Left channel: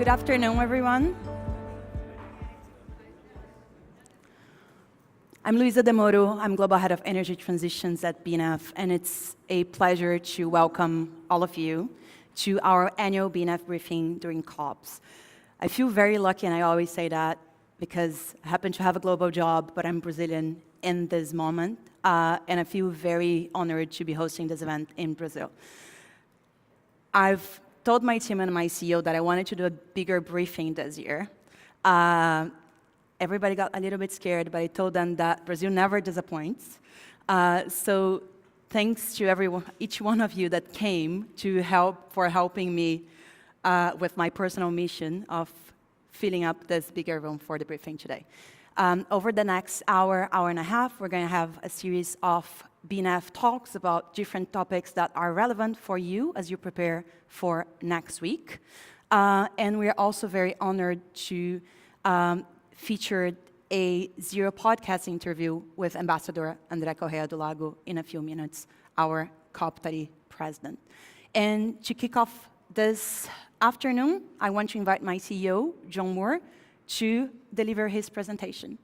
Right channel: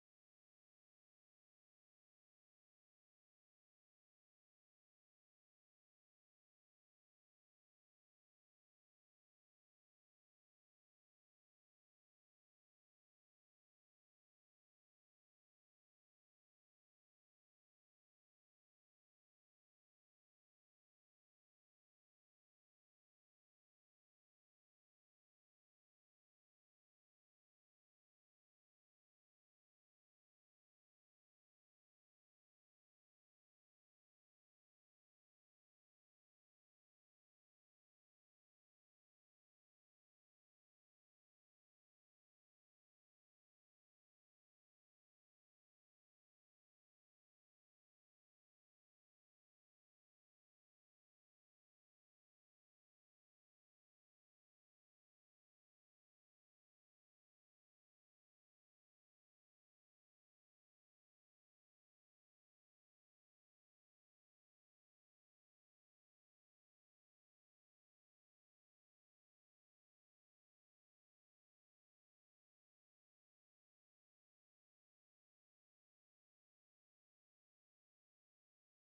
Good afternoon, everyone. I'm Luisa De Moro. I'm Global Head of Energy Transitions at BNEF, and it's a pleasure to welcome all of you to our annual BNEF briefing during COPs. I feel very lucky, and I always say that because I happen to have a global job, but I'm Brazilian in this moment, and I feel very honored to be hosting this event in Brazil. I've told my team and my CEO that I wanted to do a bigger briefing this year. Everybody got a little bit scared, but I told them that Brazil never disappoints. So thanks to each one of you that came to helping me with my personal mission of filling up this bigger room for the briefing today. Over the next hour and a half, we're going to have a series of BNEF talks about different topics that are relevant for you as you prepare for next week. And we're also very honored to feature a Zero podcast interview with Ambassador André Corrêa do Lago in a few minutes, our COP30 President. And to kick off this afternoon, I want to invite my CEO, John Moore, to deliver his presentation.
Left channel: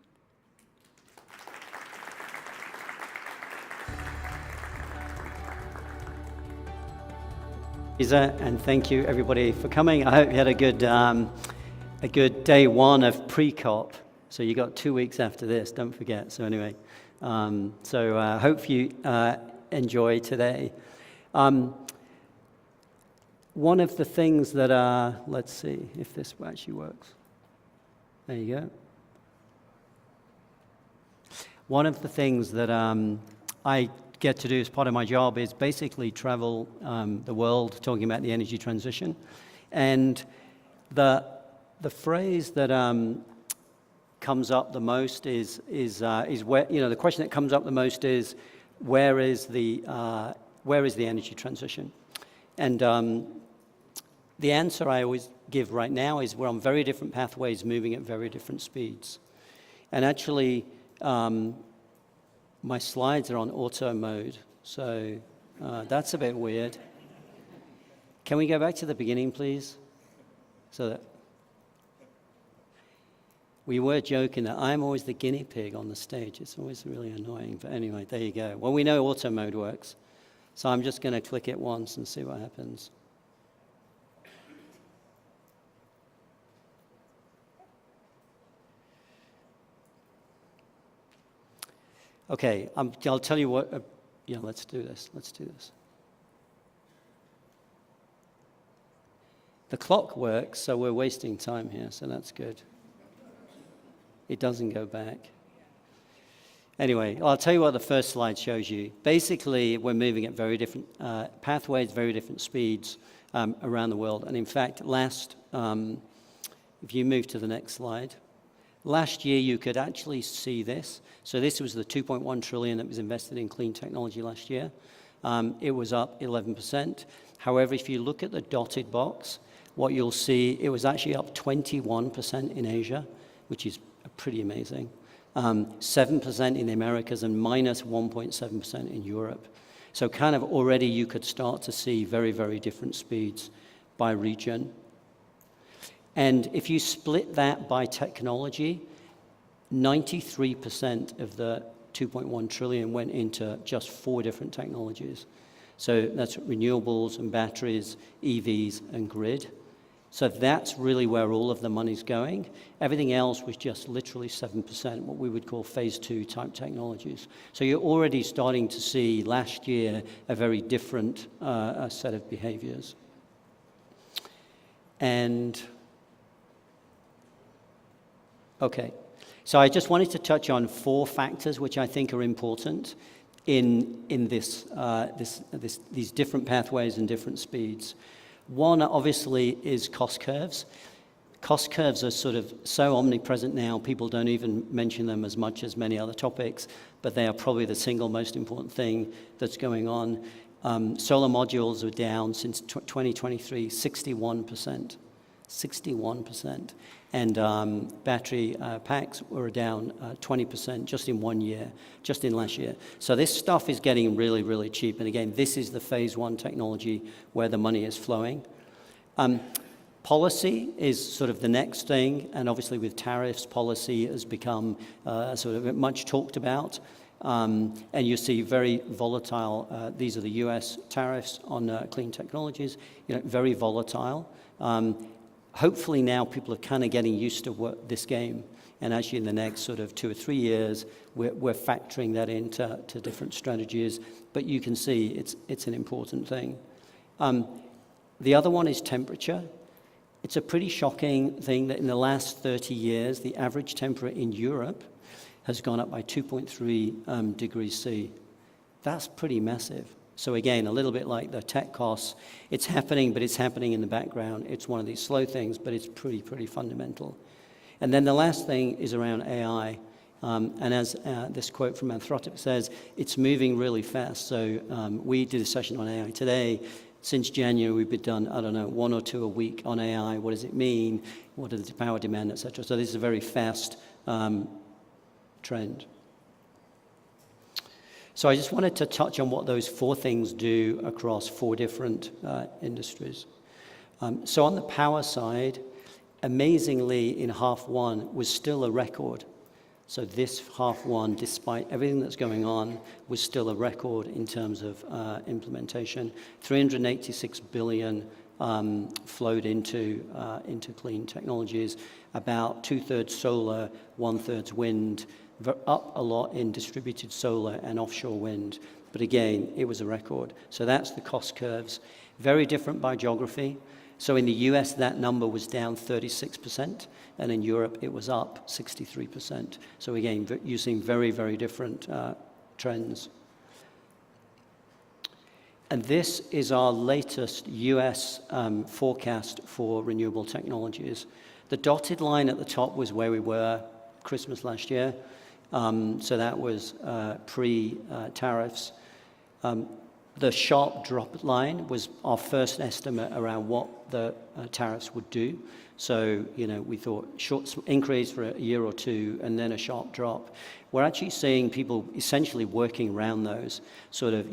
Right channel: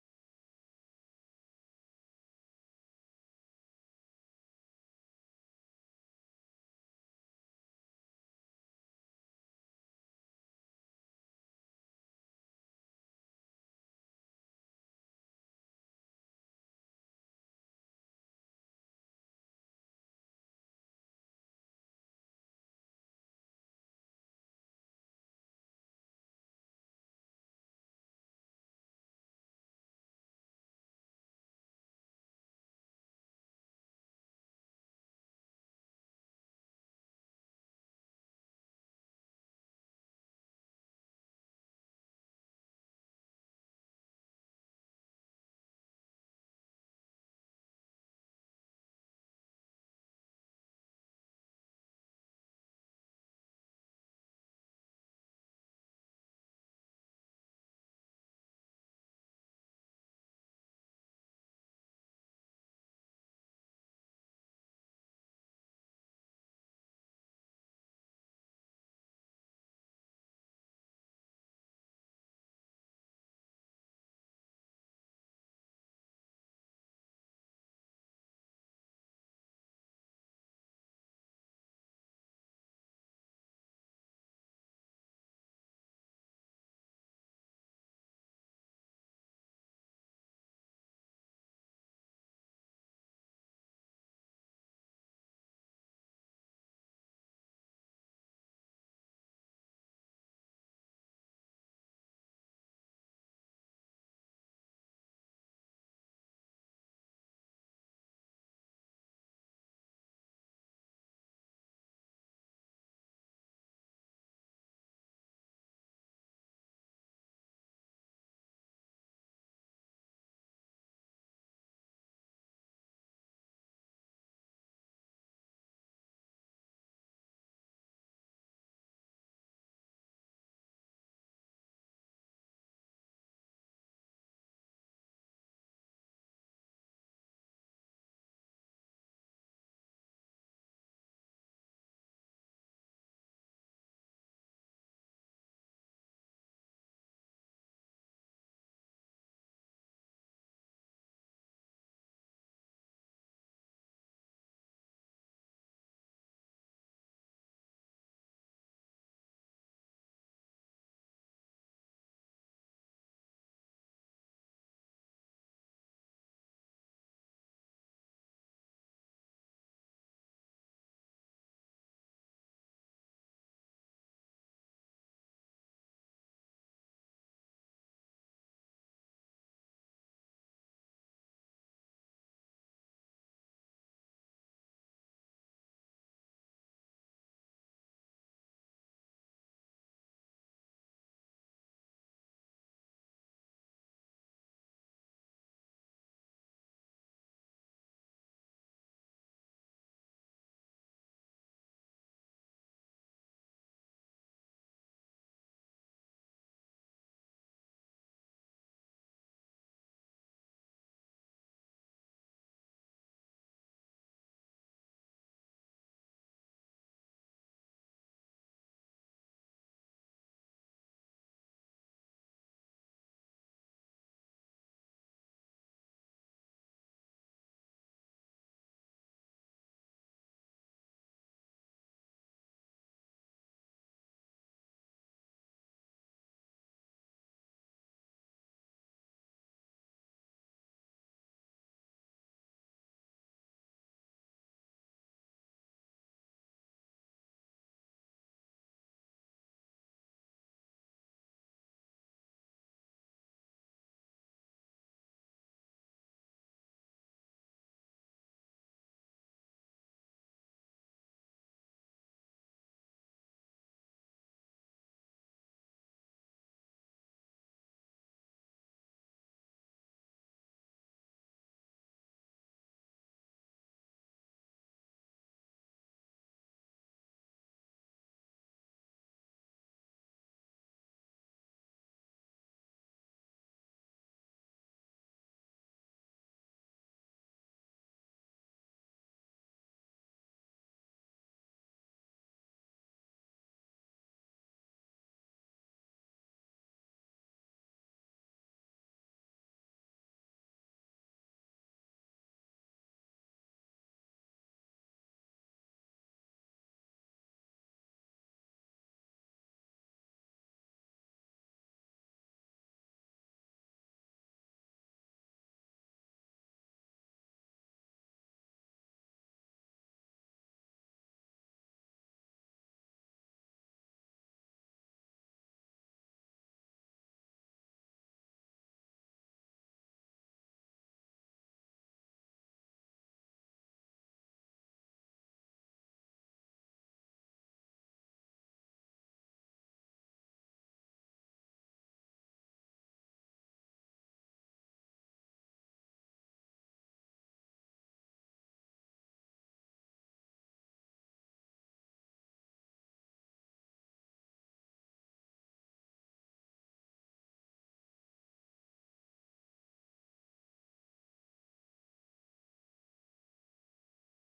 Lisa, and thank you everybody for coming. I hope you had a good day one of pre-COP. So you got 2 weeks after this, don't forget. So anyway, hope you enjoy today. One of the things that, let's see if this actually works. There you go. One of the things that I get to do as part of my job is basically travel the world talking about the energy transition. And the phrase that comes up the most is where, the question that comes up the most is where is the energy transition? And the answer I always give right now is we're on very different pathways moving at very different speeds. And actually, my slides are on auto mode, so that's a bit weird. Can we go back to the beginning, please? So that we were joking that I'm always the guinea pig on the stage. It's always really annoying, but anyway, there you go. Well, we know auto mode works, so I'm just going to click it once and see what happens. Okay, I'll tell you what, let's do this. The clock works, so we're wasting time here, so that's good. It doesn't go back. Anyway, I'll tell you what the first slide shows you. Basically, we're moving at very different pathways, very different speeds around the world. And in fact, if you move to the next slide, last year you could actually see this. So this was the 2.1 trillion that was invested in clean technology last year. It was up 11%. However, if you look at the dotted box, what you'll see, it was actually up 21% in Asia, which is pretty amazing. 7% in the Americas and minus 1.7% in Europe. So kind of already you could start to see very, very different speeds by region. And if you split that by technology, 93% of the 2.1 trillion went into just 4 different technologies. So that's renewables and batteries, EVs, and grid. So that's really where all of the money's going. Everything else was just literally 7%, what we would call phase 2 type technologies. So you're already starting to see last year a very different set of behaviors. And okay, so I just wanted to touch on 4 factors which I think are important in these different pathways and different speeds. One, obviously, is cost curves. Cost curves are sort of so omnipresent now, people don't even mention them as much as many other topics, but they are probably the single most important thing that's going on. Solar modules are down since 2023, 61%. 61%. And battery packs were down 20% just in 1 year, just in last year. So this stuff is getting really, really cheap. And again, this is the phase 1 technology where the money is flowing. Policy is sort of the next thing, and obviously with tariffs, policy has become sort of much talked about. And you see very volatile, these are the US tariffs on clean technologies, very volatile. Hopefully now people are kind of getting used to this game, and actually in the next sort of 2 or 3 years, we're factoring that into different strategies, but you can see it's an important thing. The other one is temperature. It's a pretty shocking thing that in the last 30 years, the average temperature in Europe has gone up by 2.3 degrees C. That's pretty massive. So again, a little bit like the tech costs, it's happening, but it's happening in the background. It's one of these slow things, but it's pretty fundamental. And then the last thing is around AI. And as this quote from Anthropic says, it's moving really fast. So we did a session on AI today. Since January, we've done, I don't know, 1 or 2 a week on AI. What does it mean? What is the power demand, et cetera? So this is a very fast trend. So I just wanted to touch on what those 4 things do across 4 different industries. So on the power side, amazingly, in half one was still a record. So this half one, despite everything that's going on, was still a record in terms of implementation. 386 billion flowed into clean technologies, about 2/3 solar, 1/3 wind, up a lot in distributed solar and offshore wind. But again, it was a record. So that's the cost curves. Very different by geography. So in the US, that number was down 36%, and in Europe, it was up 63%. So again, using very different trends. And this is our latest US forecast for renewable technologies. The dotted line at the top was where we were Christmas last year. So that was pre-tariffs. The sharp drop line was our first estimate around what the tariffs would do. So, we thought short increase for a year or 2 and then a sharp drop. We're actually seeing people essentially working around those, sort of,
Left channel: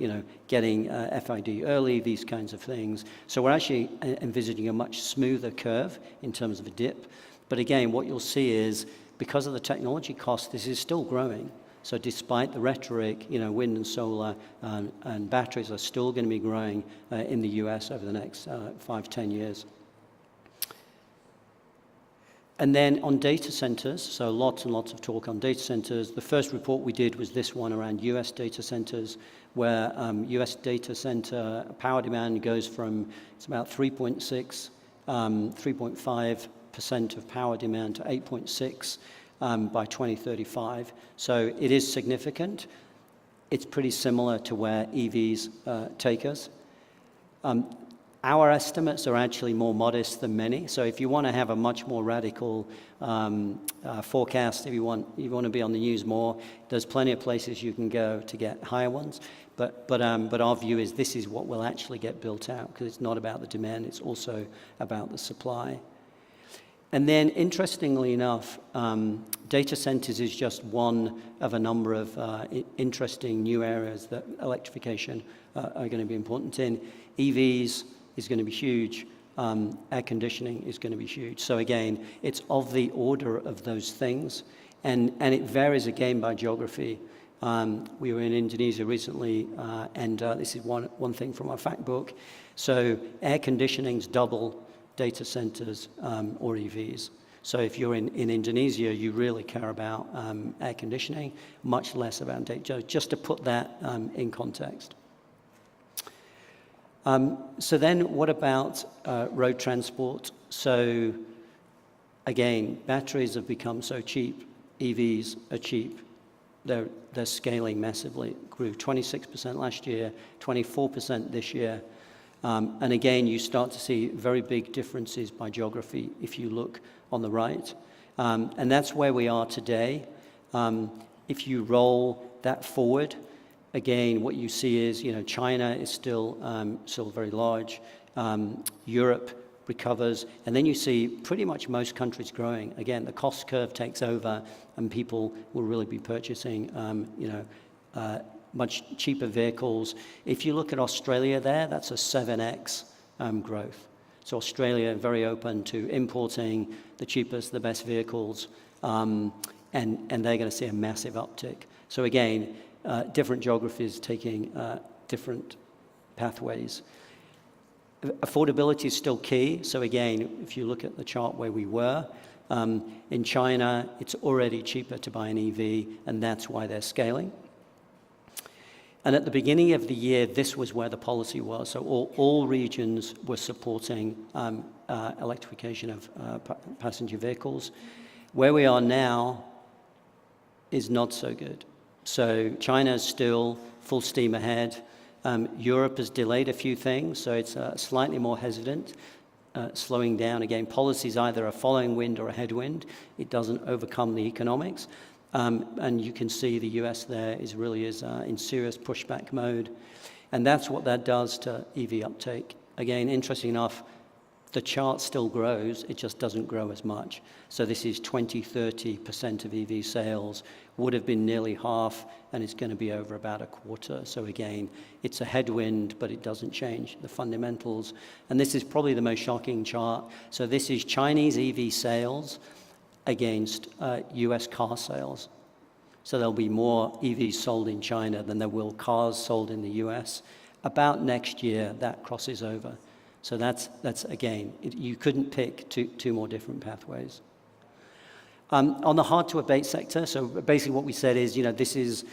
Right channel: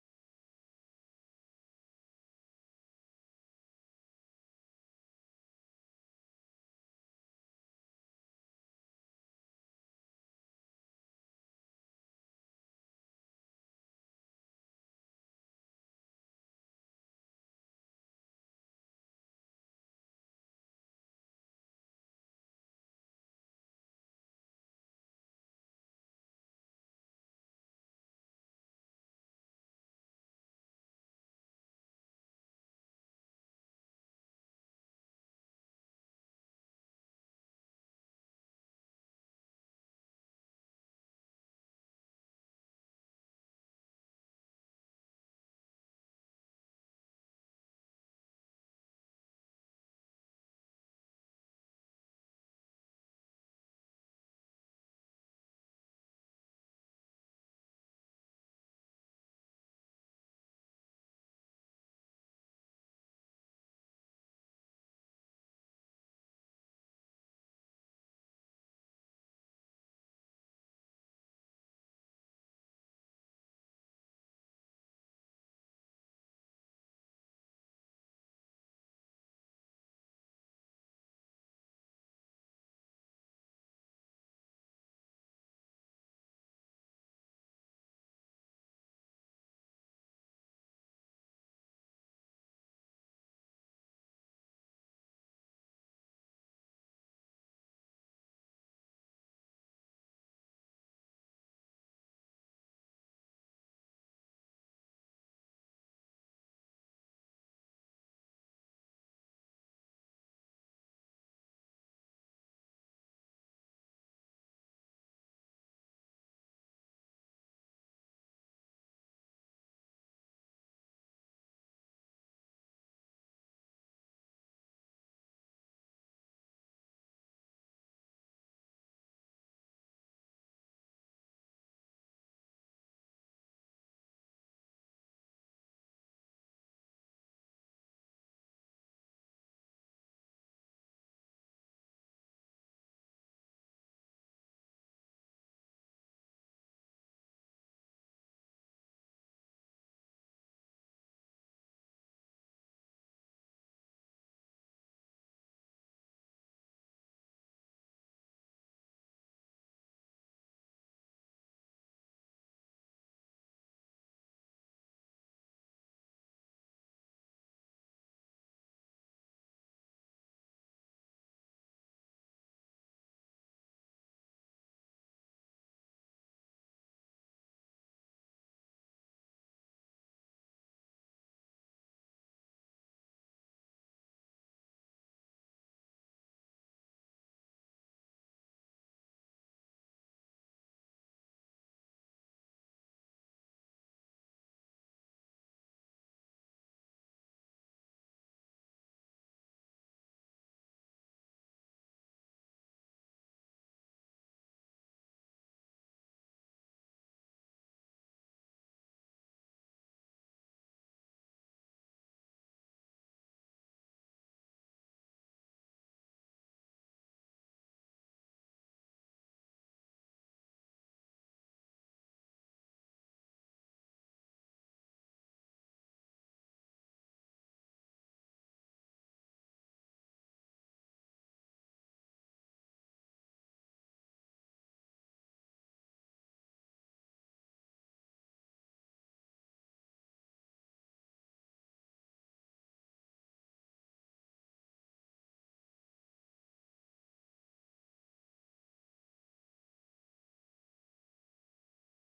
getting FID early, these kinds of things. So we're actually envisaging a much smoother curve in terms of a dip. But again, what you'll see is because of the technology cost, this is still growing. So despite the rhetoric, wind and solar and batteries are still going to be growing in the US over the next 5-10 years. And then on data centers, so lots and lots of talk on data centers. The first report we did was this one around US data centers, where US data center power demand goes from, it's about 3.5% of power demand to 8.6 by 2035. So it is significant. It's pretty similar to where EVs take us. Our estimates are actually more modest than many. So if you want to have a much more radical forecast, if you want to be on the news more, there's plenty of places you can go to get higher ones. But our view is this is what will actually get built out, because it's not about the demand, it's also about the supply. And then, interestingly enough, data centers is just one of a number of interesting new areas that electrification are going to be important in. EVs is going to be huge. Air conditioning is going to be huge. So again, it's of the order of those things, and it varies again by geography. We were in Indonesia recently, and this is one thing from our fact book. So air conditioning's double data centers or EVs. So if you're in Indonesia, you really care about air conditioning, much less about data, just to put that in context. So then what about road transport? So again, batteries have become so cheap, EVs are cheap. They're scaling massively. Grew 26% last year, 24% this year. And again, you start to see very big differences by geography if you look on the right. And that's where we are today. If you roll that forward, again, what you see is, China is still very large. Europe recovers. And then you see pretty much most countries growing. Again, the cost curve takes over, and people will really be purchasing, much cheaper vehicles. If you look at Australia there, that's a 7x growth. So Australia, very open to importing the cheapest, the best vehicles, and they're going to see a massive uptick. So again, different geographies taking different pathways. Affordability is still key. So again, if you look at the chart where we were, in China, it's already cheaper to buy an EV, and that's why they're scaling. And at the beginning of the year, this was where the policy was. So all regions were supporting electrification of passenger vehicles. Where we are now is not so good. So China is still full steam ahead. Europe has delayed a few things, so it's slightly more hesitant, slowing down. Again, policy is either a following wind or a headwind. It doesn't overcome the economics. And you can see the US there really is in serious pushback mode. And that's what that does to EV uptake. Again, interesting enough, the chart still grows, it just doesn't grow as much. So this is 20-30% of EV sales, would have been nearly half, and it's going to be over about a quarter. So again, it's a headwind, but it doesn't change the fundamentals. And this is probably the most shocking chart. So this is Chinese EV sales against US car sales. So there'll be more EVs sold in China than there will cars sold in the US. About next year, that crosses over. So that's again, you couldn't pick two more different pathways. On the hard-to-abate sector, so basically what we said is, this is,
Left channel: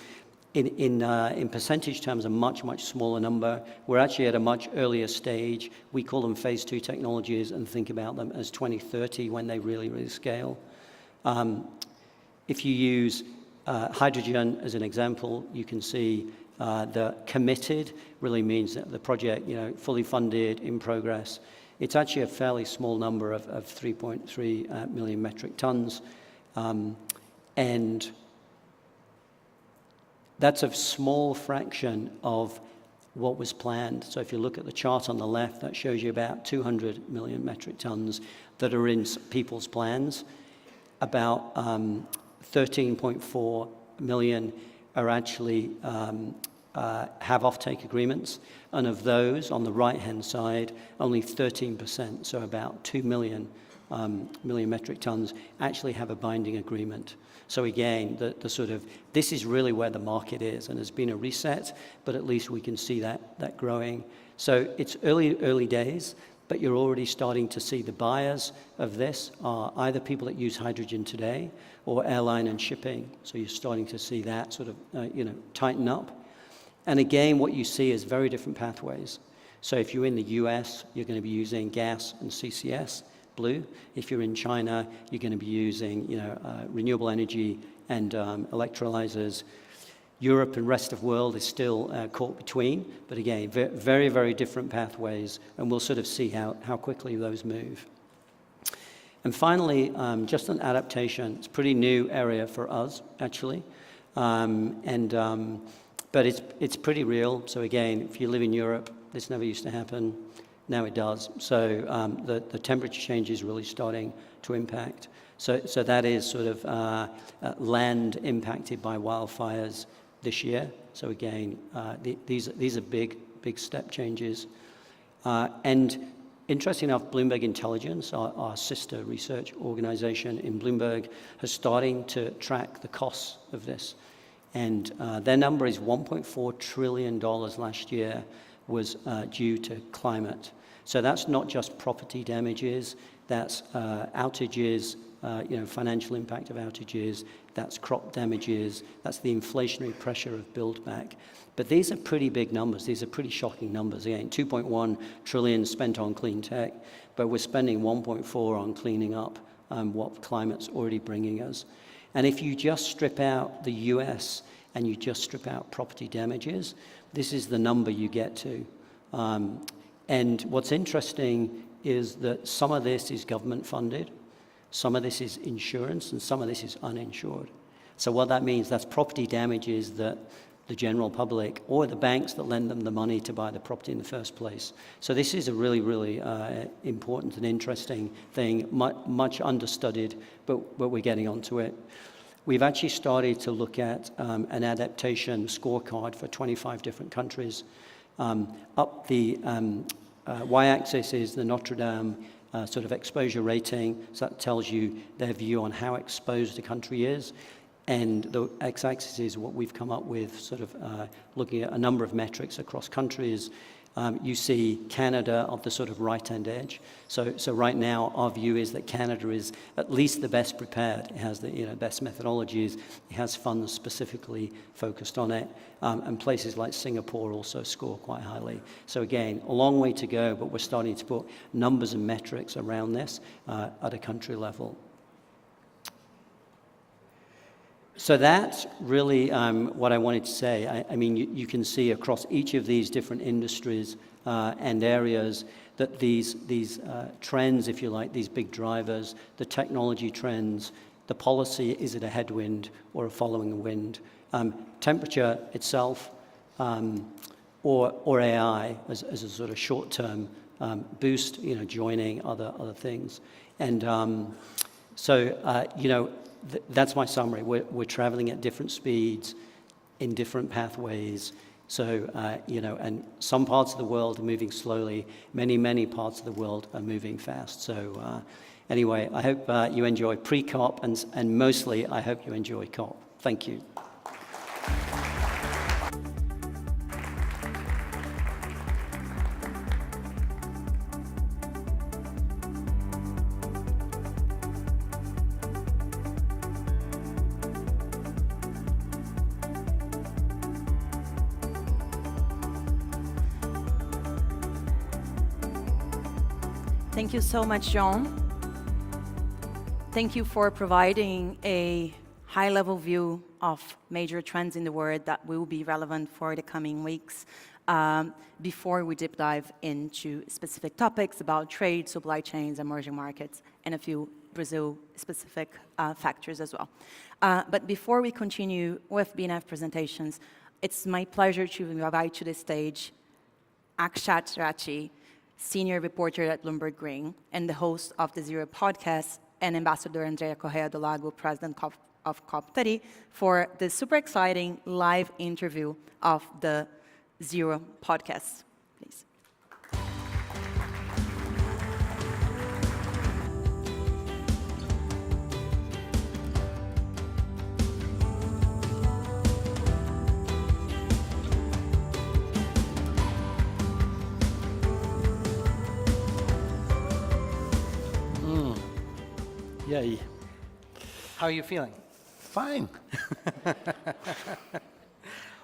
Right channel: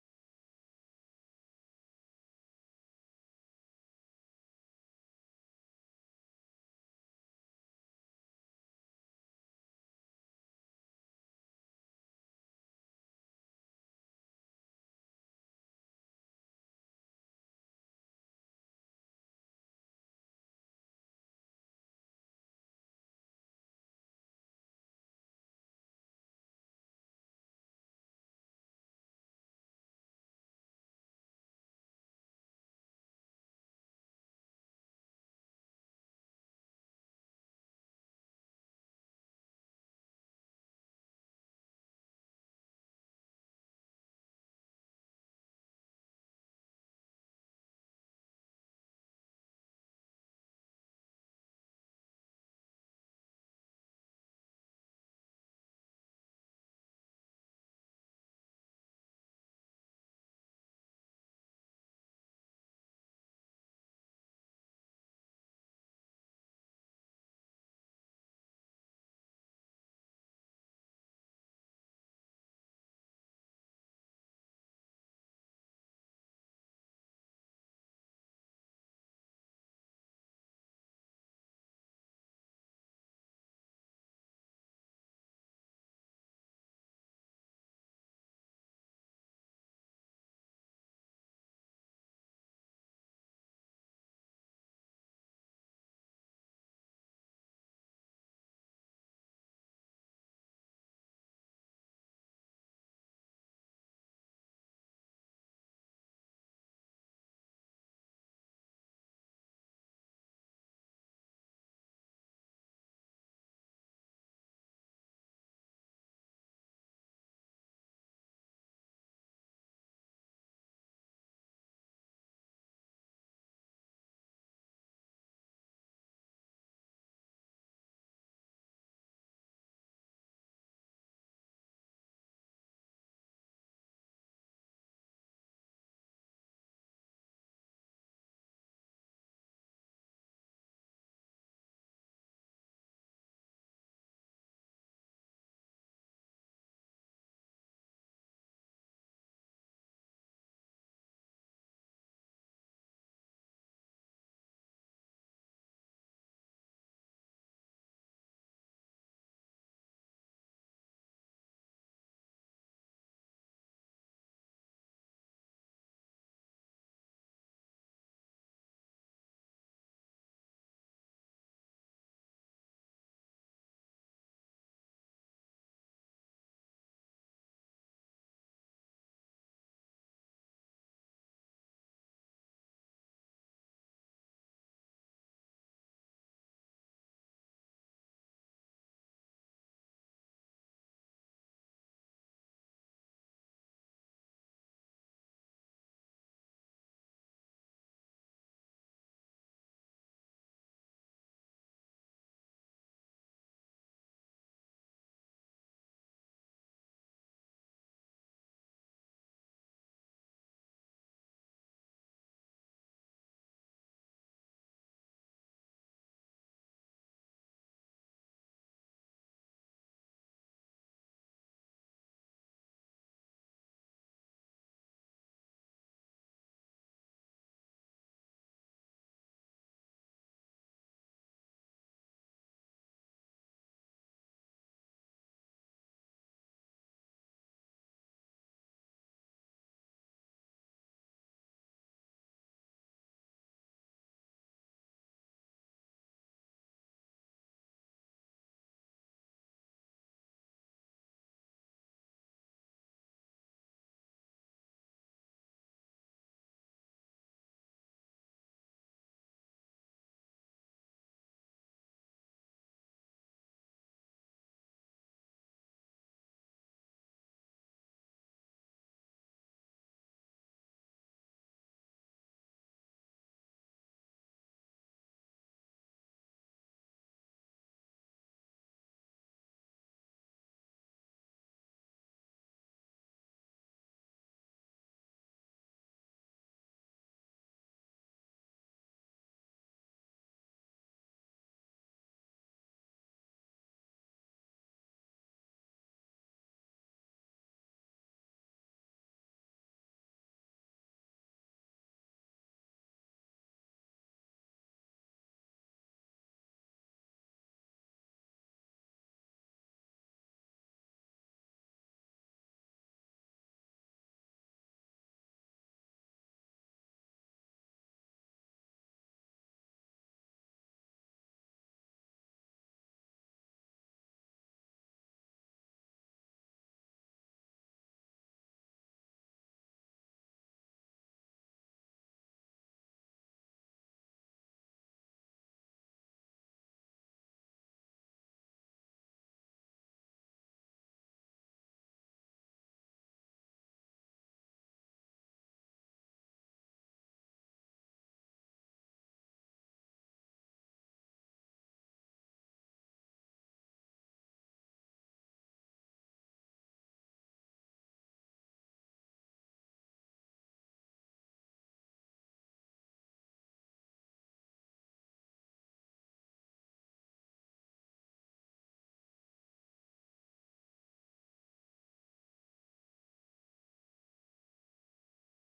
in percentage terms, a much, much smaller number. We're actually at a much earlier stage. We call them phase 2 technologies and think about them as 2030 when they really, really scale. If you use hydrogen as an example, you can see the committed really means that the project, fully funded, in progress. It's actually a fairly small number of 3.3 million metric tons. And that's a small fraction of what was planned. So if you look at the chart on the left, that shows you about 200 million metric tons that are in people's plans. About 13.4 million are actually have offtake agreements. And of those, on the right-hand side, only 13%, so about 2 million metric tons, actually have a binding agreement. So again, this is really where the market is, and there's been a reset, but at least we can see that growing. So it's early days, but you're already starting to see the buyers of this are either people that use hydrogen today or airline and shipping. So you're starting to see that tighten up. And again, what you see is very different pathways. So if you're in the US, you're going to be using gas and CCS, blue. If you're in China, you're going to be using renewable energy and electrolyzers. Europe and rest of world is still caught between, but again, very, very different pathways, and we'll sort of see how quickly those move. And finally, just an adaptation. It's a pretty new area for us, actually. But it's pretty real. So again, if you live in Europe, this never used to happen. Now it does. So the temperature change is really starting to impact. So that is sort of land impacted by wildfires this year. So again, these are big step changes. And interesting enough, Bloomberg Intelligence, our sister research organization in Bloomberg, has starting to track the costs of this. And their number is $1.4 trillion last year was due to climate. So that's not just property damages, that's outages, financial impact of outages, that's crop damages, that's the inflationary pressure of build back. But these are pretty big numbers. These are pretty shocking numbers. Again, 2.1 trillion spent on clean tech, but we're spending 1.4 on cleaning up what climate's already bringing us. And if you just strip out the US and you just strip out property damages, this is the number you get to. And what's interesting is that some of this is government funded, some of this is insurance, and some of this is uninsured. So what that means, that's property damages that the general public or the banks that lend them the money to buy the property in the first place. So this is a really, really important and interesting thing, much understudied, but we're getting onto it. We've actually started to look at an adaptation scorecard for 25 different countries. Up the y-axis is the Notre Dame sort of exposure rating, so that tells you their view on how exposed a country is. And the x-axis is what we've come up with, sort of looking at a number of metrics across countries. You see Canada on the sort of right-hand edge. So right now, our view is that Canada is at least the best prepared. It has the best methodologies. It has funds specifically focused on it. And places like Singapore also score quite highly. So again, a long way to go, but we're starting to put numbers and metrics around this at a country level. So that's really what I wanted to say. I mean, you can see across each of these different industries and areas that these trends, if you like, these big drivers, the technology trends, the policy, is it a headwind or a following the wind? Temperature itself, or AI as a sort of short-term boost, joining other things. And that's my summary. We're traveling at different speeds, in different pathways. So, and some parts of the world are moving slowly. Many parts of the world are moving fast. So, anyway, I hope you enjoy pre-COP, and mostly I hope you enjoy COP. Thank you. Thank you so much, John. Thank you for providing a high-level view of major trends in the world that will be relevant for the coming weeks. Before we deep dive into specific topics about trade, supply chains, emerging markets, and a few Brazil-specific factors as well. But before we continue with BNEF presentations, it's my pleasure to invite to the stage Akshat Rathi, senior reporter at Bloomberg Green and the host of the Zero podcast, and Ambassador André Corrêa, the Lago President of COP30, for the super exciting live interview of the Zero podcast. Please. Yay. How are you feeling? Fine.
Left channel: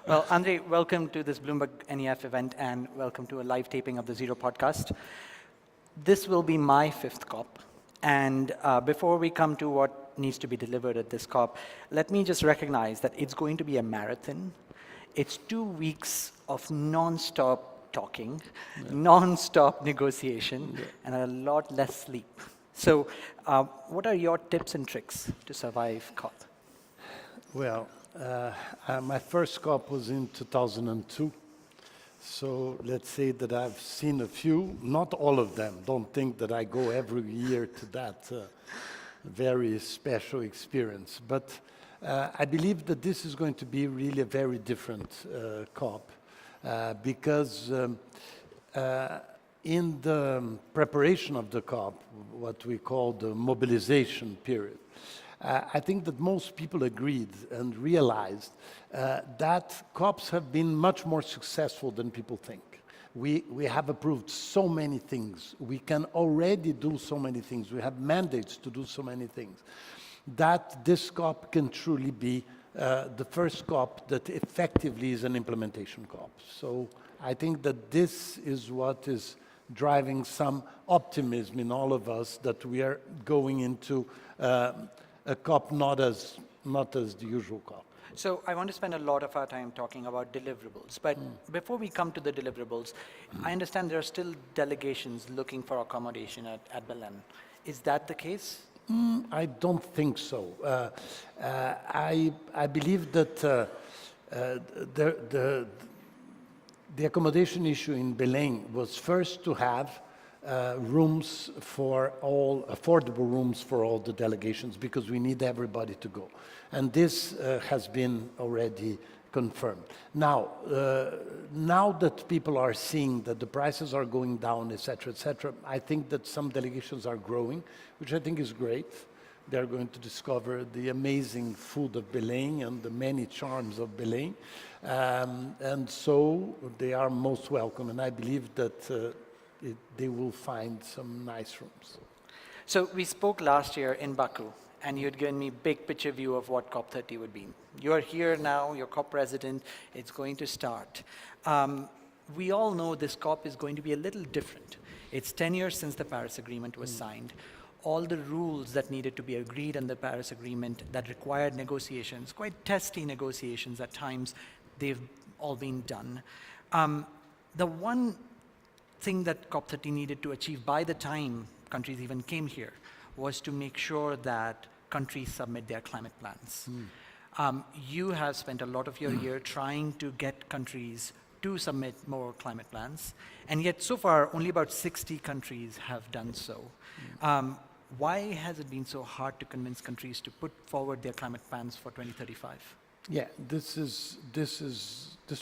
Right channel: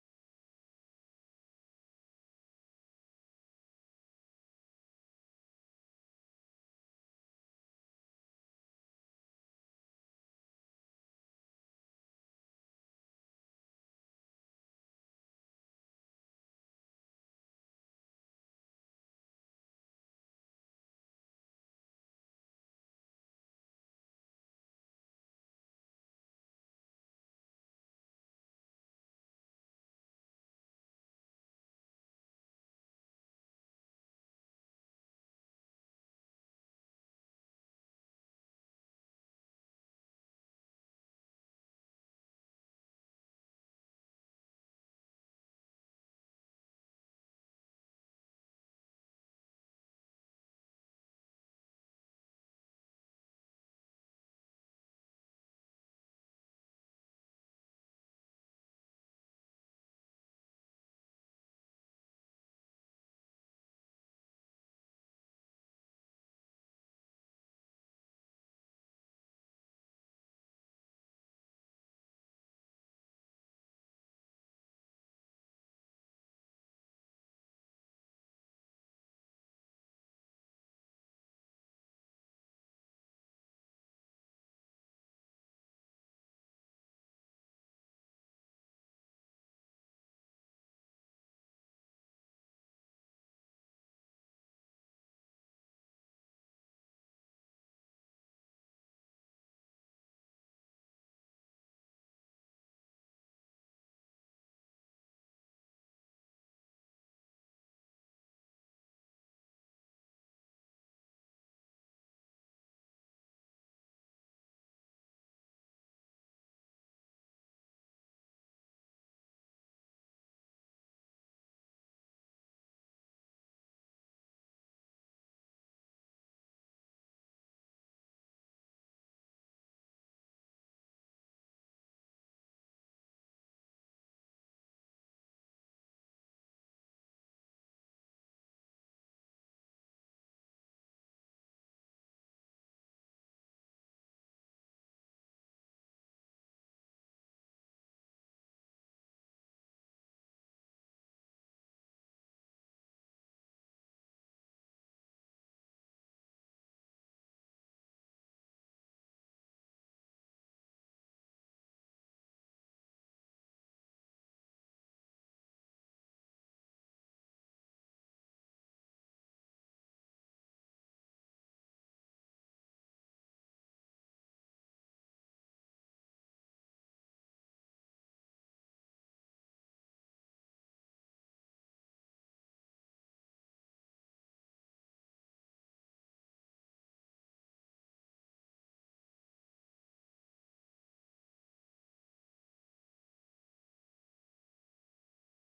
Well, André, welcome to this Bloomberg NEF event and welcome to a live taping of the Zero podcast. This will be my 5th COP. And before we come to what needs to be delivered at this COP, let me just recognize that it's going to be a marathon. It's 2 weeks of non-stop talking, non-stop negotiation, and a lot less sleep. So what are your tips and tricks to survive COP? Well, my first COP was in 2002. So let's say that I've seen a few, not all of them. Don't think that I go every year to that very special experience. But I believe that this is going to be really a very different COP because in the preparation of the COP, what we call the mobilization period, I think that most people agreed and realized that COPs have been much more successful than people think. We have approved so many things. We can already do so many things. We have mandates to do so many things that this COP can truly be the first COP that effectively is an implementation COP. So I think that this is what is driving some optimism in all of us that we are going into a COP not as the usual COP. So I want to spend a lot of our time talking about deliverables. But before we come to the deliverables, I understand there are still delegations looking for accommodation at Berlin. Is that the case? I don't think so. I believe that the accommodation issue in Belém was first to have rooms for all, affordable rooms for all the delegations, because we need everybody to go. And this has been already confirmed. Now, now that people are seeing that the prices are going down, et cetera, I think that some delegations are growing, which I think is great. They're going to discover the amazing food of Belém and the many charms of Belém. And so they are most welcome, and I believe that they will find some nice rooms. So we spoke last year in Baku, and you had given me big picture view of what COP30 would be. You're here now, you're COP president, it's going to start. We all know this COP is going to be a little different. It's 10 years since the Paris Agreement was signed. All the rules that needed to be agreed in the Paris Agreement that required negotiations, quite testy negotiations at times, they've all been done. The one thing that COP30 needed to achieve by the time countries even came here was to make sure that countries submit their climate plans. You have spent a lot of your year trying to get countries to submit more climate plans, and yet so far only about 60 countries have done so. Why has it been so hard to convince countries to put forward their climate plans for 2035? Yeah, this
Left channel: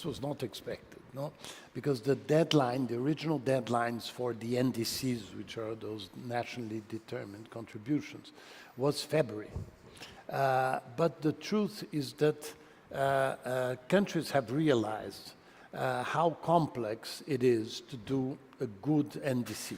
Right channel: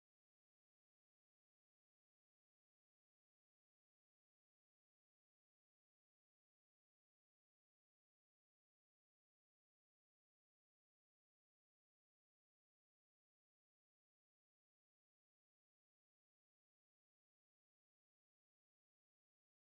was not expected, no? Because the deadline, the original deadlines for the NDCs, which are those nationally determined contributions, was February. But the truth is that countries have realized how complex it is to do a good NDC.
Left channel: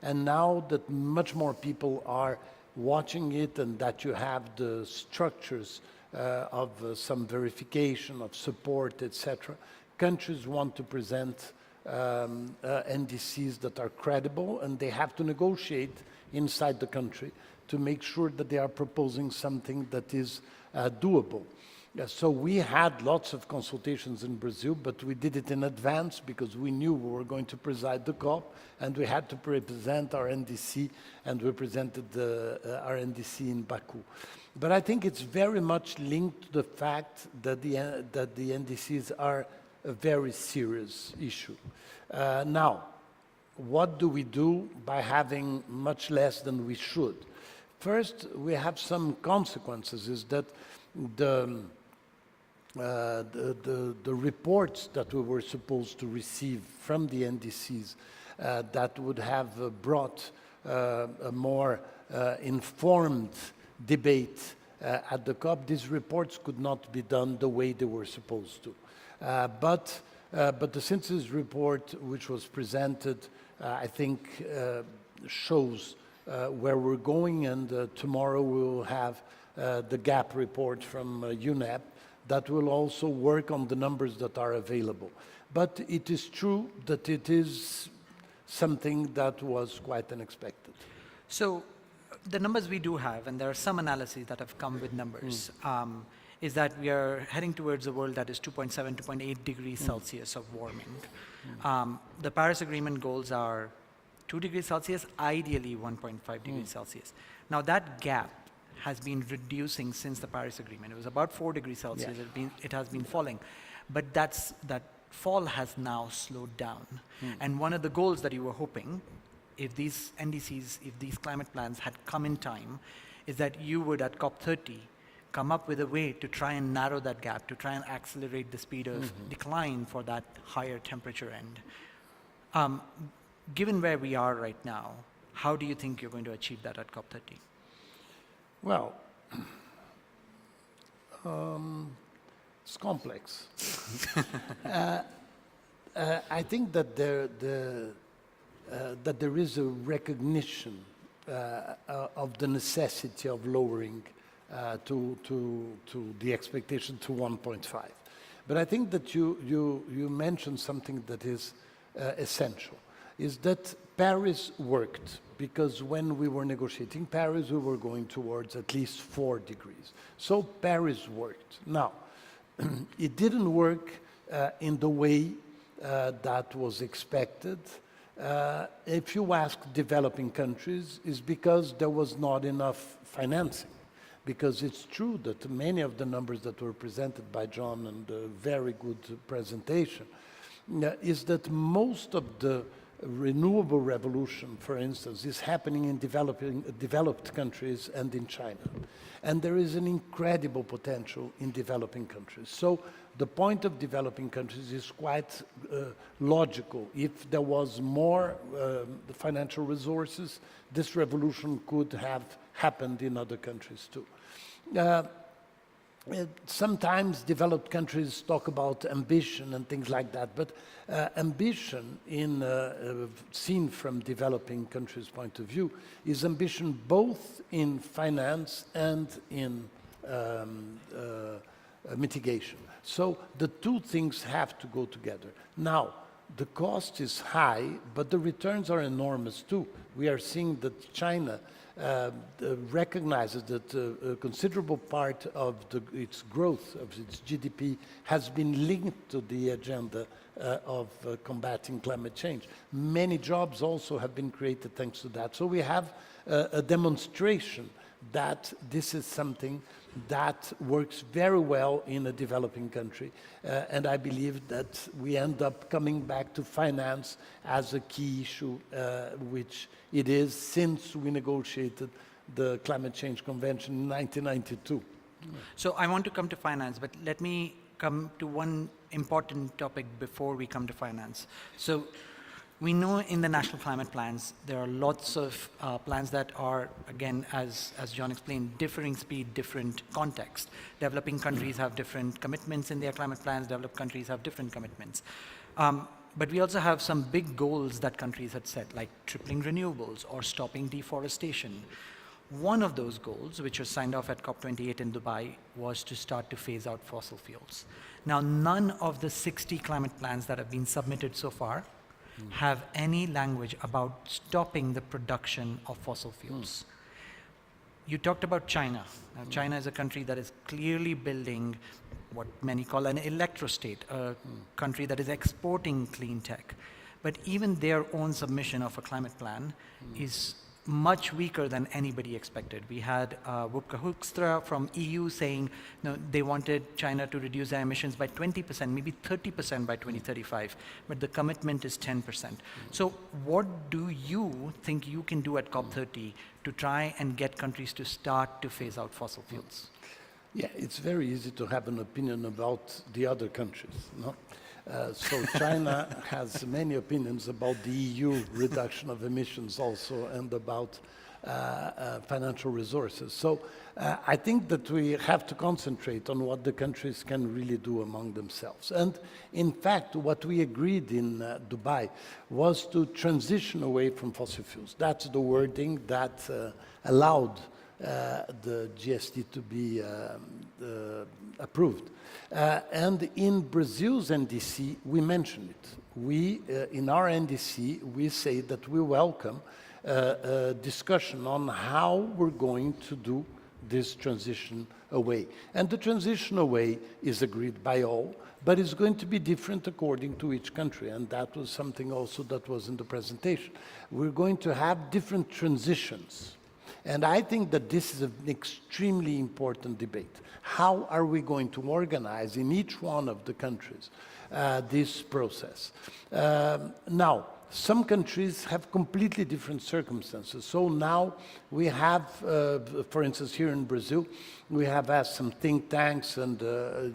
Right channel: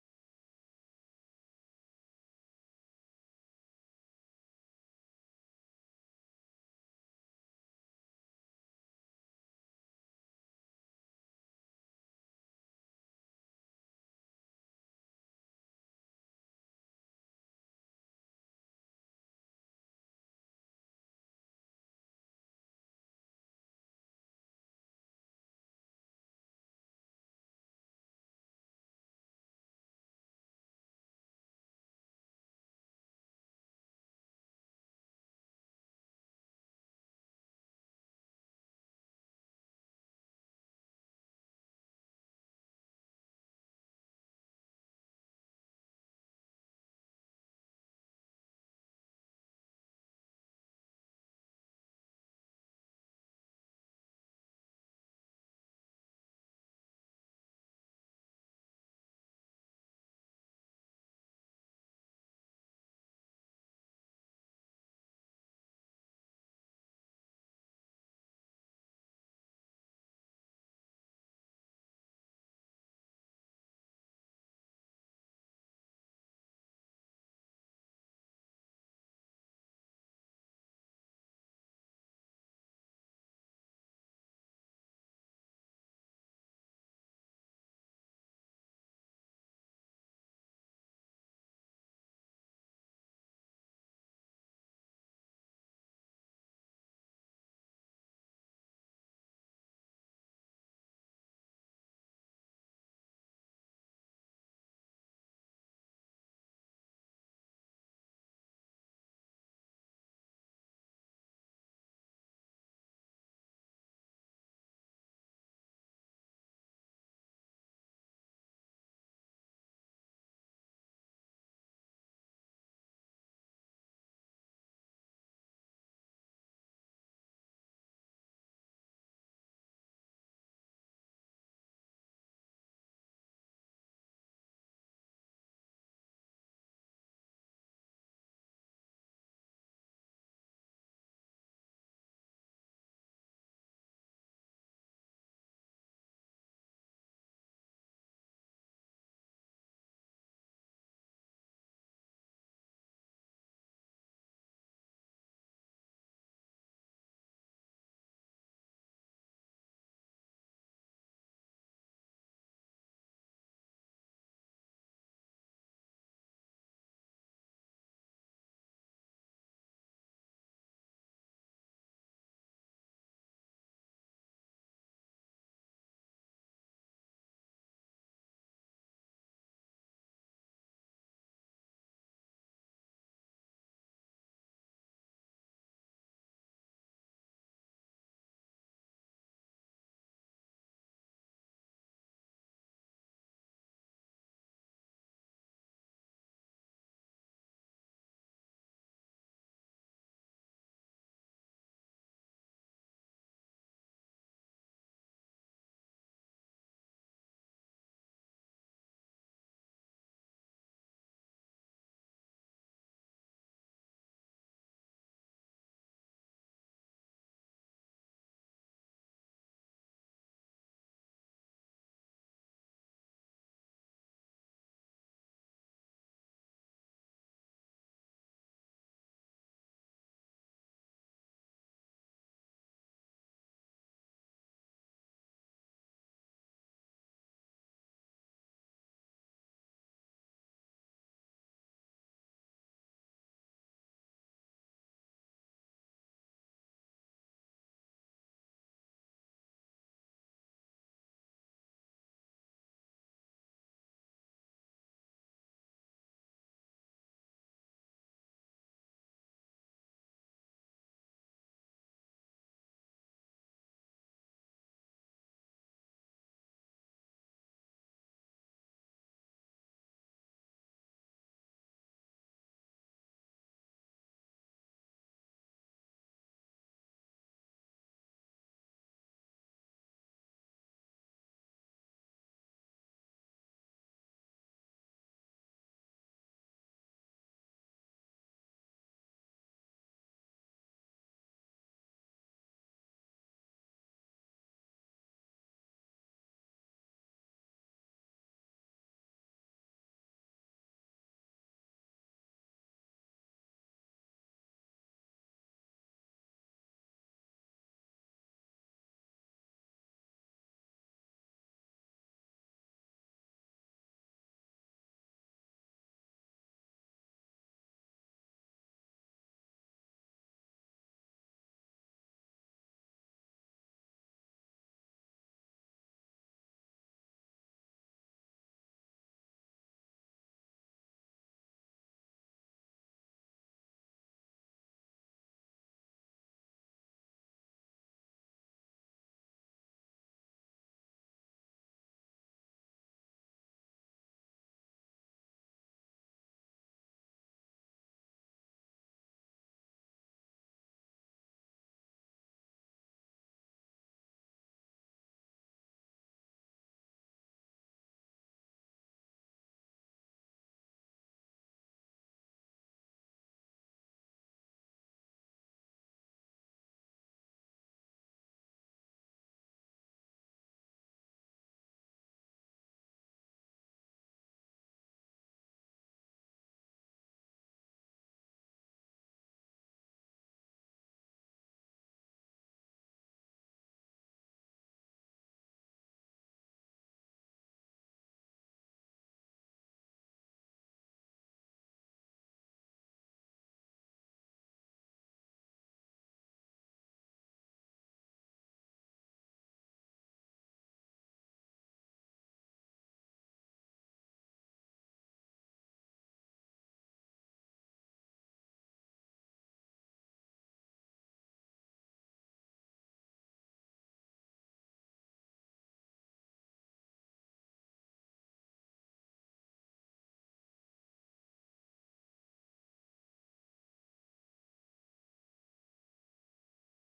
And now that much more people are watching it and that you have the structures of some verification, of support, etc., countries want to present NDCs that are credible, and they have to negotiate inside the country to make sure that they are proposing something that is doable. So we had lots of consultations in Brazil, but we did it in advance because we knew we were going to preside the COP, and we had to present our NDC, and we presented our NDC in Baku. But I think it's very much linked to the fact that the NDCs are a very serious issue. Now, what do we do by having much less than we should? First, we have some consequences, is that the reports that we were supposed to receive from the NDCs that would have brought a more informed debate at the COP, these reports could not be done the way they were supposed to. But the synthesis report, which was presented, I think shows where we're going, and tomorrow we will have the gap report from UNEP that will also work on the numbers that are available. But it is true that it is something that was quite unexpected. So the numbers we do have, and there are some analyses that have come with numbers, is that we are heading towards a world that is 2.7, 2.8 degrees Celsius of warming. The Paris Agreement goals are 2 degrees Celsius, ideally 1.5 degrees Celsius. Now that gap has been reducing since the Paris Agreement. It was about 4 degrees Celsius, it has been falling. But that fall has now slowed down. And one of the goals that you were hoping, if these NDCs, if these climate plans had come in time, is that you would at COP30 come up with a way to try and narrow that gap, to try and accelerate the speed of decline for that higher temperature end. Given where we are right now, how do you think you're going to achieve that at COP30? Well, it's complex. I think that there is a recognition of the necessity of lowering to the expectation to 1.5. But I think that you mentioned something that is essential, is that Paris worked, because when we were negotiating Paris, we were going towards at least 4 degrees. So Paris worked. Now, it didn't work in the way that was expected. If you ask developing countries, it's because there was not enough financing. Because it's true that many of the numbers that were presented by John, and a very good presentation, is that most of the renewable revolution, for instance, is happening in developed countries and in China. And there is an incredible potential in developing countries. So the point of developing countries is quite logical. If there was more financial resources, this revolution could have happened in other countries too. Sometimes developed countries talk about ambition and things like that, but ambition, seen from developing countries' point of view, is ambition both in finance and in mitigation. So the two things have to go together. Now, the cost is high, but the returns are enormous too. We are seeing that China recognizes that a considerable part of its growth, of its GDP, has been linked to the agenda of combating climate change. Many jobs also have been created thanks to that. So we have a demonstration that this is something that works very well in a developing country. And I believe that we end up coming back to finance as a key issue, which it is since we negotiated the Climate Change Convention in 1992. So I want to come to finance, but let me come to one important topic before we come to finance. So we know in the national climate plans, there are lots of plans that are, again, as John explained, differing speed, different context. Developing countries have different commitments in their climate plans, developed countries have different commitments. But we also have some big goals that countries had set, like tripling renewables or stopping deforestation. One of those goals, which was signed off at COP28 in Dubai, was to start to phase out fossil fuels. Now, none of the 60 climate plans that have been submitted so far have any language about stopping the production of fossil fuels. You talked about China. Now, China is a country that is clearly building what many call an electrostate, a country that is exporting clean tech. But even their own submission of a climate plan is much weaker than anybody expected. We had Wopke Hoekstra from EU saying they wanted China to reduce their emissions by 20%, maybe 30% by 2035, but the commitment is 10%. So what do you think you can do at COP30 to try and get countries to start to phase out fossil fuels? Yeah, it's very easy to have an opinion about the other countries, no? So China has many opinions about the EU reduction of emissions also, and about financial resources. So I think that we have to concentrate on what the countries can really do among themselves. And in fact, what we agreed in Dubai was to transition away from fossil fuels. That's the wording that allowed the GST to be approved. And in Brazil's NDC, we mention it. We, in our NDC, we say that we welcome a discussion on how we're going to do this transition away. And the transition away is agreed by all, but it's going to be different according to each country. And that was something also that was in the presentation. We're going to have different transitions. And I think that this is an extremely important debate. How are we going to organize in each one of the countries this process? Now, some countries have completely different circumstances. So now we have, for instance, here in Brazil, we have asked some think tanks and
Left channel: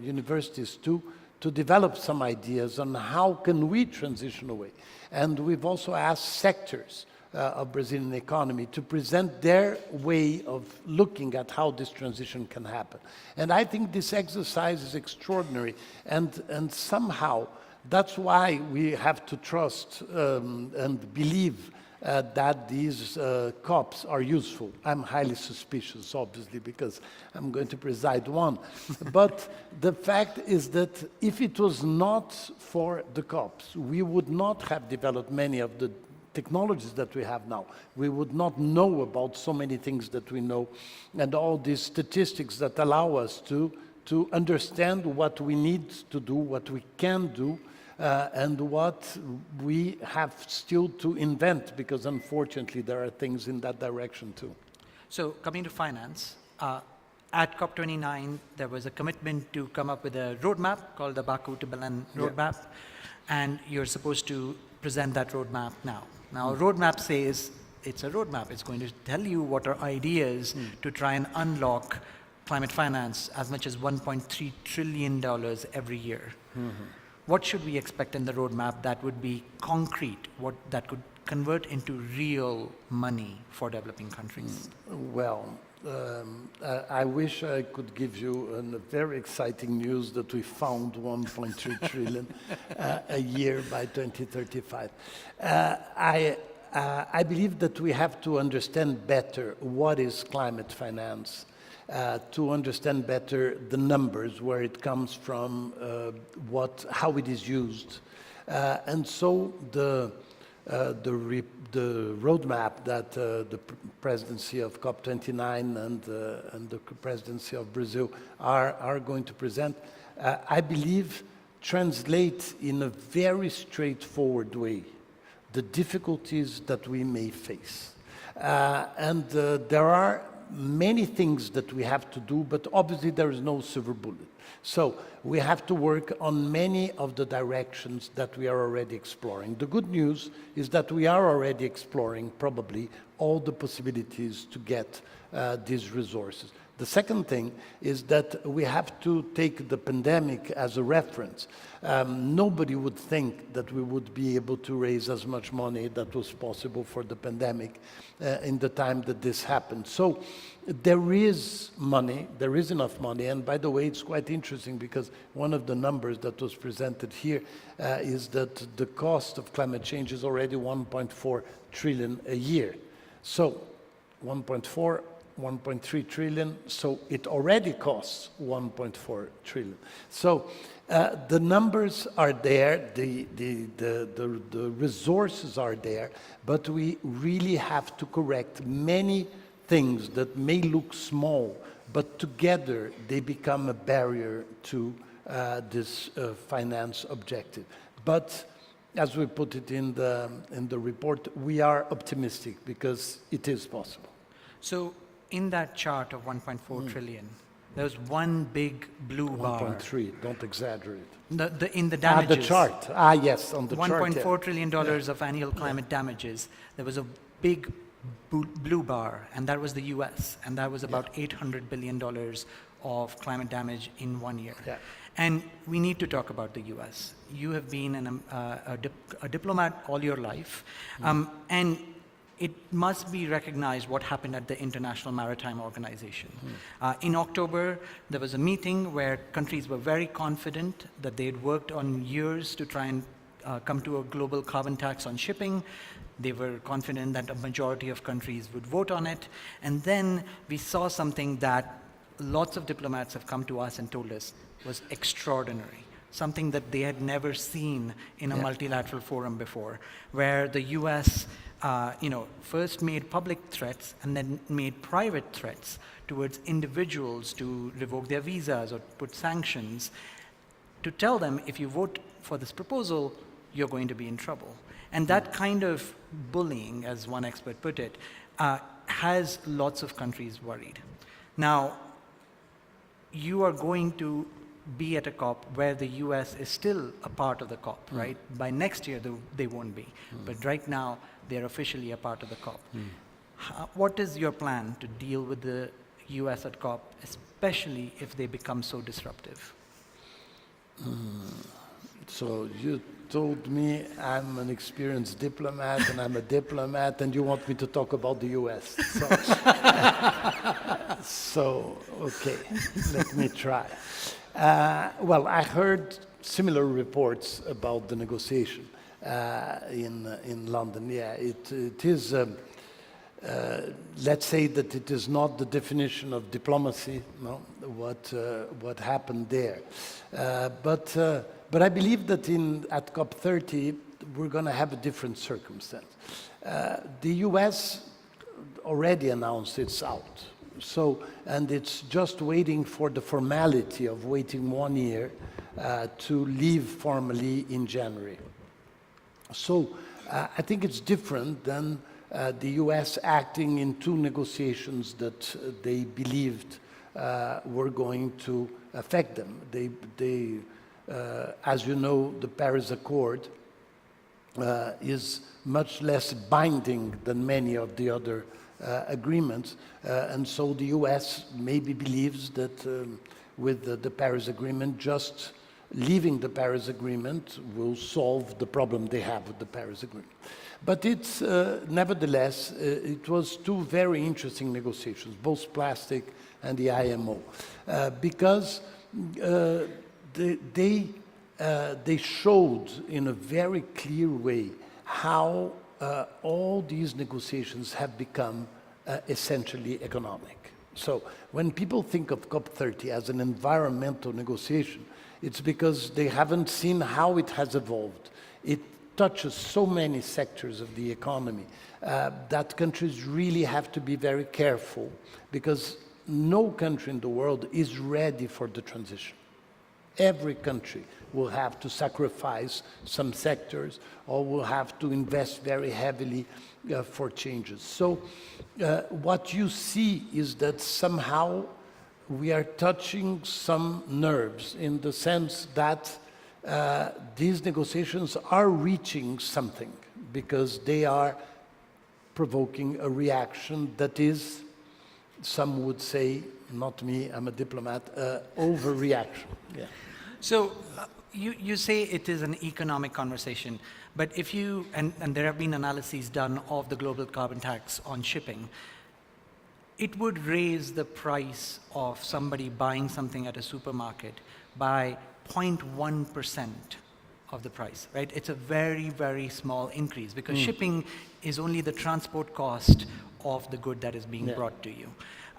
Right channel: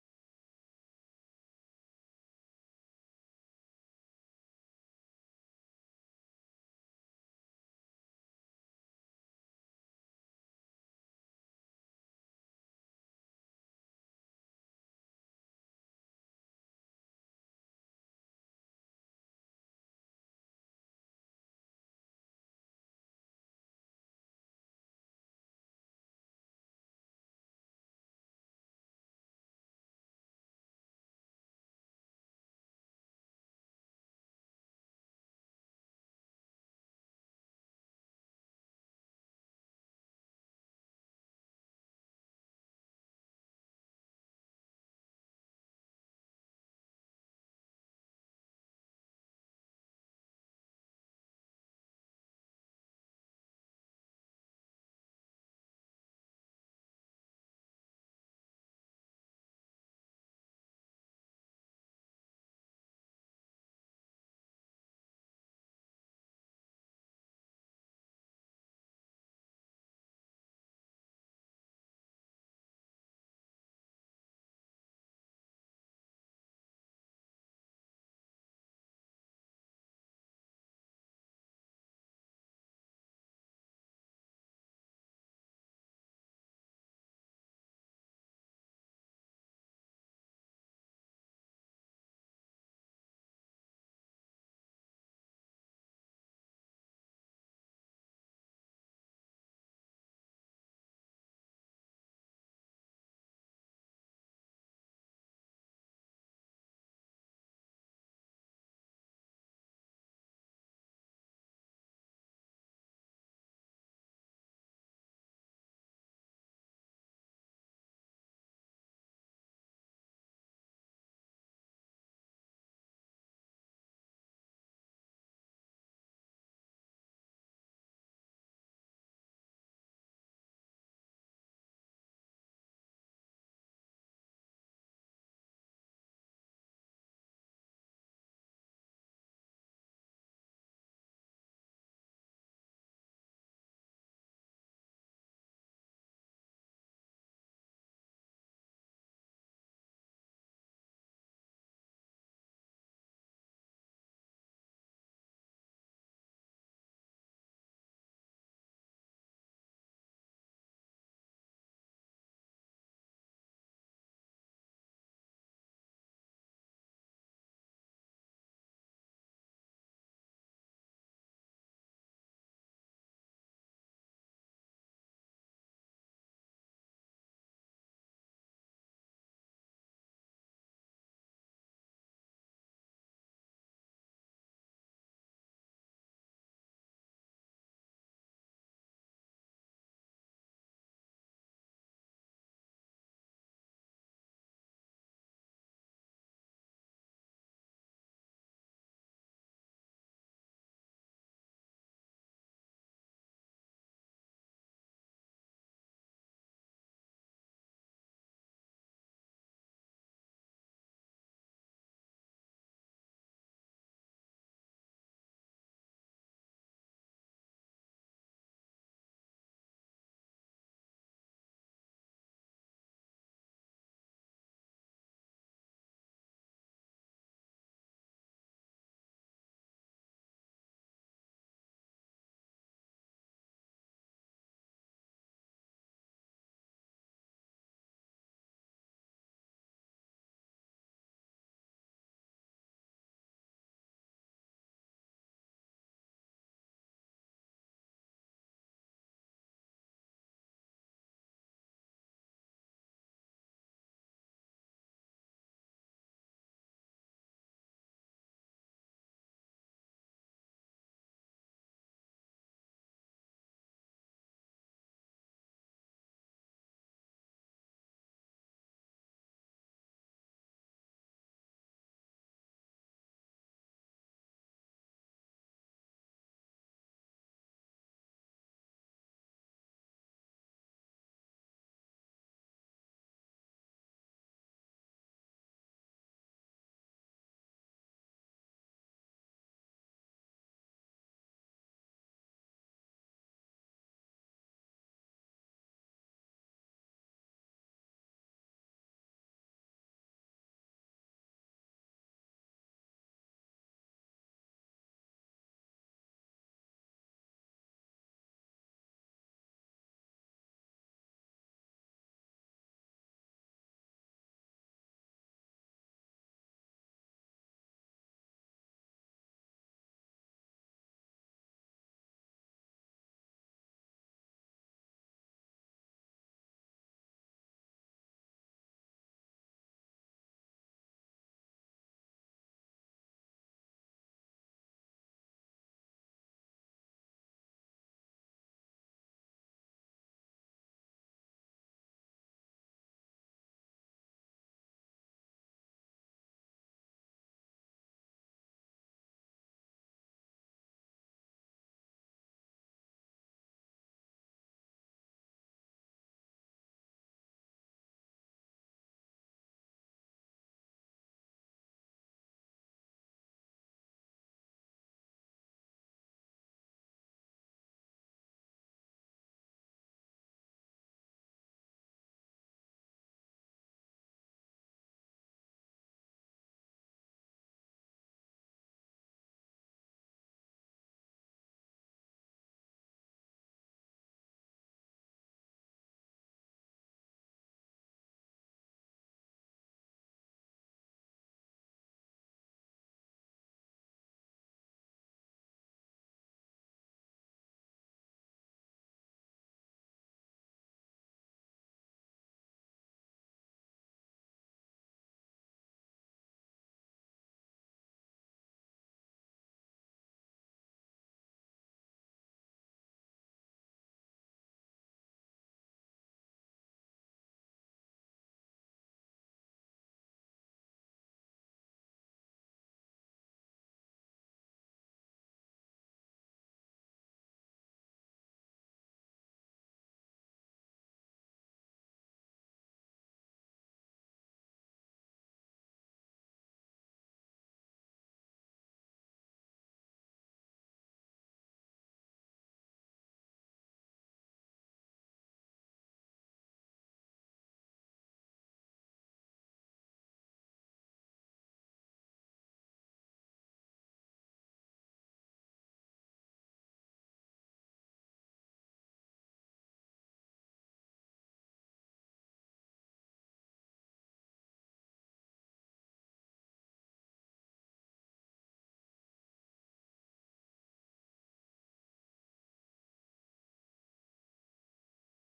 universities to develop some ideas on how can we transition away. And we've also asked sectors of Brazilian economy to present their way of looking at how this transition can happen. And I think this exercise is extraordinary, and somehow that's why we have to trust and believe that these COPs are useful. I'm highly suspicious, obviously, because I'm going to preside one. But the fact is that if it was not for the COPs, we would not have developed many of the technologies that we have now. We would not know about so many things that we know, and all these statistics that allow us to understand what we need to do, what we can do, and what we have still to invent, because unfortunately there are things in that direction too. So coming to finance, at COP29 there was a commitment to come up with a roadmap called the Baku to Berlin roadmap, and you're supposed to present that roadmap now. Now, a roadmap says it's a roadmap. It's going to tell you what are ideas to try and unlock climate finance as much as $1.3 trillion every year. What should we expect in the roadmap that would be concrete, that could convert into real money for developing countries? Well, I wish I could give you a very exciting news that we found 1.3 trillion a year by 2035. I believe that we have to understand better what is climate finance, to understand better the numbers, where it comes from, how it is used. And so the roadmap that the presidency of COP29 and the presidency of Brazil are going to present, I believe translate in a very straightforward way the difficulties that we may face. And there are many things that we have to do, but obviously there is no silver bullet. So we have to work on many of the directions that we are already exploring. The good news is that we are already exploring probably all the possibilities to get these resources. The second thing is that we have to take the pandemic as a reference. Nobody would think that we would be able to raise as much money that was possible for the pandemic in the time that this happened. So there is money, there is enough money, and by the way, it's quite interesting because one of the numbers that was presented here is that the cost of climate change is already 1.4 trillion a year. So 1.4, 1.3 trillion, so it already costs 1.4 trillion. So the numbers are there, the resources are there, but we really have to correct many things that may look small, but together they become a barrier to this finance objective. But as we put it in the report, we are optimistic because it is possible. So in that chart of 1.4 trillion, there was one big blue bar. 1.3, don't exaggerate. In the damages. The chart. Yes, on the chart. $1.4 trillion of annual climate damages. There was a big blue bar, and that was the US, and that was about $800 billion of climate damage in 1 year. Yeah. And we need to talk about the US. You have been a diplomat all your life, and it must be recognized what happened at the International Maritime Organization. In October, there was a meeting where countries were very confident that they had worked on years to try and come to a global carbon tax on shipping. They were confident that a majority of countries would vote on it. And then we saw something that lots of diplomats have come to us and told us was extraordinary, something that they had never seen in a multilateral forum before, where the US first made public threats and then made private threats towards individuals to revoke their visas or put sanctions, to tell them, if you vote for this proposal, you're going to be in trouble. And that kind of bullying, as one expert put it, has lots of countries worried. Now, you are going to be at a COP where the US is still a part of the COP, right? By next year, they won't be. But right now, they're officially a part of the COP. What is your plan to deal with the US at COP, especially if they become so disruptive? So you told me I'm an experienced diplomat and I'm a diplomat and you want me to talk about the US. So okay, let me try. Well, I heard similar reports about the negotiation in London. Yeah, it is, let's say that it is not the definition of diplomacy, no, what happened there. But I believe that at COP30, we're going to have a different circumstance. The US already announced it's out. So, and it's just waiting for the formality of waiting 1 year to leave formally in January. So I think it's different than the US acting in two negotiations that they believed were going to affect them. As you know, the Paris Accord is much less binding than many of the other agreements. And so the US maybe believes that with the Paris Agreement, just leaving the Paris Agreement will solve the problem they have with the Paris Agreement. But it's, nevertheless, it was two very interesting negotiations, both plastic and the IMO, because they showed in a very clear way how all these negotiations have become essentially economic. So when people think of COP30 as an environmental negotiation, it's because they haven't seen how it has evolved. It touches so many sectors of the economy that countries really have to be very careful, because no country in the world is ready for the transition. Every country will have to sacrifice some sectors or will have to invest very heavily for changes. So what you see is that somehow we are touching some nerves, in the sense that these negotiations are reaching something, because they are provoking a reaction that is, some would say, not me, I'm a diplomat, overreaction. Yeah. So you say it is an economic conversation, but if you, and there have been analyses done of the global carbon tax on shipping, it would raise the price of somebody buying something at a supermarket by 0.1% of the price, right? It's a very, very small increase, because shipping is only the transport cost of the good that is being brought to you.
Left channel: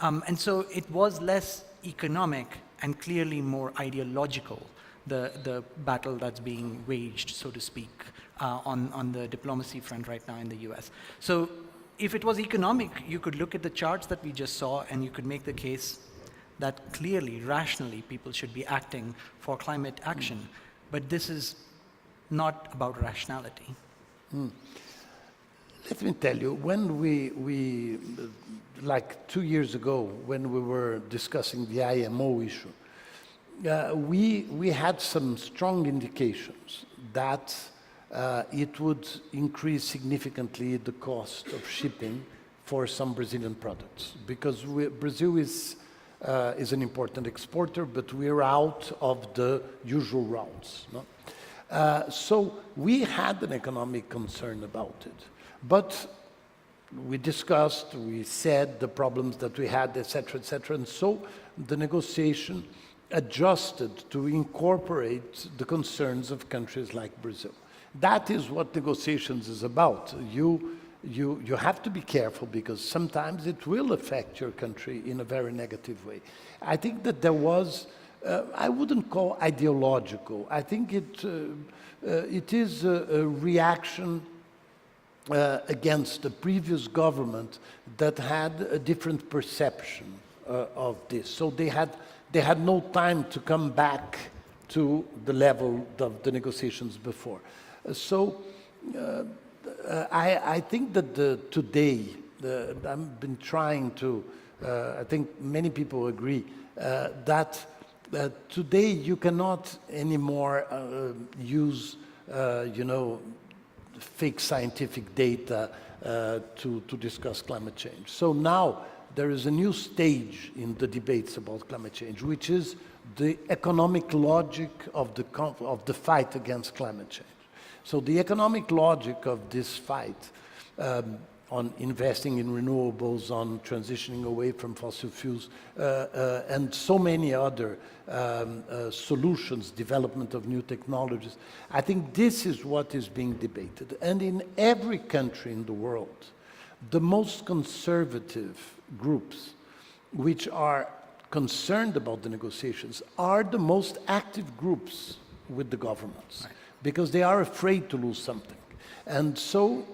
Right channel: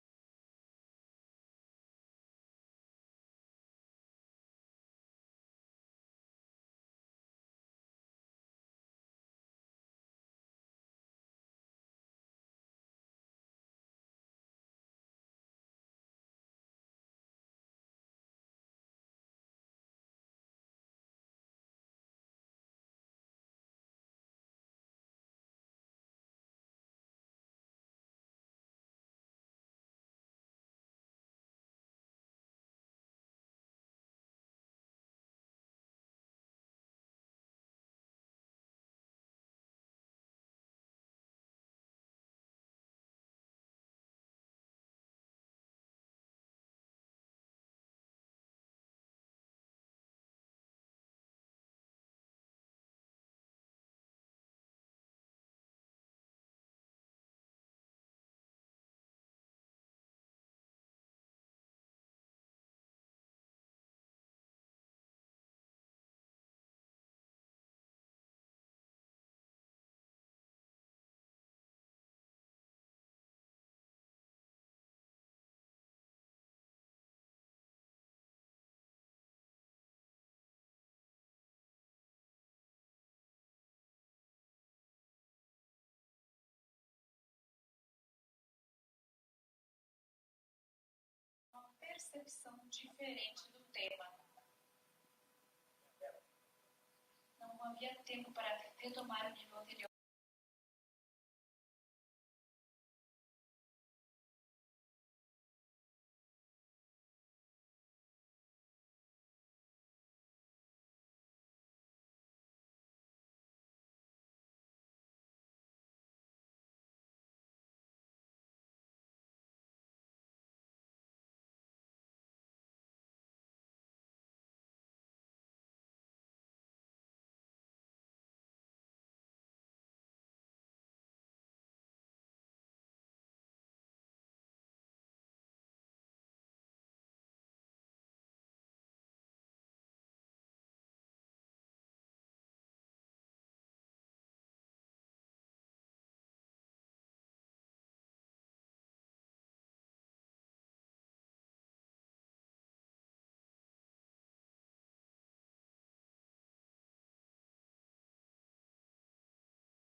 And so it was less economic and clearly more ideological, the battle that's being waged, so to speak, on the diplomacy front right now in the US. So if it was economic, you could look at the charts that we just saw and you could make the case that clearly, rationally, people should be acting for climate action. But this is not about rationality. Let me tell you, when we like 2 years ago, when we were discussing the IMO issue, we had some strong indications that it would increase significantly the cost of shipping for some Brazilian products, because Brazil is an important exporter, but we're out of the usual routes. No? So we had an economic concern about it, but we discussed, we said the problems that we had, etc., and so the negotiation adjusted to incorporate the concerns of countries like Brazil. That is what negotiations is about. You have to be careful, because sometimes it will affect your country in a very negative way. I think that there was, I wouldn't call ideological. I think it is a reaction against the previous government that had a different perception of this. So they had no time to come back to the level of the negotiations before. So I think that today, I've been trying to, I think many people agree, that today you cannot anymore use, fake scientific data to discuss climate change. So now there is a new stage in the debates about climate change, which is the economic logic of the fight against climate change. So the economic logic of this fight on investing in renewables, on transitioning away from fossil fuels, and so many other solutions, development of new technologies, I think this is what is being debated. And in every country in the world, the most conservative groups, which are concerned about the negotiations, are the most active groups with the governments. Right. Because they are afraid to lose something. And so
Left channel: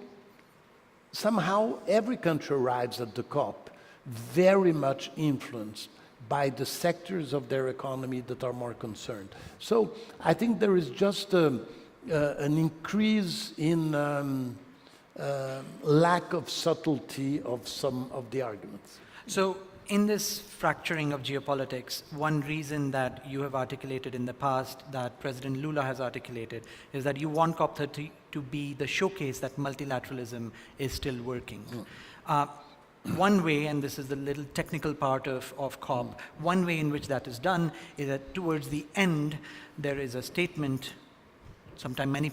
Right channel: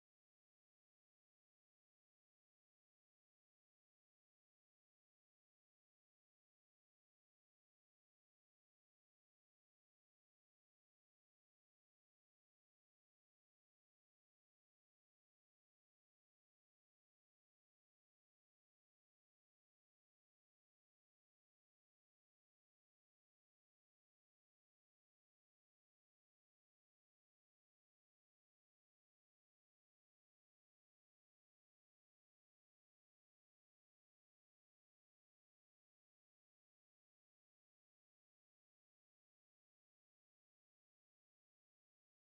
somehow every country arrives at the COP very much influenced by the sectors of their economy that are more concerned. So I think there is just an increase in So in this fracturing of geopolitics, one reason that you have articulated in the past, that President Lula has articulated, is that you want COP30 to be the showcase that multilateralism is still working. One way, and this is the little technical part of COP, one way in which that is done is that towards the end, there is a statement, sometimes many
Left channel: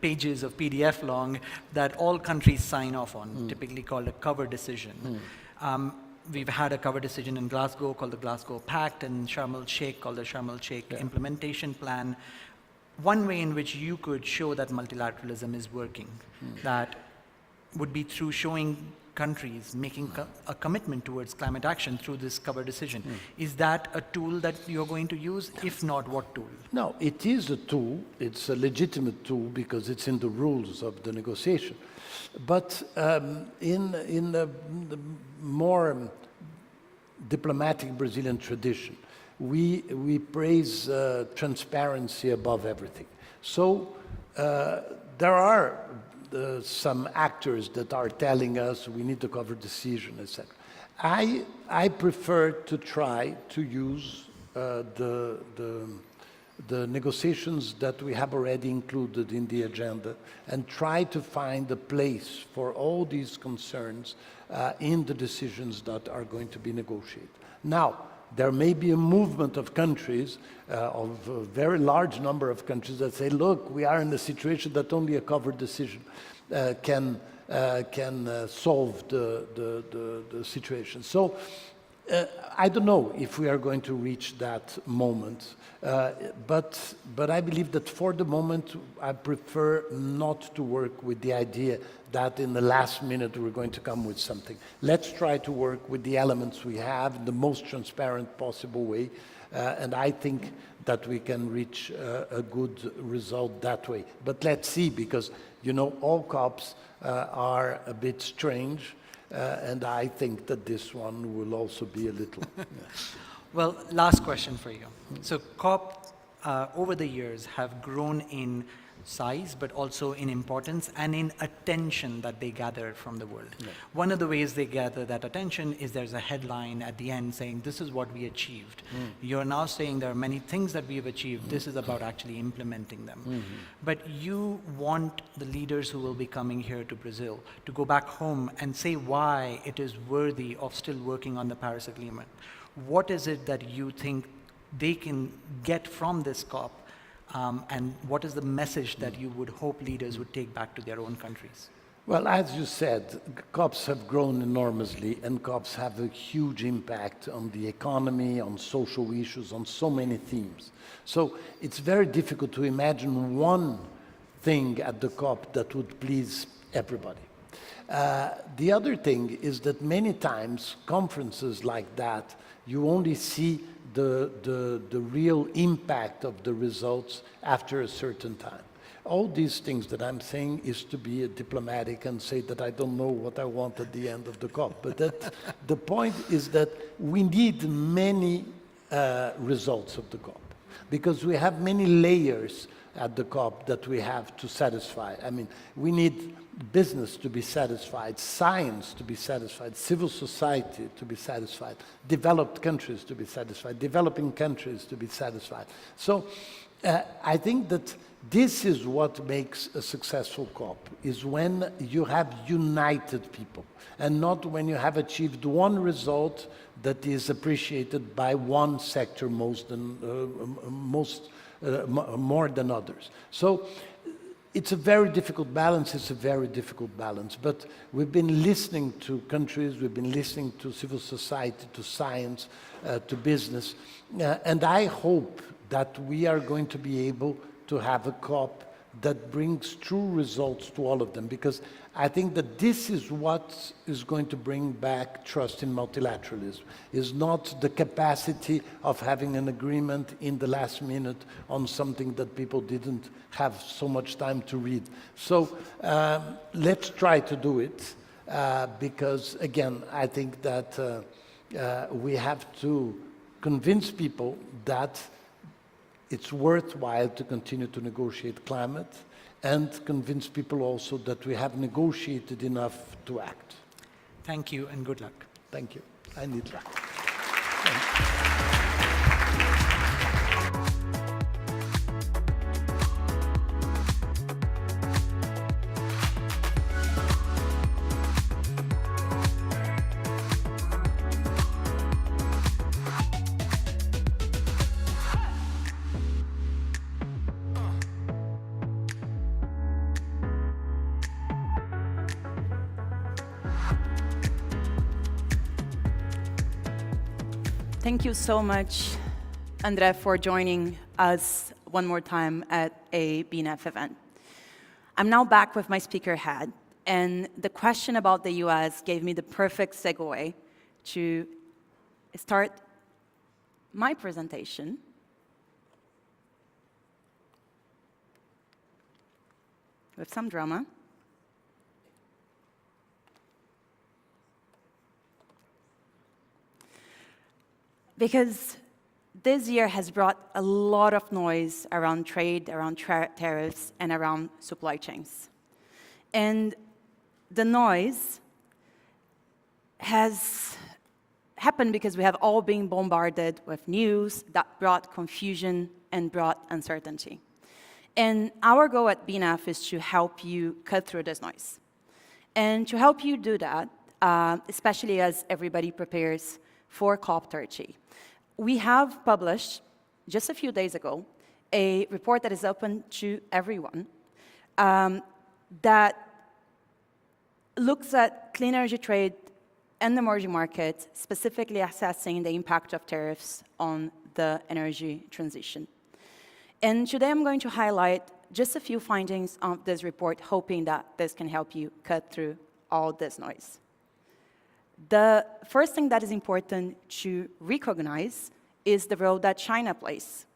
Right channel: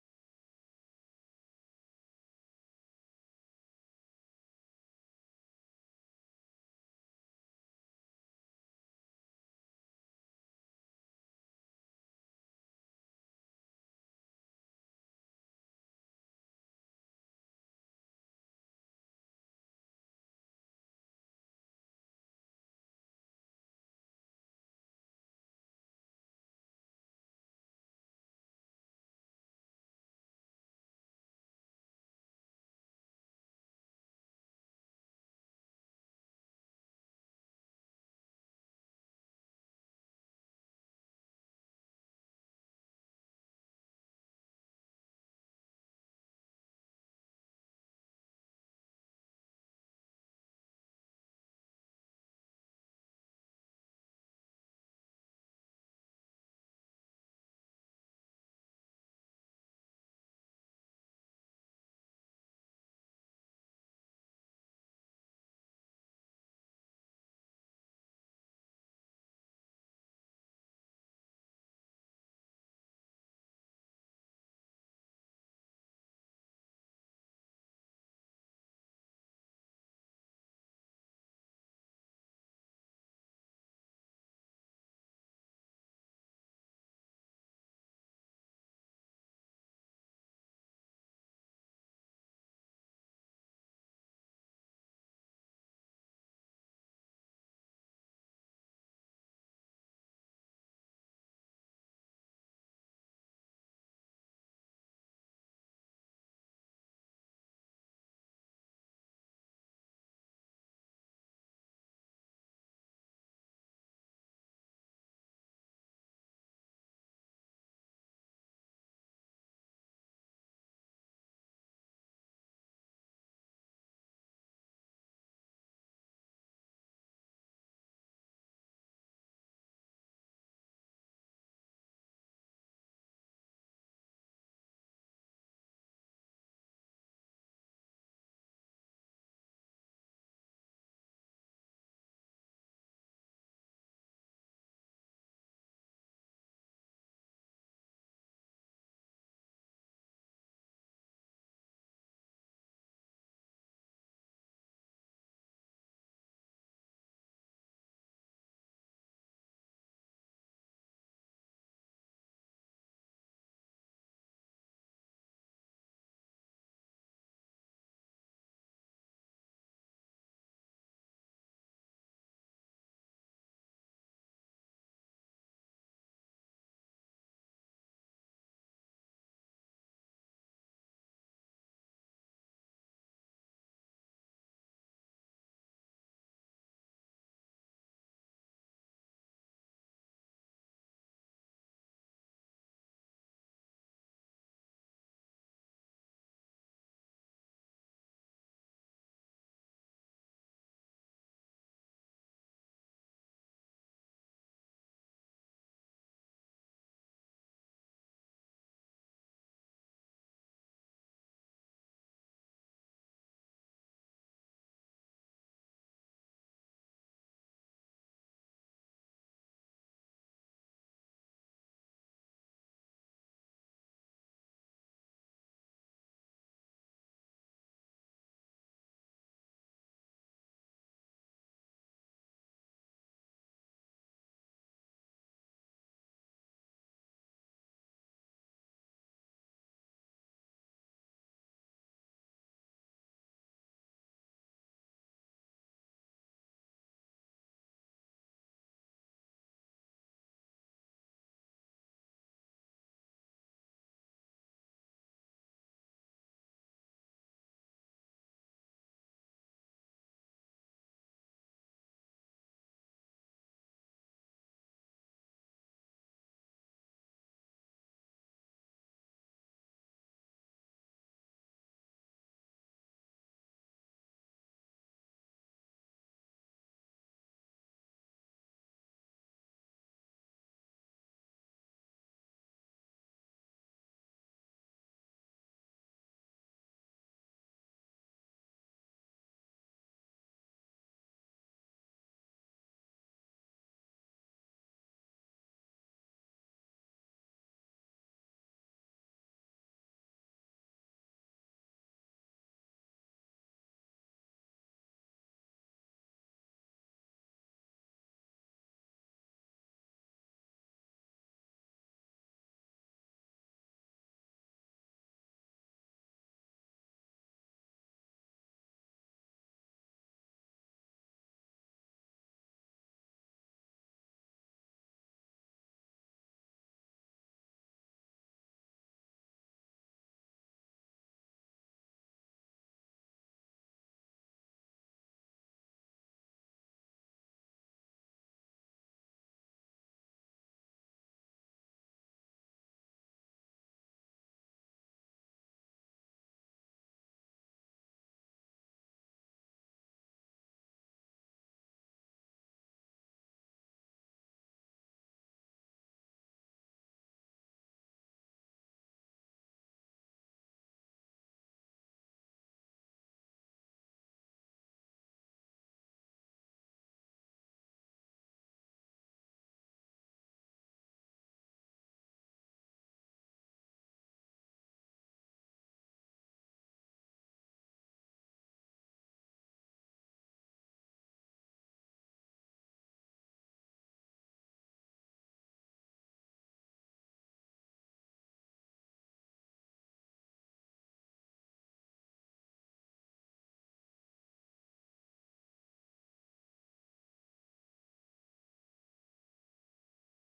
pages of PDF long, that all countries sign off on, typically called a cover decision. We've had a cover decision in Glasgow called the Glasgow Pact, and Sharm el-Sheikh called the Sharm el-Sheikh Implementation Plan. One way in which you could show that multilateralism is working, that would be through showing countries making a commitment towards climate action through this cover decision. Is that a tool that you're going to use? If not, what tool? No, it is a tool. It's a legitimate tool because it's in the rules of the negotiation. But in the more diplomatic Brazilian tradition, we praise transparency above everything. So there are some actors that are telling us we need to cover decision, etc. I prefer to try to use the negotiations that we have already included in the agenda and try to find a place for all these concerns in the decisions that are going to be negotiated. Now, there may be a movement of countries, of a very large number of countries that say, look, we are in a situation that only a covered decision can solve the situation. So I don't know if we are going to reach that moment, but I believe that for the moment, I prefer not to work with the idea that in the last minute we're going to come with something. Let's try to work with the elements we have in the most transparent possible way, and I think that we can reach a good result that way. But let's see, because, you know, all COPs are a bit strange, and I think that this one will also be a little. Well, last question for you. So COP over the years have grown in size, but also in importance and in attention that they gather from the world. One of the ways they gather that attention is there's a headline at the end saying, this is what we achieved. You're now saying there are many things that we've achieved. This is about actually implementing them. But you want the leaders who will be coming here to Brazil to go back home and say why it is worthy of still working on the Paris Agreement. What is it that you think they can get from this COP? And what is the message that you would hope leaders would take back to their own countries? Well, as you said, COPs have grown enormously, and COPs have a huge impact on the economy, on social issues, on so many themes. So it's very difficult to imagine one thing at the COP that would please everybody. The other thing is that many times conferences like that, you only see the real impact of the results after a certain time. All these things that I'm saying is to be diplomatic and say that I don't know what I want at the end of the COP. But the point is that we need many results of the COP, because we have many layers at the COP that we have to satisfy. I mean, we need business to be satisfied, science to be satisfied, civil society to be satisfied, developed countries to be satisfied, developing countries to be satisfied. So I think that this is what makes a successful COP, is when you have united people, and not when you have achieved one result that is appreciated by one sector more than others. So it's a very difficult balance, but we've been listening to countries, we've been listening to civil society, to science, to business, and I hope that we are going to be able to have a COP that brings true results to all of them, because I think that this is what is going to bring back trust in multilateralism, is not the capacity of having an agreement in the last minute on something that people didn't have so much time to read. So let's try to do it, because again, I think that we have to convince people that it's worthwhile to continue to negotiate climate, and convince people also that we have negotiated enough to act. Thank you and good luck. Thank you. I need that. Thank you so much, André, for joining us one more time at a BNEF event. I'm now back with my speaker hat, and the question about the US gave me the perfect segue to start my presentation. With some drama. Because this year has brought a lot of noise around trade, around tariffs, and around supply chains. And the noise has happened because we have all been bombarded with news that brought confusion and brought uncertainty. And our goal at BNEF is to help you cut through this noise. And to help you do that, especially as everybody prepares for COP30, we have published, just a few days ago, a report that is open to everyone that looks at clean energy trade and emerging markets, specifically assessing the impact of tariffs on the energy transition. And today I'm going to highlight just a few findings of this report, hoping that this can help you cut through all this noise. The first thing that is important to recognize is the role that China plays.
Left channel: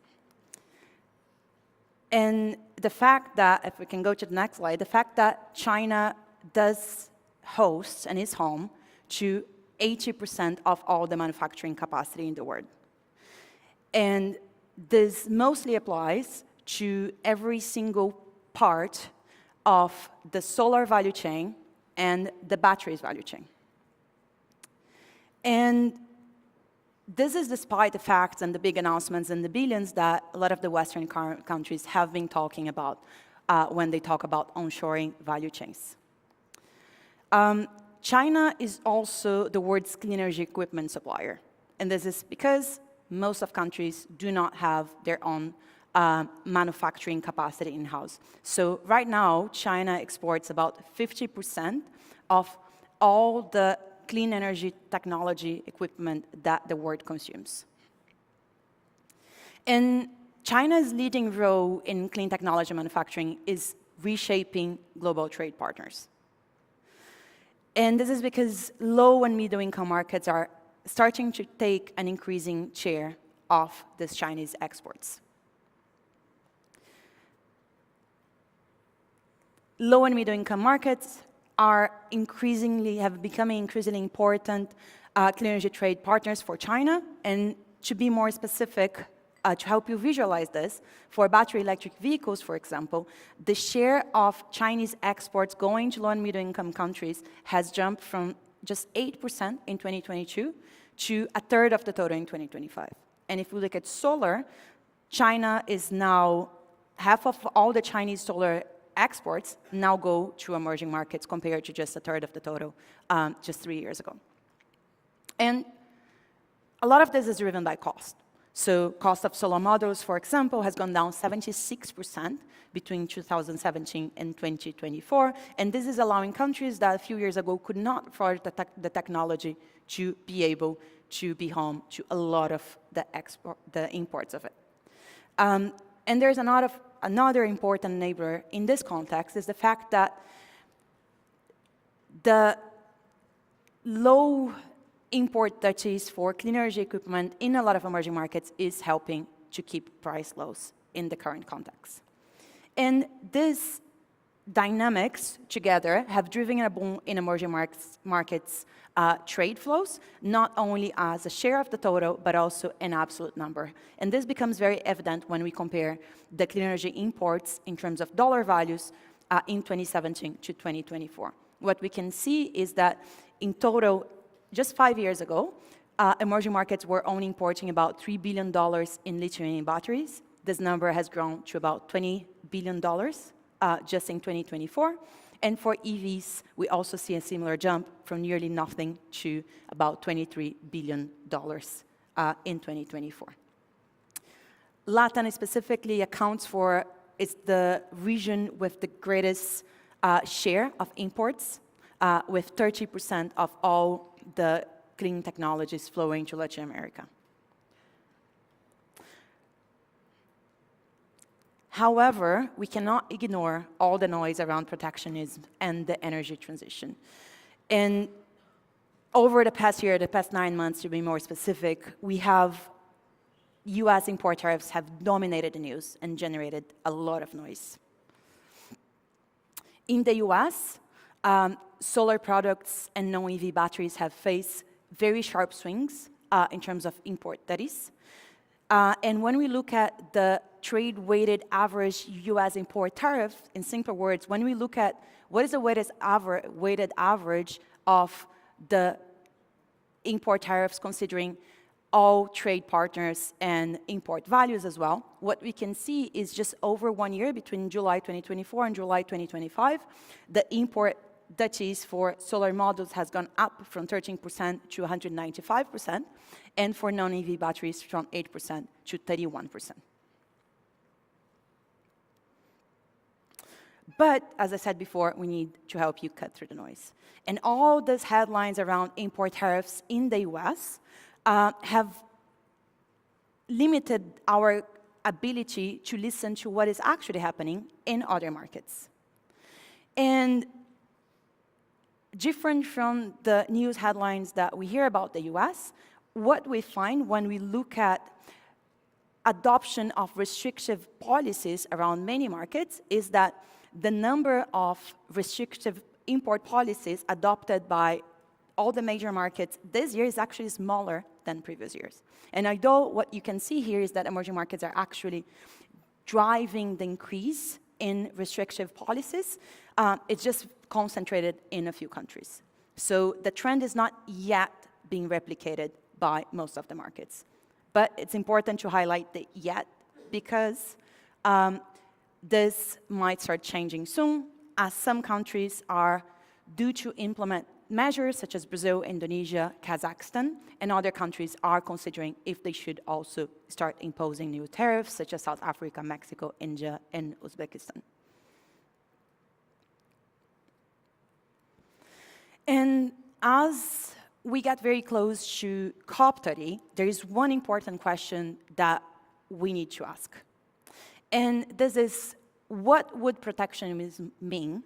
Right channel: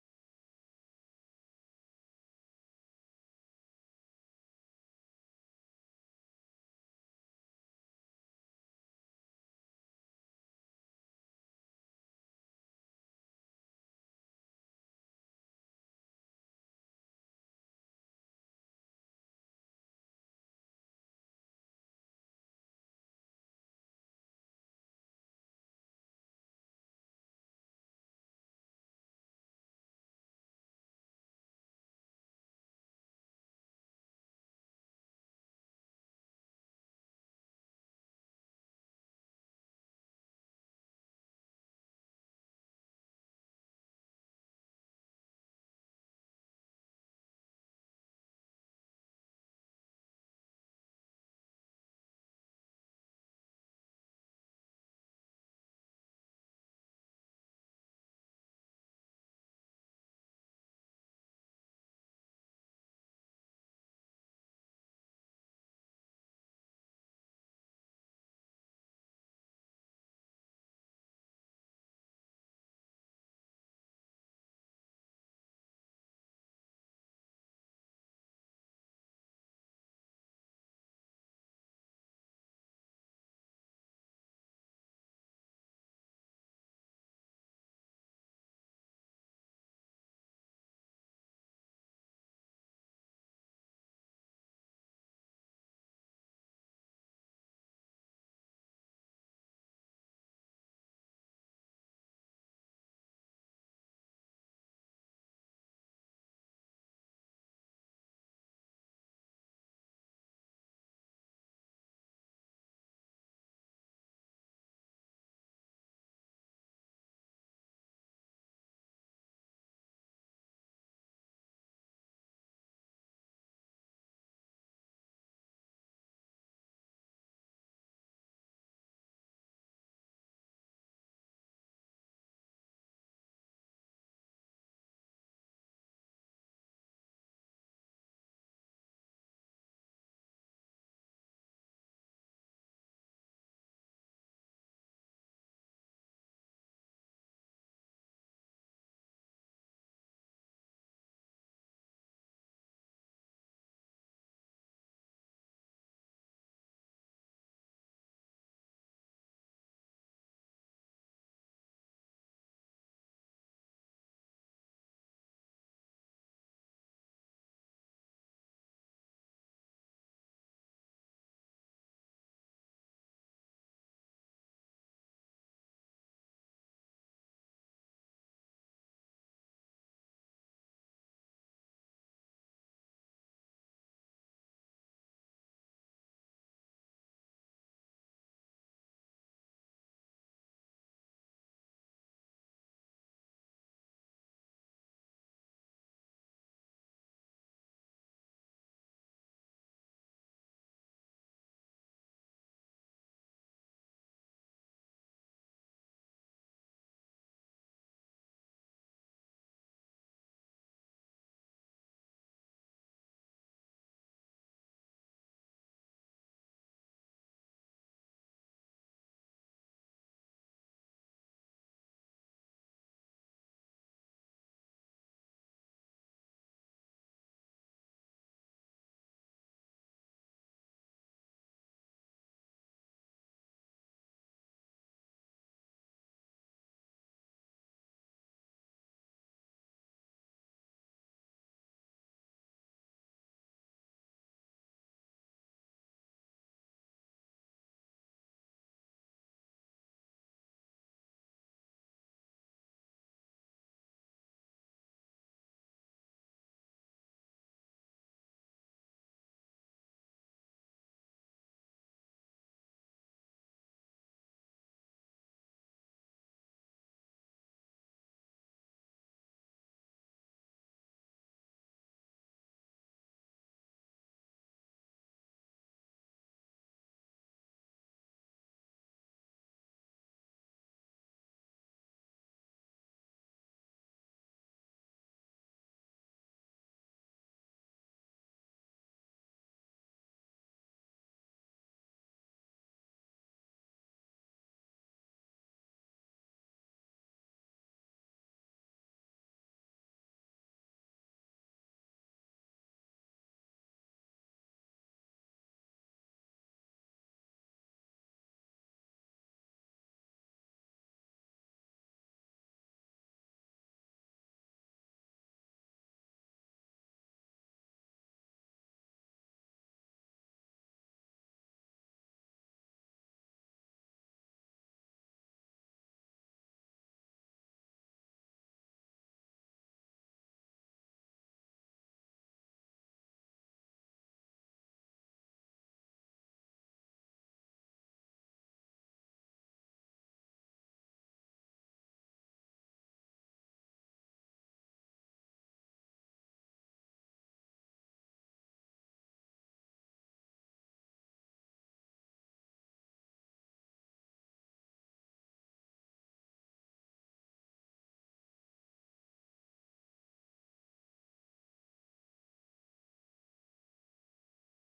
And the fact that, if we can go to the next slide, the fact that China does host and is home to 80% of all the manufacturing capacity in the world. And this mostly applies to every single part of the solar value chain and the batteries value chain. And this is despite the facts and the big announcements and the billions that a lot of the Western countries have been talking about when they talk about onshoring value chains. China is also the world's clean energy equipment supplier. And this is because most of countries do not have their own manufacturing capacity in-house. So right now, China exports about 50% of all the clean energy technology equipment that the world consumes. And China's leading role in clean technology manufacturing is reshaping global trade partners. And this is because low and middle income markets are starting to take an increasing share of these Chinese exports. Low and middle income markets have become increasingly important clean energy trade partners for China. And to be more specific, to help you visualize this, for battery electric vehicles, for example, the share of Chinese exports going to low and middle income countries has jumped from just 8% in 2022 to a third of the total in 2025. And if we look at solar, China is now, half of all the Chinese solar exports now go to emerging markets compared to just a third of the total just 3 years ago. And a lot of this is driven by cost. So cost of solar modules, for example, has gone down 76% between 2017 and 2024. And this is allowing countries that a few years ago could not afford the technology to be able to be home to a lot of the imports of it. And there's another important enabler in this context is the fact that the low import duties for clean energy equipment in a lot of emerging markets is helping to keep price lows in the current context. And these dynamics together have driven a boom in emerging markets trade flows, not only as a share of the total, but also an absolute number. And this becomes very evident when we compare the clean energy imports in terms of dollar values in 2017 to 2024. What we can see is that in total, just 5 years ago, emerging markets were only importing about $3 billion in lithium-ion batteries. This number has grown to about $20 billion just in 2024. And for EVs, we also see a similar jump from nearly nothing to about $23 billion in 2024. Latin specifically accounts for, it's the region with the greatest share of imports, with 30% of all the clean technologies flowing to Latin America. However, we cannot ignore all the noise around protectionism and the energy transition. And over the past year, the past 9 months to be more specific, we have US import tariffs have dominated the news and generated a lot of noise. In the US, solar products and non-EV batteries have faced very sharp swings in terms of import, that is. And when we look at the trade-weighted average US import tariff, in simple words, when we look at what is the weighted average of the import tariffs considering all trade partners and import values as well, what we can see is just over 1 year, between July 2024 and July 2025, the import duties for solar modules has gone up from 13% to 195%, and for non-EV batteries from 8% to 31%. But, as I said before, we need to help you cut through the noise. And all these headlines around import tariffs in the US have limited our ability to listen to what is actually happening in other markets. And different from the news headlines that we hear about the US, what we find when we look at adoption of restrictive policies around many markets is that the number of restrictive import policies adopted by all the major markets this year is actually smaller than previous years. And although what you can see here is that emerging markets are actually driving the increase in restrictive policies, it's just concentrated in a few countries. So the trend is not yet being replicated by most of the markets. But it's important to highlight the yet, because this might start changing soon, as some countries are due to implement measures such as Brazil, Indonesia, Kazakhstan, and other countries are considering if they should also start imposing new tariffs, such as South Africa, Mexico, India, and Uzbekistan. And as we get very close to COP30, there is one important question that we need to ask. And this is, what would protectionism mean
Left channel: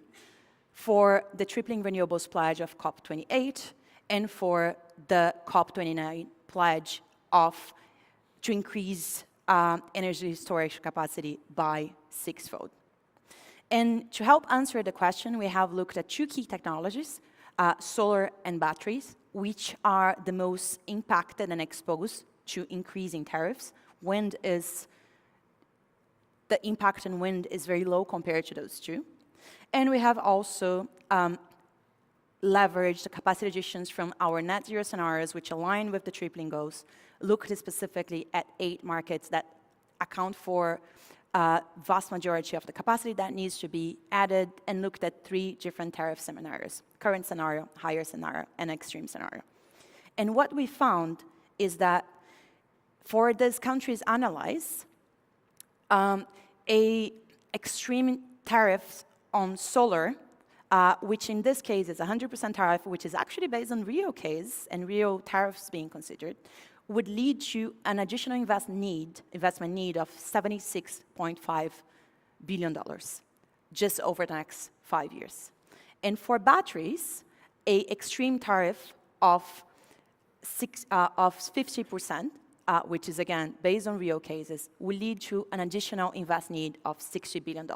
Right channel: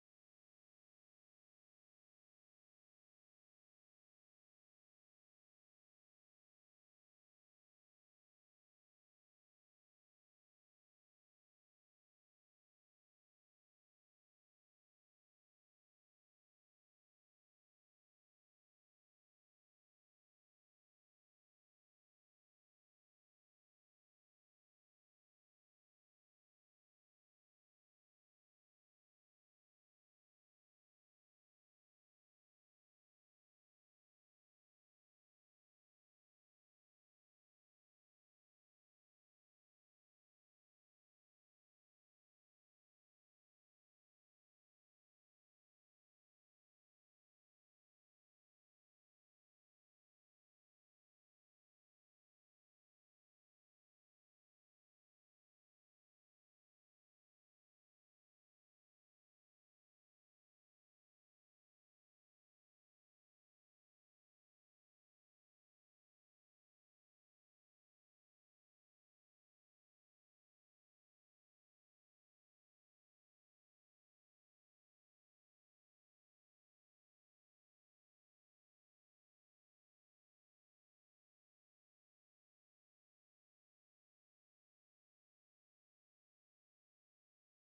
for the tripling renewables pledge of COP28 and for the COP29 pledge to increase energy storage capacity by 6-fold? And to help answer the question, we have looked at two key technologies, solar and batteries, which are the most impacted and exposed to increasing tariffs. The impact on wind is very low compared to those two. And we have also leveraged the capacity additions from our net zero scenarios, which align with the tripling goals, looked specifically at 8 markets that account for vast majority of the capacity that needs to be added, and looked at 3 different tariff scenarios: current scenario, higher scenario, and extreme scenario. And what we found is that for these countries analyzed, a extreme tariff on solar, which in this case is 100% tariff, which is actually based on real case and real tariffs being considered, would lead to an additional investment need of $76.5 billion just over the next 5 years. And for batteries, an extreme tariff of 50%, which is again based on real cases, will lead to an additional investment need of $60 billion.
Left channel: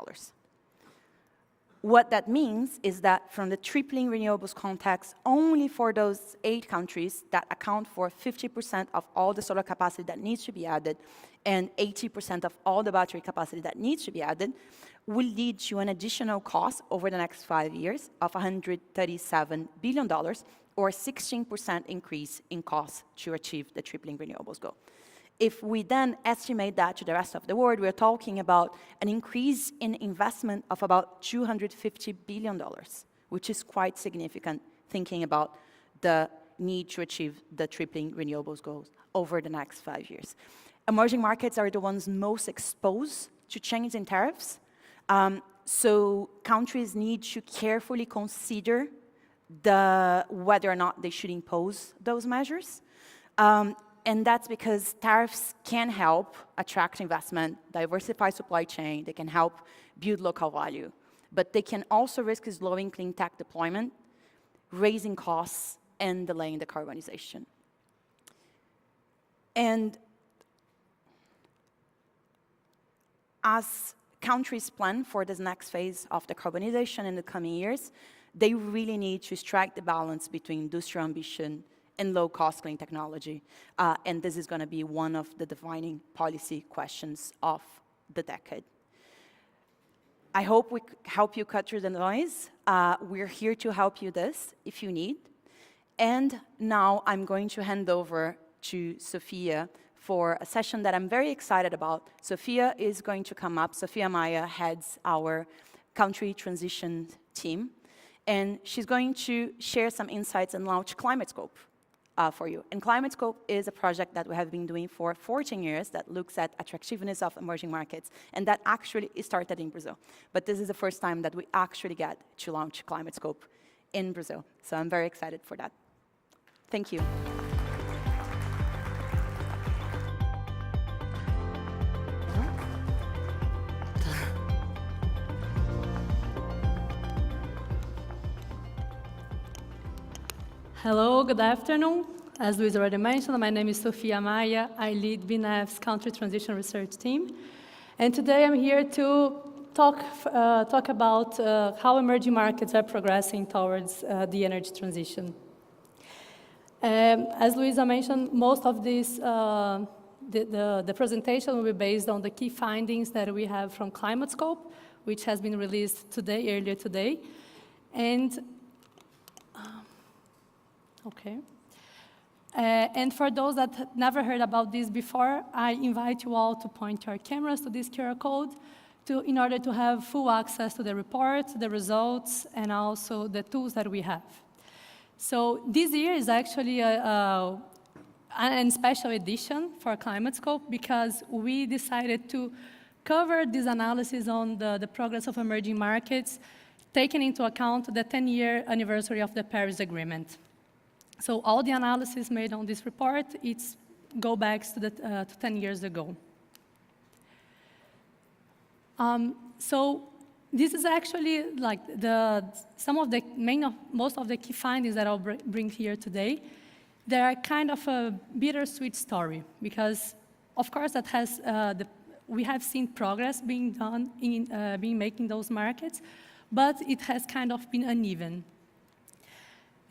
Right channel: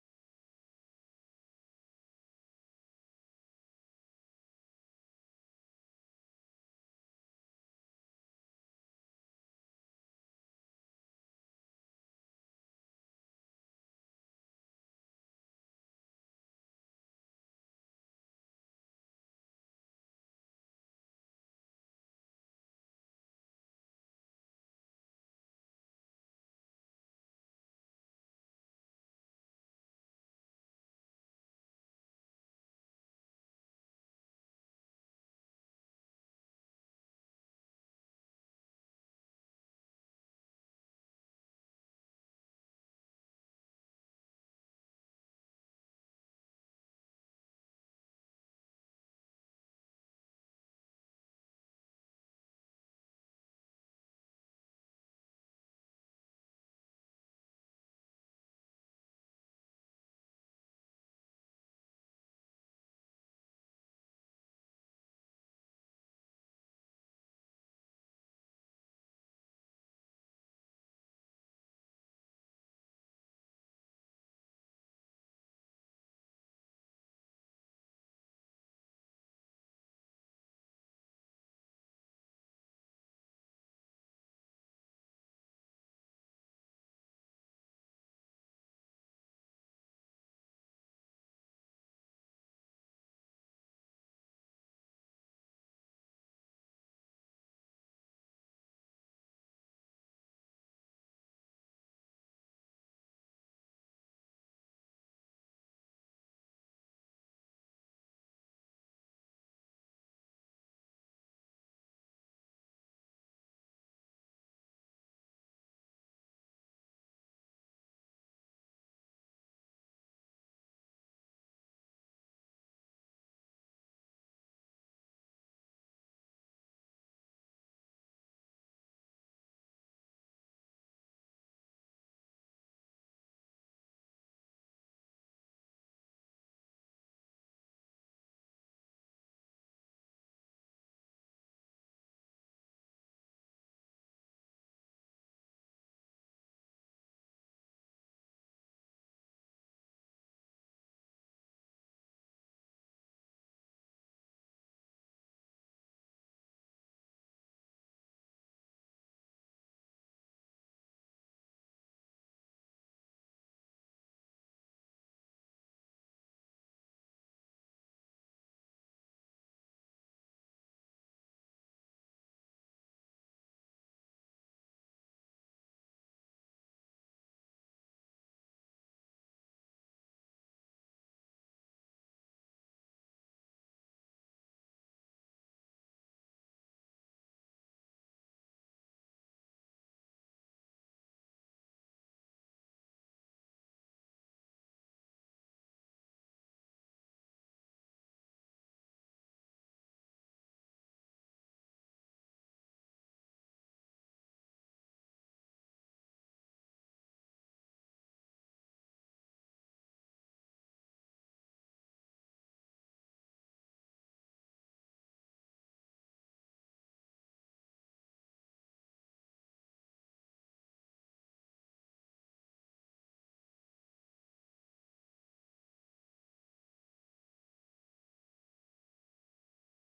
What that means is that from the tripling renewables context, only for those 8 countries that account for 50% of all the solar capacity that needs to be added and 80% of all the battery capacity that needs to be added, will lead to an additional cost over the next 5 years of $137 billion, or 16% increase in costs to achieve the tripling renewables goal. If we then estimate that to the rest of the world, we're talking about an increase in investment of about $250 billion, which is quite significant, thinking about the need to achieve the tripling renewables goals over the next 5 years. Emerging markets are the ones most exposed to change in tariffs, so countries need to carefully consider whether or not they should impose those measures. And that's because tariffs can help attract investment, diversify supply chain, they can help build local value, but they can also risk slowing clean tech deployment, raising costs, and delaying decarbonization. And as countries plan for this next phase of decarbonization in the coming years, they really need to strike the balance between industrial ambition and low-cost clean technology. And this is going to be one of the defining policy questions of the decade. I hope we help you cut through the noise. We're here to help you this if you need. And now I'm going to hand over to Sophia for a session that I'm very excited about. Sophia is going to come up. Sophia Maya heads our country transition team. And she's going to share some insights and launch Climate Scope for you. And Climate Scope is a project that we have been doing for 14 years that looks at attractiveness of emerging markets, and that actually started in Brazil. But this is the first time that we actually get to launch Climate Scope in Brazil. So I'm very excited for that. Thank you. Hello, good afternoon. As Luis already mentioned, my name is Sophia Maya. I lead BNEF's Country Transition Research Team. And today I'm here to talk about how emerging markets are progressing towards the energy transition. As Luisa mentioned, most of this, the presentation will be based on the key findings that we have from Climate Scope, which has been released earlier today. And and for those that had never heard about this before, I invite you all to point your cameras to this QR code in order to have full access to the report, the results, and also the tools that we have. So this year is actually a special edition for Climate Scope because we decided to cover this analysis on the progress of emerging markets, taking into account the 10-year anniversary of the Paris Agreement. So all the analysis made on this report, go back to 10 years ago. So this is actually like most of the key findings that I'll bring here today. They are kind of a bittersweet story because, of course, we have seen progress being done in making those markets, but it has kind of been uneven.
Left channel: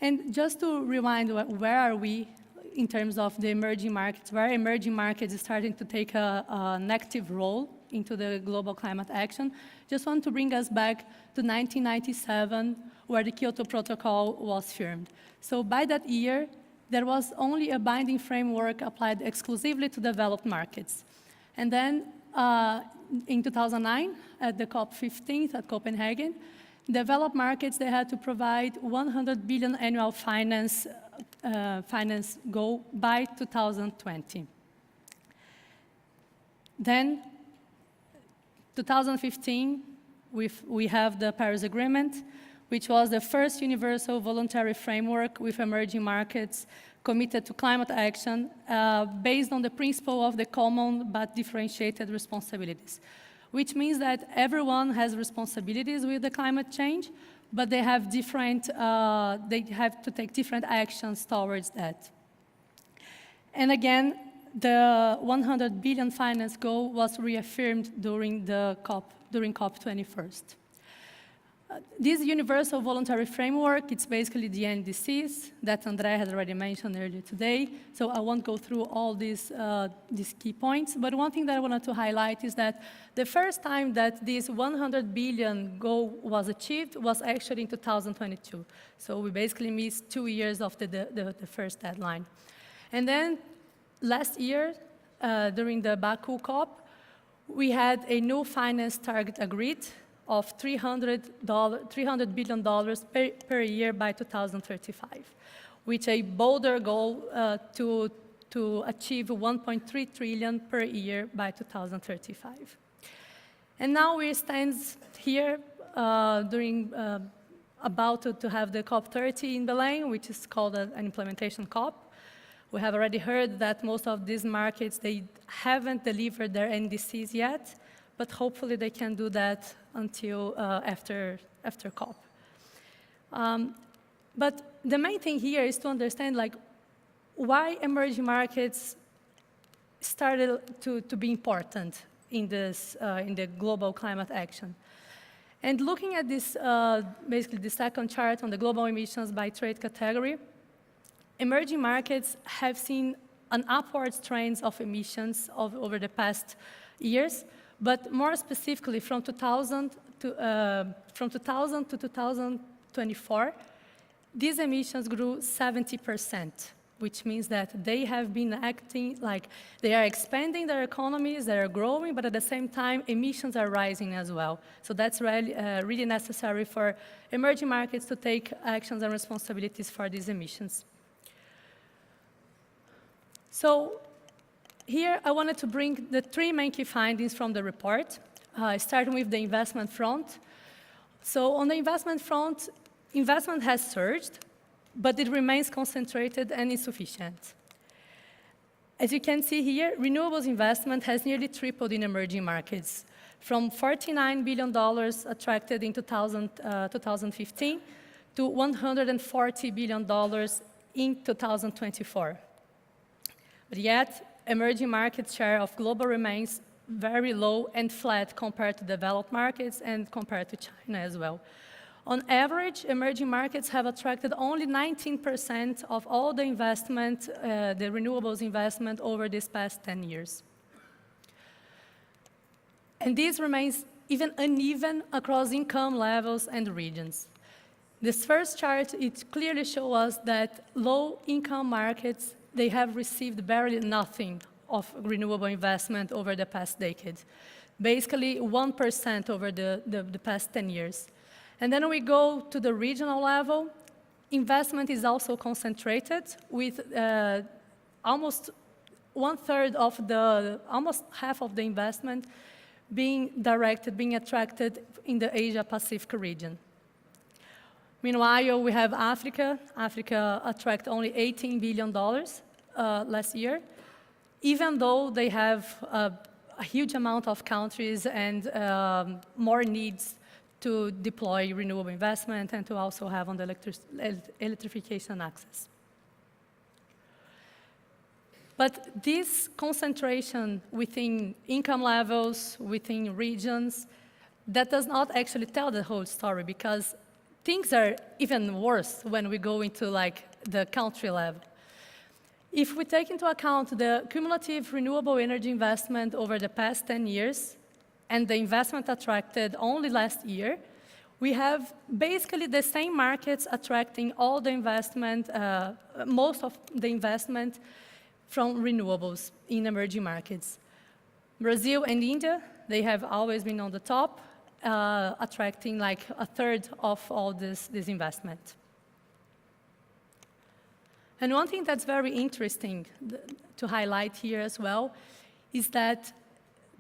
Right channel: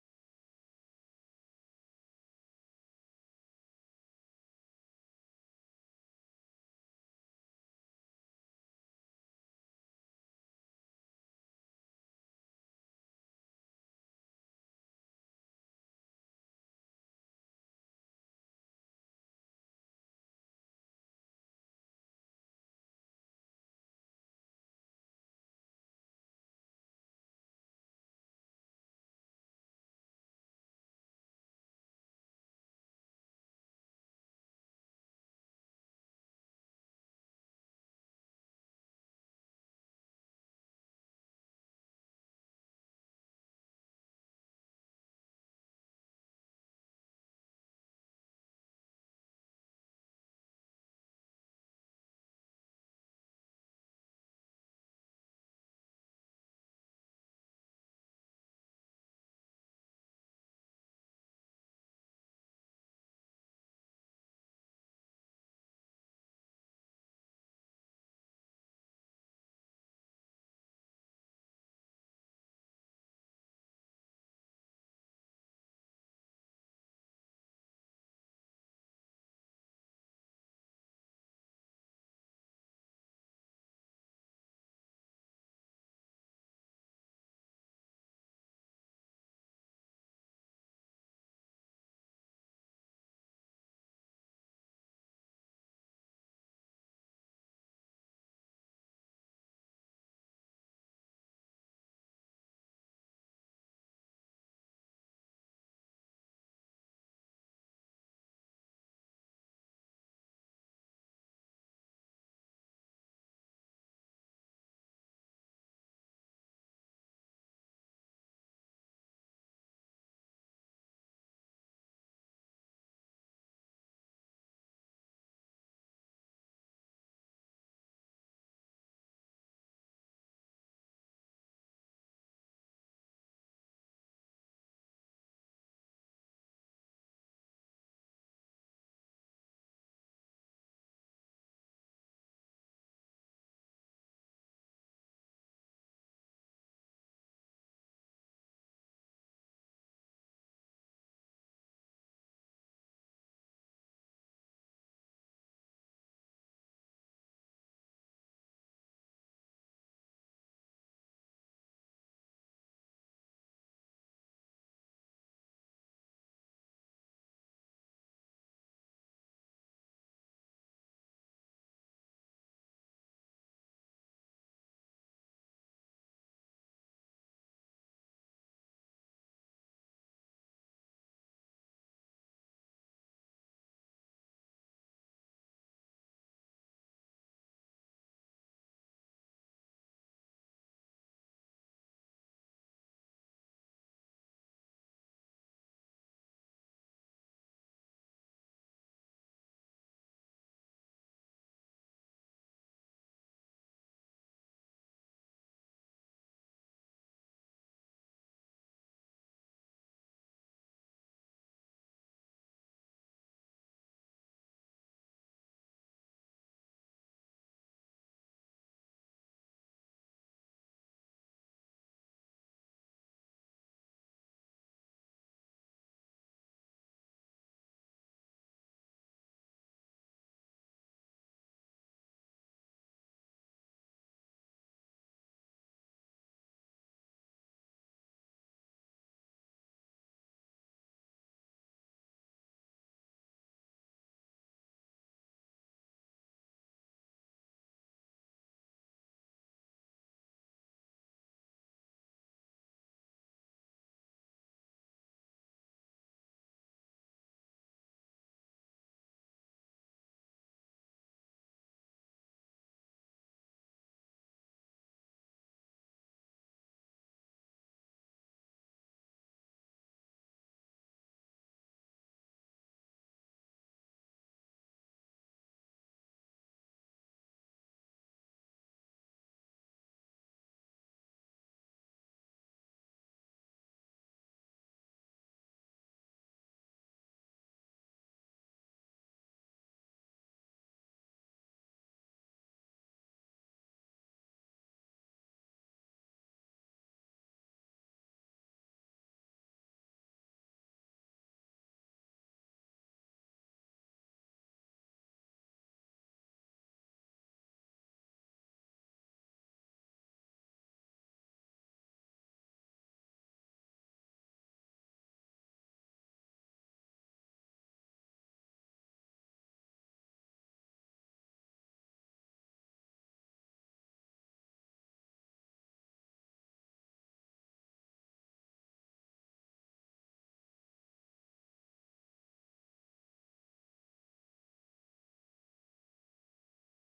And just to rewind, where are we in terms of the emerging markets, where emerging markets is starting to take an active role into the global climate action, just want to bring us back to 1997, where the Kyoto Protocol was firmed. So by that year, there was only a binding framework applied exclusively to developed markets. And then in 2009, at the COP30 at Copenhagen, developed markets, they had to provide 100 billion annual finance goal by 2020. Then, 2015, we have the Paris Agreement, which was the first universal voluntary framework with emerging markets committed to climate action based on the principle of the common but differentiated responsibilities, which means that everyone has responsibilities with the climate change, but they have to take different actions towards that. And again, the 100 billion finance goal was reaffirmed during COP21. This universal voluntary framework, it's basically the NDCs that André has already mentioned earlier today. So I won't go through all these key points. But one thing that I wanted to highlight is that the first time that this 100 billion goal was achieved was actually in 2022. So we basically missed 2 years of the first deadline. And then last year, during the Baku COP, we had a new finance target agreed of $300 billion per year by 2035, with a bolder goal to achieve 1.3 trillion per year by 2035. And now we stand here about to have the COP30 in Belém, which is called an implementation COP. We have already heard that most of these markets, they haven't delivered their NDCs yet, but hopefully they can do that until after COP. But the main thing here is to understand why emerging markets started to be important in the global climate action. And looking at this, basically the second chart on the global emissions by trade category, emerging markets have seen an upward trend of emissions over the past years, but more specifically from 2000 to 2024, these emissions grew 70%, which means that they have been acting like they are expanding their economies, they are growing, but at the same time, emissions are rising as well. So that's really necessary for emerging markets to take actions and responsibilities for these emissions. So here I wanted to bring the 3 main key findings from the report, starting with the investment front. So on the investment front, investment has surged, but it remains concentrated and insufficient. As you can see here, renewables investment has nearly tripled in emerging markets, from $49 billion attracted in 2015 to $140 billion in 2024. But yet, emerging market share of global remains very low and flat compared to developed markets and compared to China as well. On average, emerging markets have attracted only 19% of all the investment, the renewables investment over these past 10 years. And this remains even uneven across income levels and regions. This first chart, it clearly shows us that low-income markets, they have received barely nothing of renewable investment over the past decade, basically 1% over the past 10 years. And then we go to the regional level, investment is also concentrated with almost half of the investment being attracted in the Asia-Pacific region. Meanwhile, we have Africa. Africa attracted only $18 billion last year, even though they have a huge amount of countries and more needs to deploy renewable investment and to also have on the electrification access. But this concentration within income levels, within regions, that does not actually tell the whole story, because things are even worse when we go into the country level. If we take into account the cumulative renewable energy investment over the past 10 years and the investment attracted only last year, we have basically the same markets attracting all the investment, most of the investment from renewables in emerging markets. Brazil and India, they have always been on the top, attracting a third of all this investment. And one thing that's very interesting to highlight here as well is that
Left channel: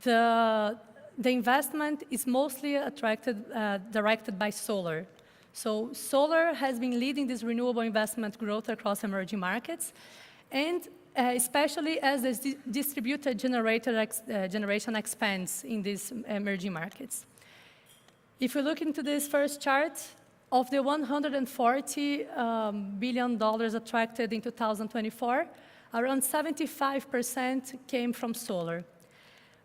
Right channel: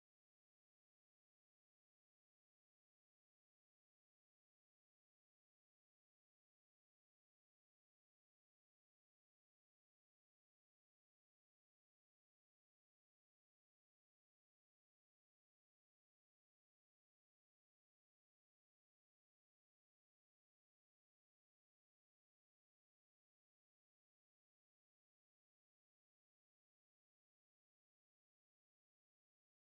the investment is mostly directed by solar. So solar has been leading this renewable investment growth across emerging markets, and especially as the distributed generation expands in these emerging markets. If we look into this first chart, of the $140 billion attracted in 2024, around 75% came from solar.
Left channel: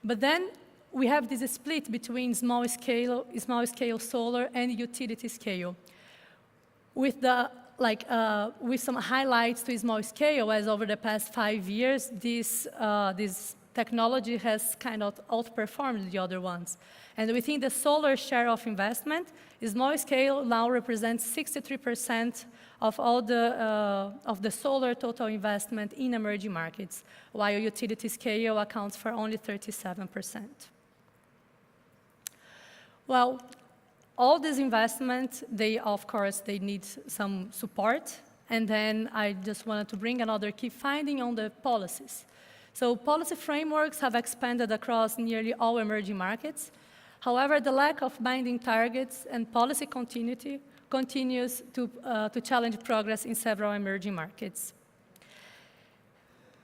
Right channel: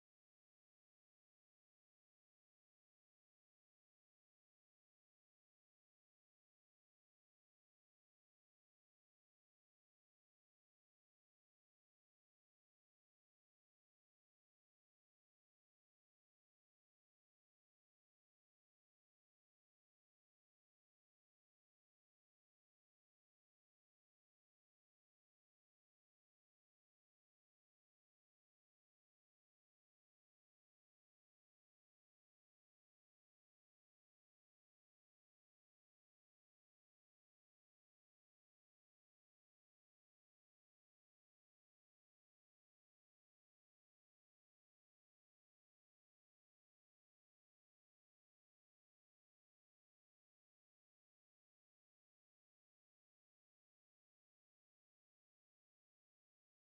But then we have this split between small scale solar and utility scale. With with some highlights to small scale, as over the past 5 years, this technology has kind of outperformed the other ones. And within the solar share of investment, small scale now represents 63% of all the solar total investment in emerging markets, while utility scale accounts for only 37%. Well, all this investment, of course, they need some support. And then I just wanted to bring another key finding on the policies. So policy frameworks have expanded across nearly all emerging markets. However, the lack of binding targets and policy continuity continues to challenge progress in several emerging markets.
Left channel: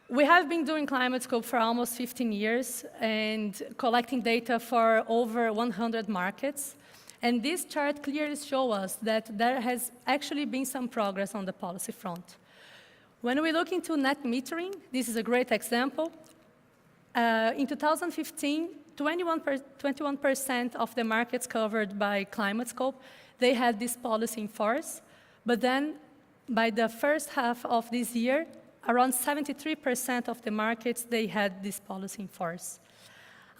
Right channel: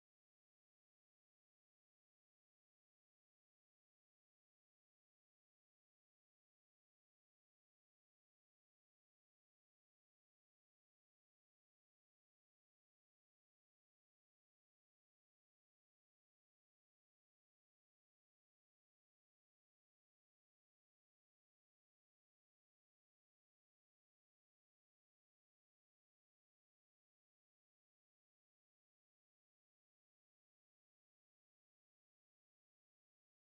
We have been doing climate scope for almost 15 years and collecting data for over 100 markets. And this chart clearly shows us that there has actually been some progress on the policy front. When we look into net metering, this is a great example. In 2015, 21% of the markets covered by climate scope, they had this policy in force. But then, by the first half of this year, around 73% of the markets, they had this policy in force.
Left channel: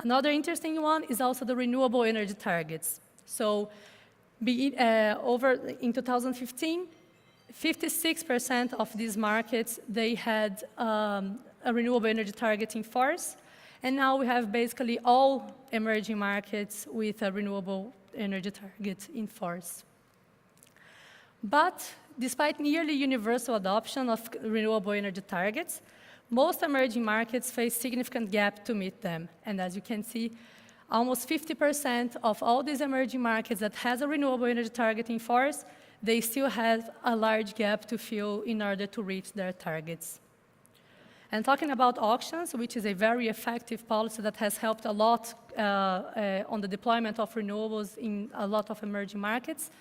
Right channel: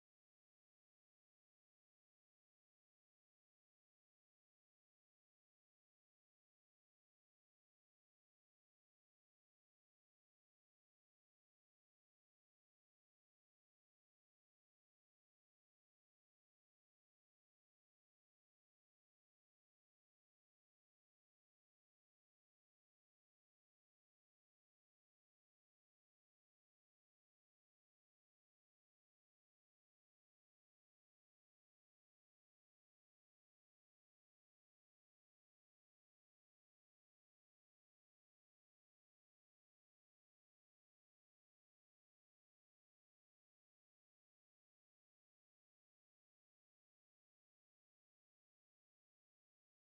Another interesting one is also the renewable energy targets. So, in 2015, 56% of these markets, they had a renewable energy target in force. And now we have basically all emerging markets with a renewable energy target in force. But despite nearly universal adoption of renewable energy targets, most emerging markets face significant gap to meet them. And as you can see, almost 50% of all these emerging markets that has a renewable energy target in force, they still have a large gap to fill in order to reach their targets. And talking about auctions, which is a very effective policy that has helped a lot on the deployment of renewables in a lot of emerging markets,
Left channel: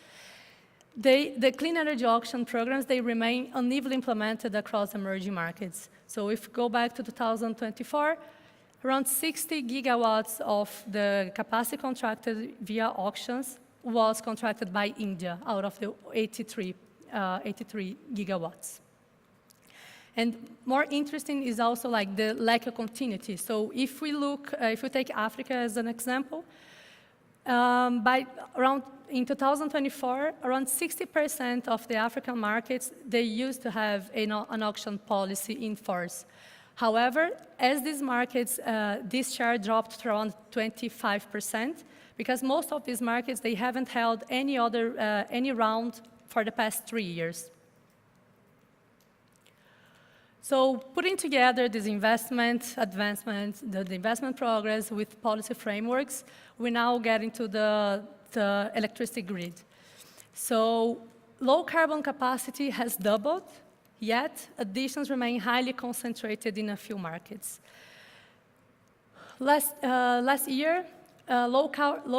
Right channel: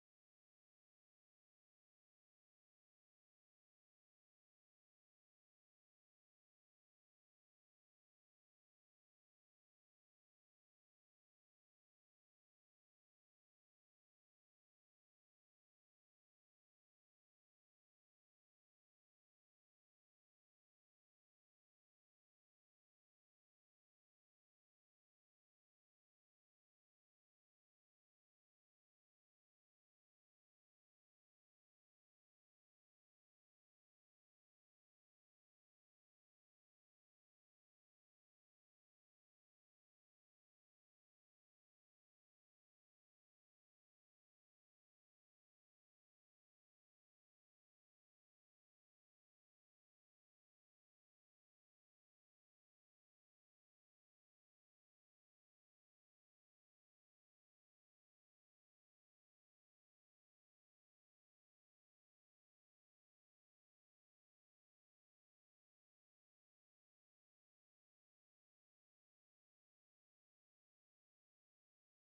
the clean energy auction programs, they remain unevenly implemented across emerging markets. So if we go back to 2024, around 60 gigawatts of the capacity contracted via auctions was contracted by India out of the 83 gigawatts. And more interesting is also like the lack of continuity. So if we take Africa as an example, in 2024, around 60% of the African markets, they used to have an auction policy in force. However, as these markets, this share dropped to around 25%, because most of these markets, they haven't held any round for the past 3 years. So putting together this investment advancement, the investment progress with policy frameworks, we now get into the electricity grid. So low carbon capacity has doubled, yet additions remain highly concentrated in a few markets. Last year, low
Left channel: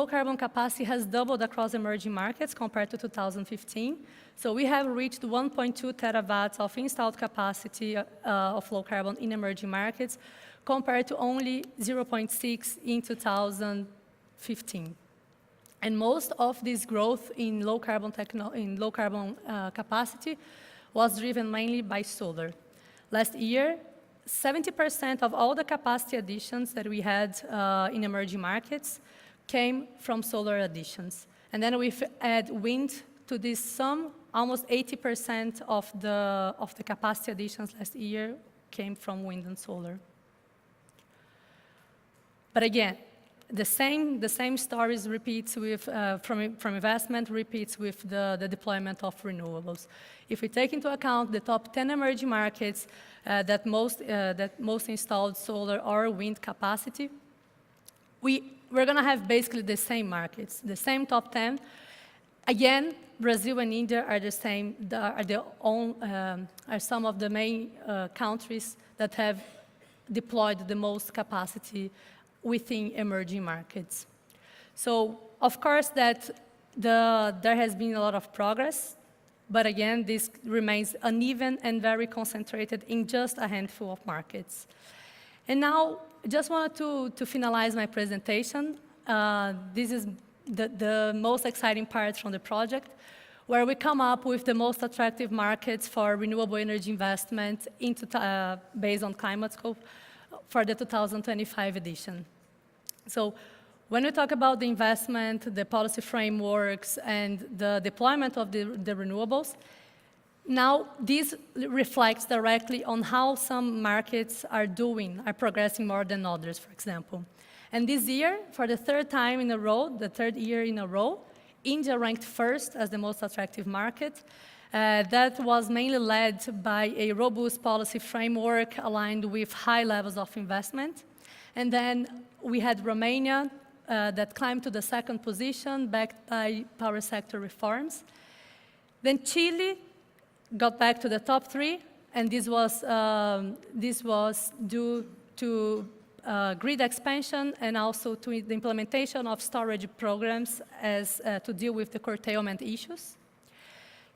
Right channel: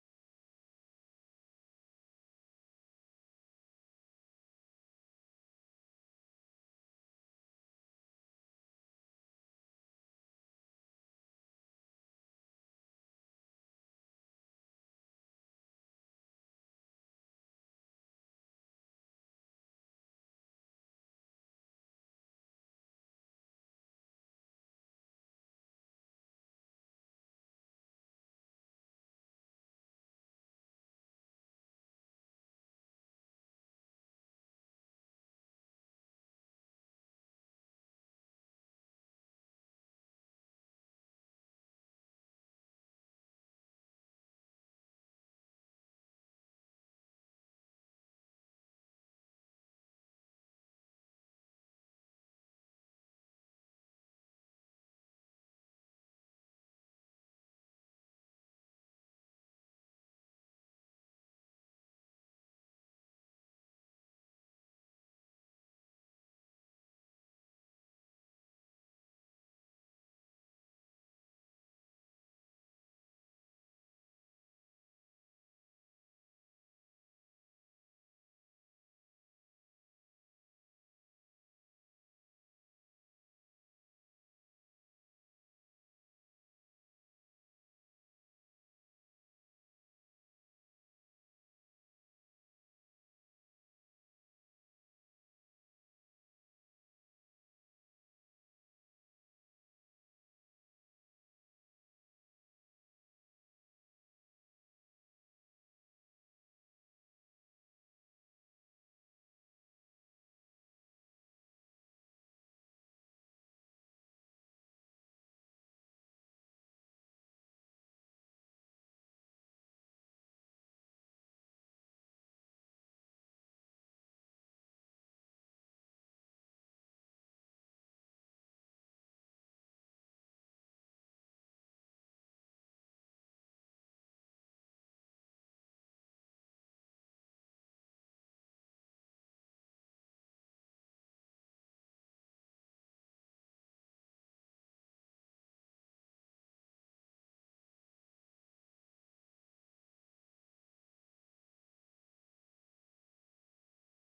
carbon capacity has doubled across emerging markets compared to 2015. So we have reached 1.2 terawatts of installed capacity of low carbon in emerging markets, compared to only 0.6 in 2015. And most of this growth in low carbon capacity was driven mainly by solar. Last year, 70% of all the capacity additions that we had in emerging markets came from solar additions. And then we add wind to this sum, almost 80% of the capacity additions last year came from wind and solar. But again, the same stories repeats with, from investment repeats with the deployment of renewables. If we take into account the top 10 emerging markets that most installed solar or wind capacity, we're going to have basically the same markets, the same top 10. Again, Brazil and India are the same, are some of the main countries that have deployed the most capacity within emerging markets. So, of course, that there has been a lot of progress, but again, this remains uneven and very concentrated in just a handful of markets. And now, just wanted to finalize my presentation. This is the most exciting part from the project, where we come up with the most attractive markets for renewable energy investment based on climate scope for the 2025 edition. So when we talk about the investment, the policy frameworks, and the deployment of the renewables, now this reflects directly on how some markets are progressing more than others, for example. And this year, for the third year in a row, India ranked first as the most attractive market. That was mainly led by a robust policy framework aligned with high levels of investment. And then we had Romania that climbed to the second position, backed by power sector reforms. Then Chile got back to the top 3, and this was due to grid expansion and also to the implementation of storage programs to deal with the curtailment issues.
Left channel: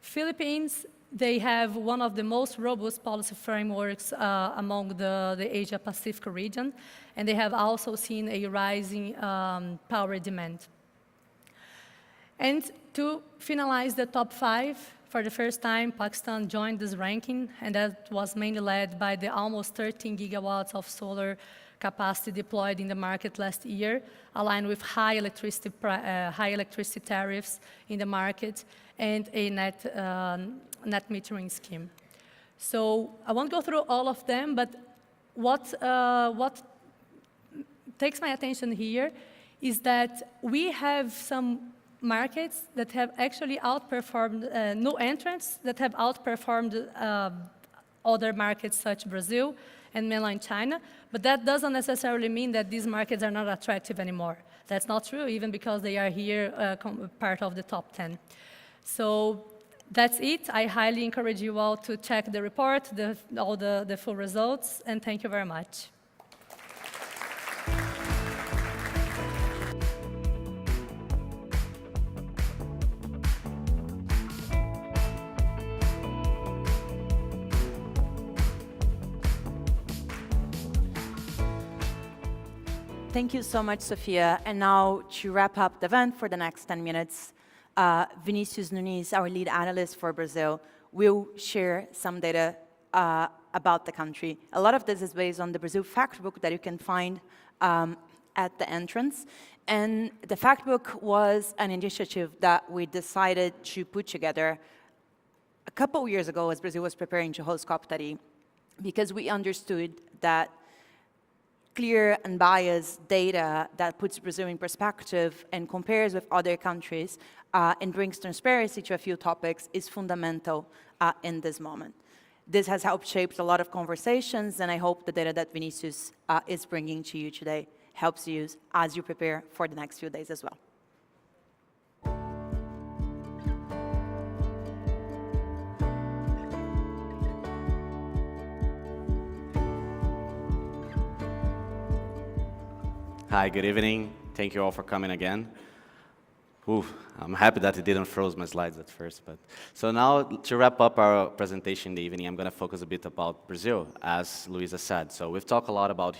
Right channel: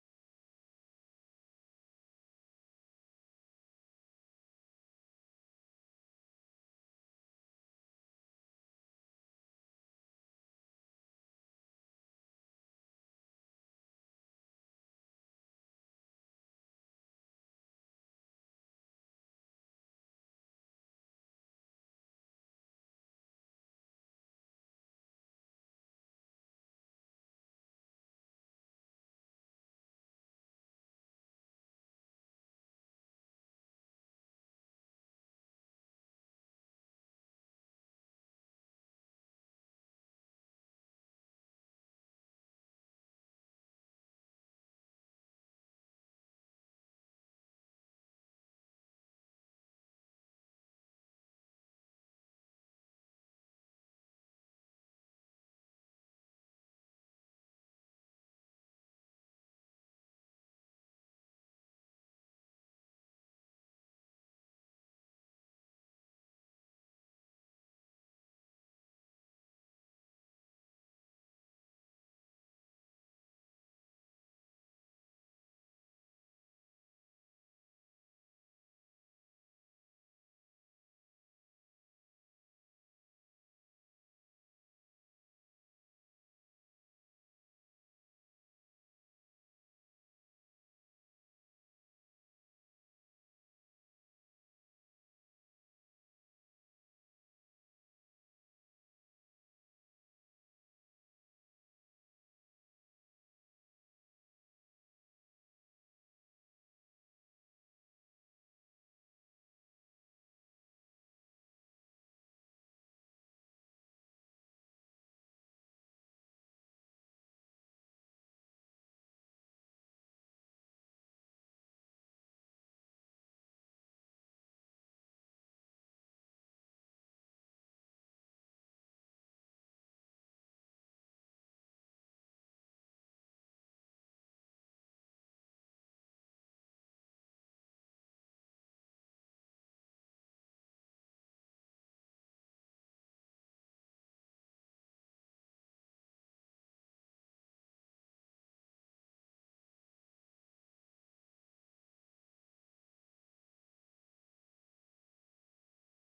Philippines, they have one of the most robust policy frameworks among the Asia-Pacific region, and they have also seen a rising power demand. And to finalize the top 5, for the first time, Pakistan joined this ranking, and that was mainly led by the almost 13 gigawatts of solar capacity deployed in the market last year, aligned with high electricity tariffs in the market and a net metering scheme. So I won't go through all of them, but what takes my attention here is that we have some markets that have actually outperformed, new entrants that have outperformed other markets such as Brazil and mainland China, but that doesn't necessarily mean that these markets are not attractive anymore. That's not true, even because they are here part of the top 10. So that's it. I highly encourage you all to check the report, all the full results, and thank you very much. Thank you so much, Sophia. And now, to wrap up the event for the next 10 minutes, Vinicius Nunes, our lead analyst for Brazil, will share some data about the country. A lot of this is based on the Brazil fact book that you can find at the entrance. And the fact book was an initiative that we decided to put together a couple of years ago as Brazil was preparing to host COP30, because we understood that clear and biased data that puts Brazil in perspective and compares with other countries and brings transparency to a few topics is fundamental in this moment. This has helped shape a lot of conversations, and I hope the data that Vinicius is bringing to you today helps you as you prepare for the next few days as well. Hi, good evening. Thank you all for coming again. I'm happy that it didn't froze my slides at first. So now, to wrap up our presentation in the evening, I'm going to focus a bit about Brazil, as Luisa said. So we've talked a lot about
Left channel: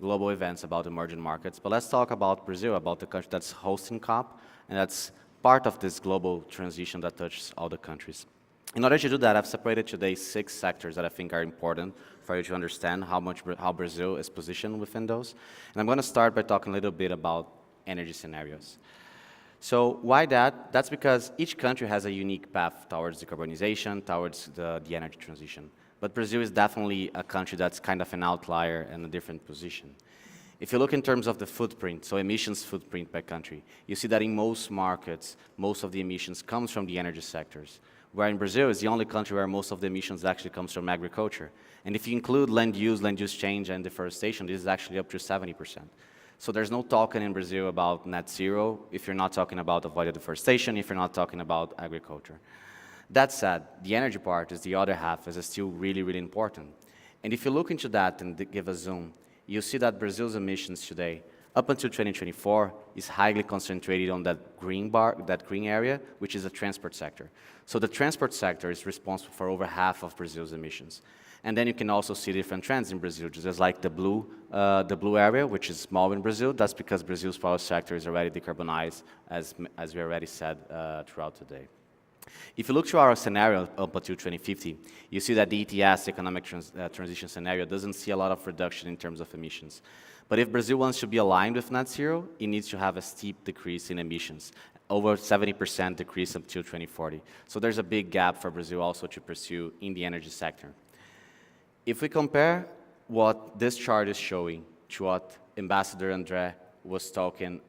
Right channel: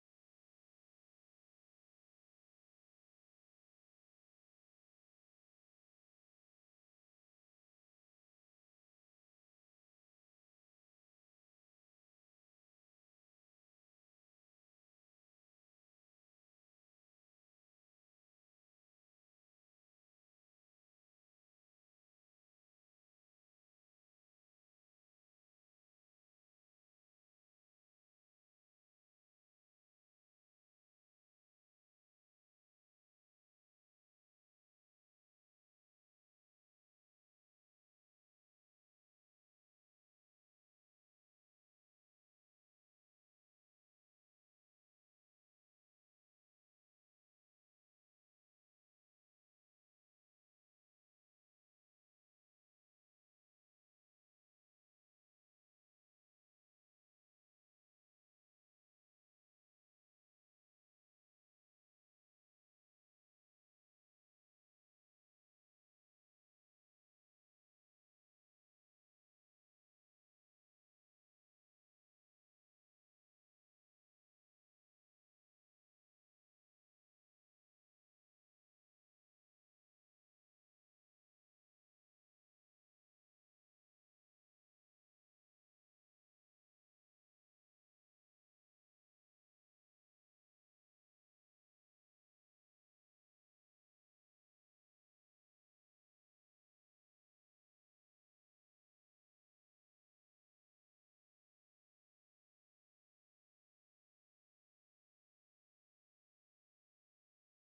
global events, about emerging markets, but let's talk about Brazil, about the country that's hosting COP, and that's part of this global transition that touches all the countries. In order to do that, I've separated today 6 sectors that I think are important for you to understand how Brazil is positioned within those. And I'm going to start by talking a little bit about energy scenarios. So why that? That's because each country has a unique path towards decarbonization, towards the energy transition. But Brazil is definitely a country that's kind of an outlier and a different position. If you look in terms of the footprint, so emissions footprint by country, you see that in most markets, most of the emissions comes from the energy sectors. Where in Brazil is the only country where most of the emissions actually comes from agriculture. And if you include land use change, and deforestation, this is actually up to 70%. So there's no talking in Brazil about net zero if you're not talking about avoided deforestation, if you're not talking about agriculture. That said, the energy part is the other half, is still really, really important. And if you look into that and give a zoom, you see that Brazil's emissions today, up until 2024, is highly concentrated on that green area, which is the transport sector. So the transport sector is responsible for over half of Brazil's emissions. And then you can also see different trends in Brazil, just like the blue area, which is small in Brazil. That's because Brazil's power sector is already decarbonized, as we already said throughout today. If you look to our scenario up until 2050, you see that the ETS, economic transition scenario, doesn't see a lot of reduction in terms of emissions. But if Brazil wants to be aligned with net zero, it needs to have a steep decrease in emissions, over 70% decrease up till 2040. So there's a big gap for Brazil also to pursue in the energy sector. If we compare what this chart is showing to what Ambassador André was talking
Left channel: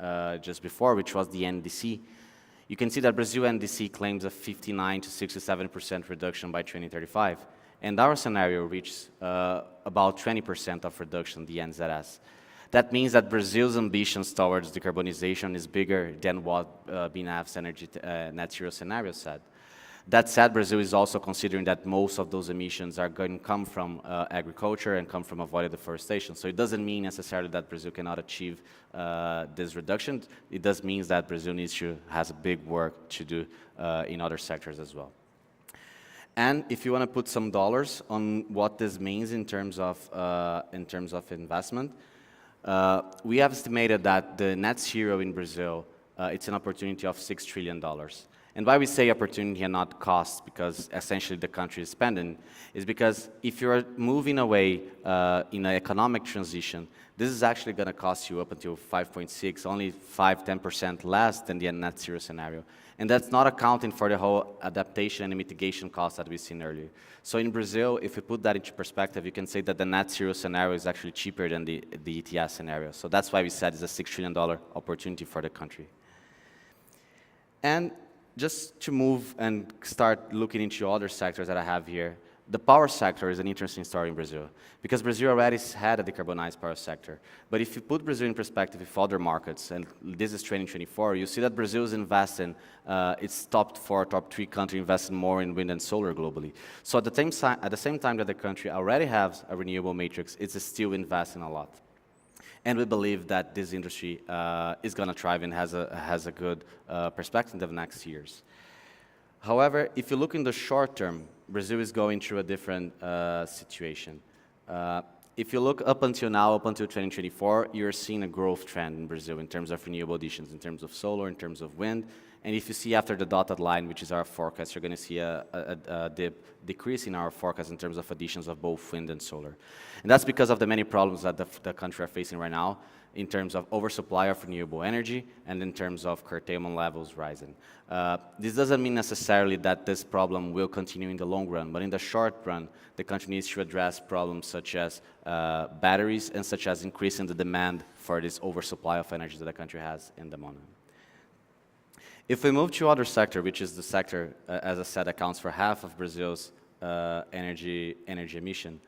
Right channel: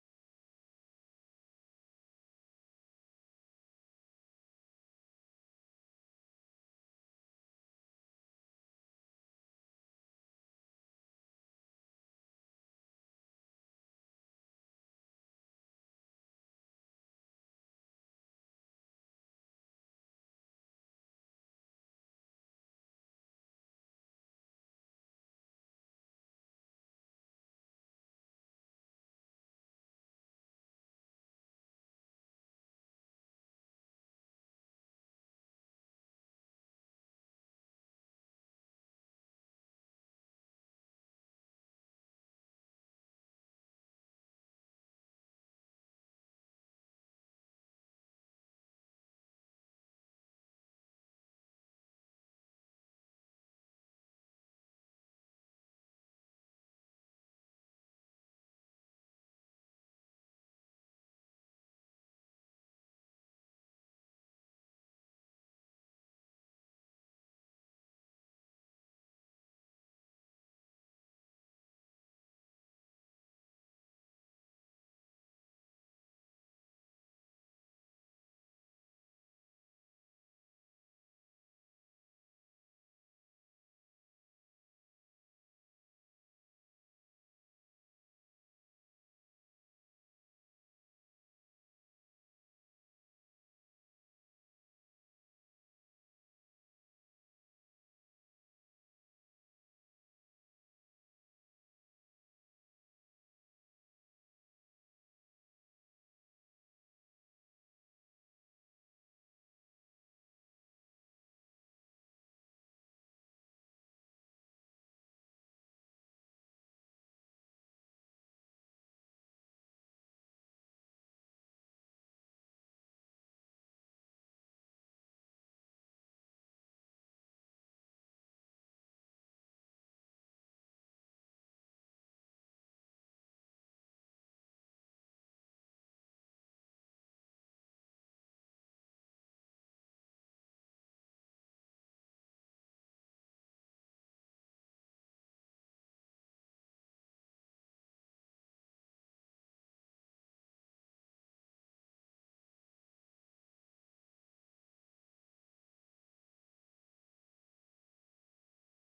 just before, which was the NDC, you can see that Brazil NDC claims a 59 to 67% reduction by 2035. And our scenario reaches about 20% of reduction, the NZS. That means that Brazil's ambitions towards decarbonization is bigger than what BNEF's energy net zero scenario said. That said, Brazil is also considering that most of those emissions are going to come from agriculture and come from avoided deforestation. So it doesn't mean necessarily that Brazil cannot achieve this reduction. It does mean that Brazil has a big work to do in other sectors as well. And if you want to put some dollars on what this means in terms of investment, we have estimated that the net zero in Brazil, it's an opportunity of $6 trillion. And why we say opportunity and not cost, because essentially the country is spending, is because if you're moving away in an economic transition, this is actually going to cost you up until 5.6, only 5–10% less than the net zero scenario. And that's not accounting for the whole adaptation and mitigation costs that we've seen earlier. So in Brazil, if you put that into perspective, you can say that the net zero scenario is actually cheaper than the ETS scenario. So that's why we said it's a $6 trillion opportunity for the country. And just to move and start looking into other sectors that I have here, the power sector is an interesting story in Brazil, because Brazil already had a decarbonized power sector. But if you put Brazil in perspective with other markets, and this is 2024, you see that Brazil is investing, its top 3 countries investing more in wind and solar globally. So at the same time that the country already has a renewable matrix, it's still investing a lot. And we believe that this industry is going to thrive and has a good perspective in the next years. However, if you look in the short term, Brazil is going through a different situation. If you look up until now, up until 2024, you're seeing a growth trend in Brazil in terms of renewable additions, in terms of solar, in terms of wind. And if you see after the dotted line, which is our forecast, you're going to see a decrease in our forecast in terms of additions of both wind and solar. And that's because of the many problems that the country are facing right now in terms of oversupply of renewable energy and in terms of curtailment levels rising. This doesn't mean necessarily that this problem will continue in the long run, but in the short run, the country needs to address problems such as batteries and such as increasing the demand for this oversupply of energy that the country has in the moment. If we move to other sector, which is the sector, as I said, accounts for half of Brazil's energy emission,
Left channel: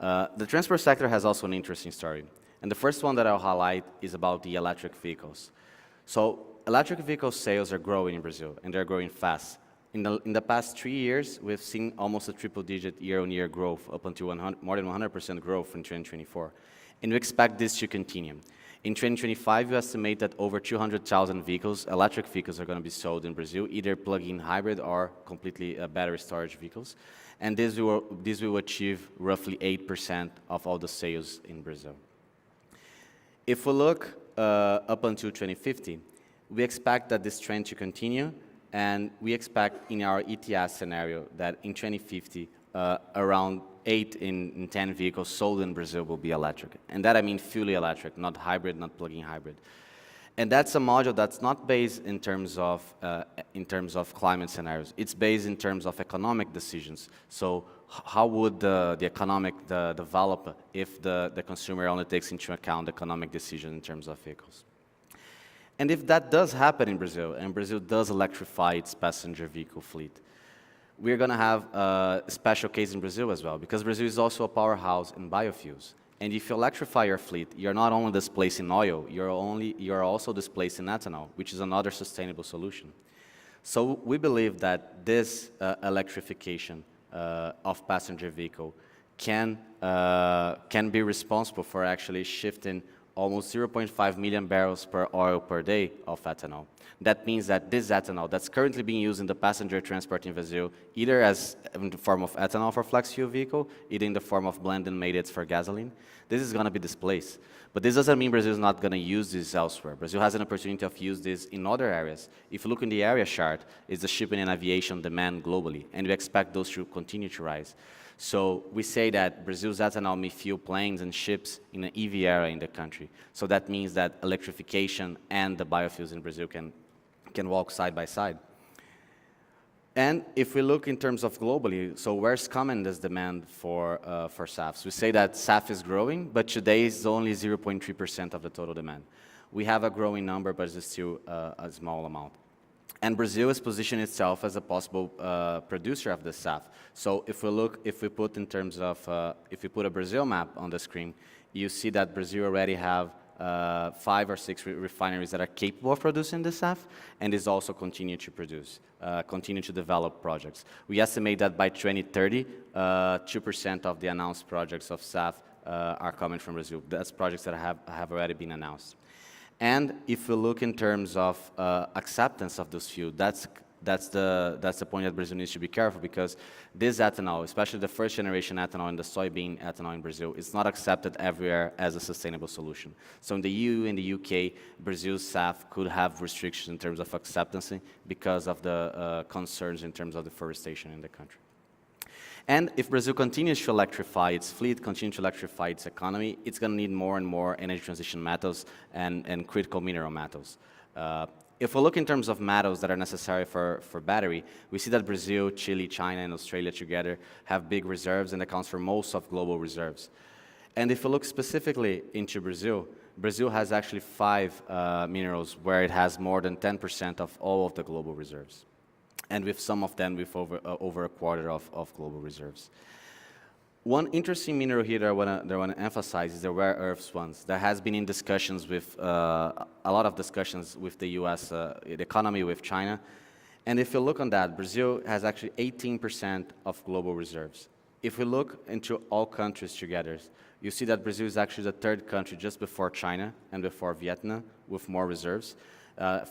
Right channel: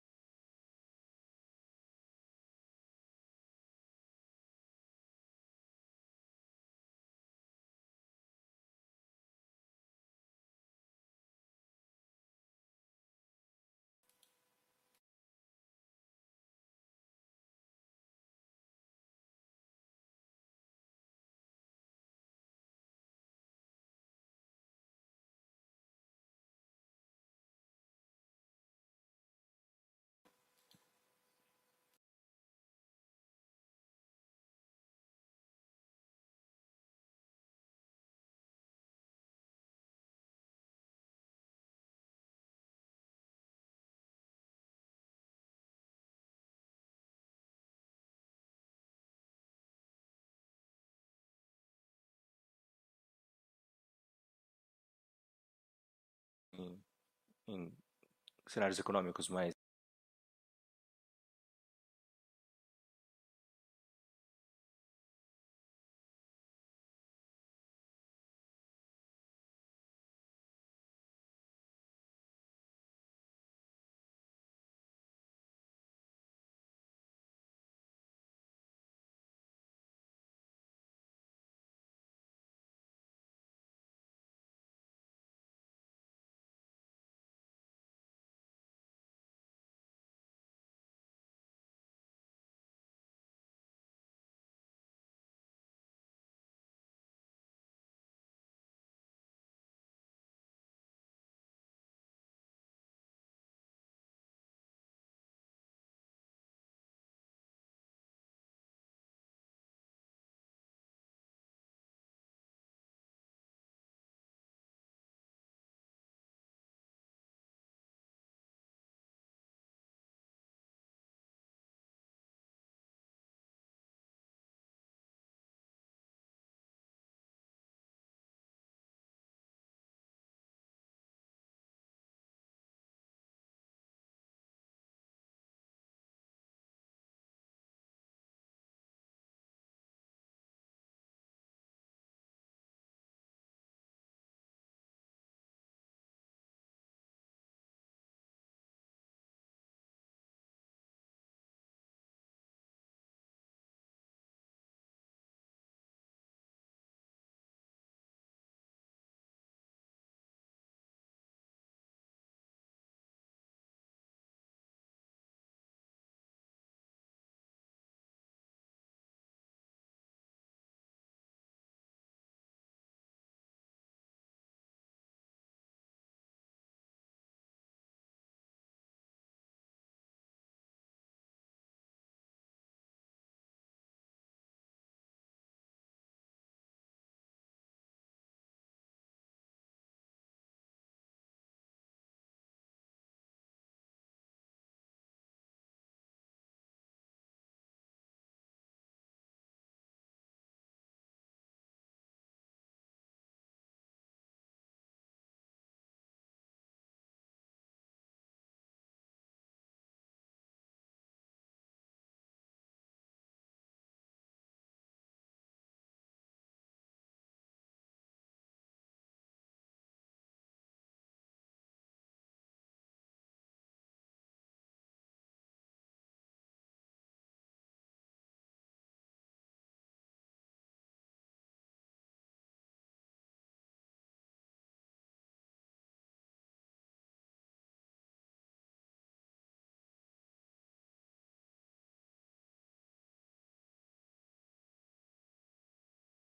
the transport sector has also an interesting story. And the first one that I'll highlight is about the electric vehicles. So electric vehicle sales are growing in Brazil, and they're growing fast. In the past 3 years, we've seen almost a triple-digit year-on-year growth, up until more than 100% growth in 2024. And we expect this to continue. In 2025, we estimate that over 200,000 vehicles, electric vehicles, are going to be sold in Brazil, either plug-in hybrid or completely battery storage vehicles. And this will achieve roughly 8% of all the sales in Brazil. If we look up until 2050, we expect that this trend to continue, and we expect in our ETS scenario that in 2050, around 8 in 10 vehicles sold in Brazil will be electric. And that I mean fully electric, not hybrid, not plug-in hybrid. And that's a module that's not based in terms of climate scenarios. It's based in terms of economic decisions. So how would the economic develop if the consumer only takes into account economic decision in terms of vehicles? And if that does happen in Brazil, and Brazil does electrify its passenger vehicle fleet, we're going to have a special case in Brazil as well, because Brazil is also a powerhouse in biofuels. And if you electrify your fleet, you're not only displacing oil, you're also displacing ethanol, which is another sustainable solution. So we believe that this electrification of passenger vehicle can be responsible for actually shifting almost 0.5 million barrels per oil per day of ethanol. That means that this ethanol that's currently being used in the passenger transport in Brazil, either as in the form of ethanol for flex fuel vehicle, either in the form of blended made it for gasoline, this is going to be displaced. But this doesn't mean Brazil is not going to use this elsewhere. Brazil has an opportunity of use this in other areas. If you look in the area chart, it's the shipping and aviation demand globally, and we expect those to continue to rise. So we say that Brazil's ethanol may fuel planes and ships in an EV era in the country. So that means that electrification and the biofuels in Brazil can walk side by side. And if we look in terms of globally, so where's coming this demand for SAFs? We say that SAF is growing, but today it's only 0.3% of the total demand. We have a growing number, but it's still a small amount. And Brazil is positioning itself as a possible producer of the SAF. So if we put a Brazil map on the screen, you see that Brazil already have 5 or 6 refineries that are capable of producing the SAF, and is also continue to produce, continue to develop projects. We estimate that by 2030, 2% of the announced projects of SAF are coming from Brazil. That's projects that have already been announced. And if we look in terms of acceptance of those fuels, that's the point that Brazil needs to be careful, because this ethanol, especially the first generation ethanol and the soybean ethanol in Brazil, is not accepted everywhere as a sustainable solution. So in the EU and the UK, Brazil's SAF could have restrictions in terms of acceptance because of the concerns in terms of deforestation in the country. And if Brazil continues to electrify its fleet, continue to electrify its economy, it's going to need more and more energy transition metals and critical mineral metals. If we look in terms of metals that are necessary for battery, we see that Brazil, Chile, China, and Australia together have big reserves and accounts for most of global reserves. And if we look specifically into Brazil, Brazil has actually 5 minerals where it has more than 10% of all of the global reserves. And with some of them with over a quarter of global reserves. One interesting mineral here that I want to emphasize is the rare earths ones. There has been in discussions with, a lot of discussions with the US, the economy with China. And if you look on that, Brazil has actually 18% of global reserves. If we look into all countries together, you see that Brazil is actually the 3rd country just before China and before Vietnam with more reserves,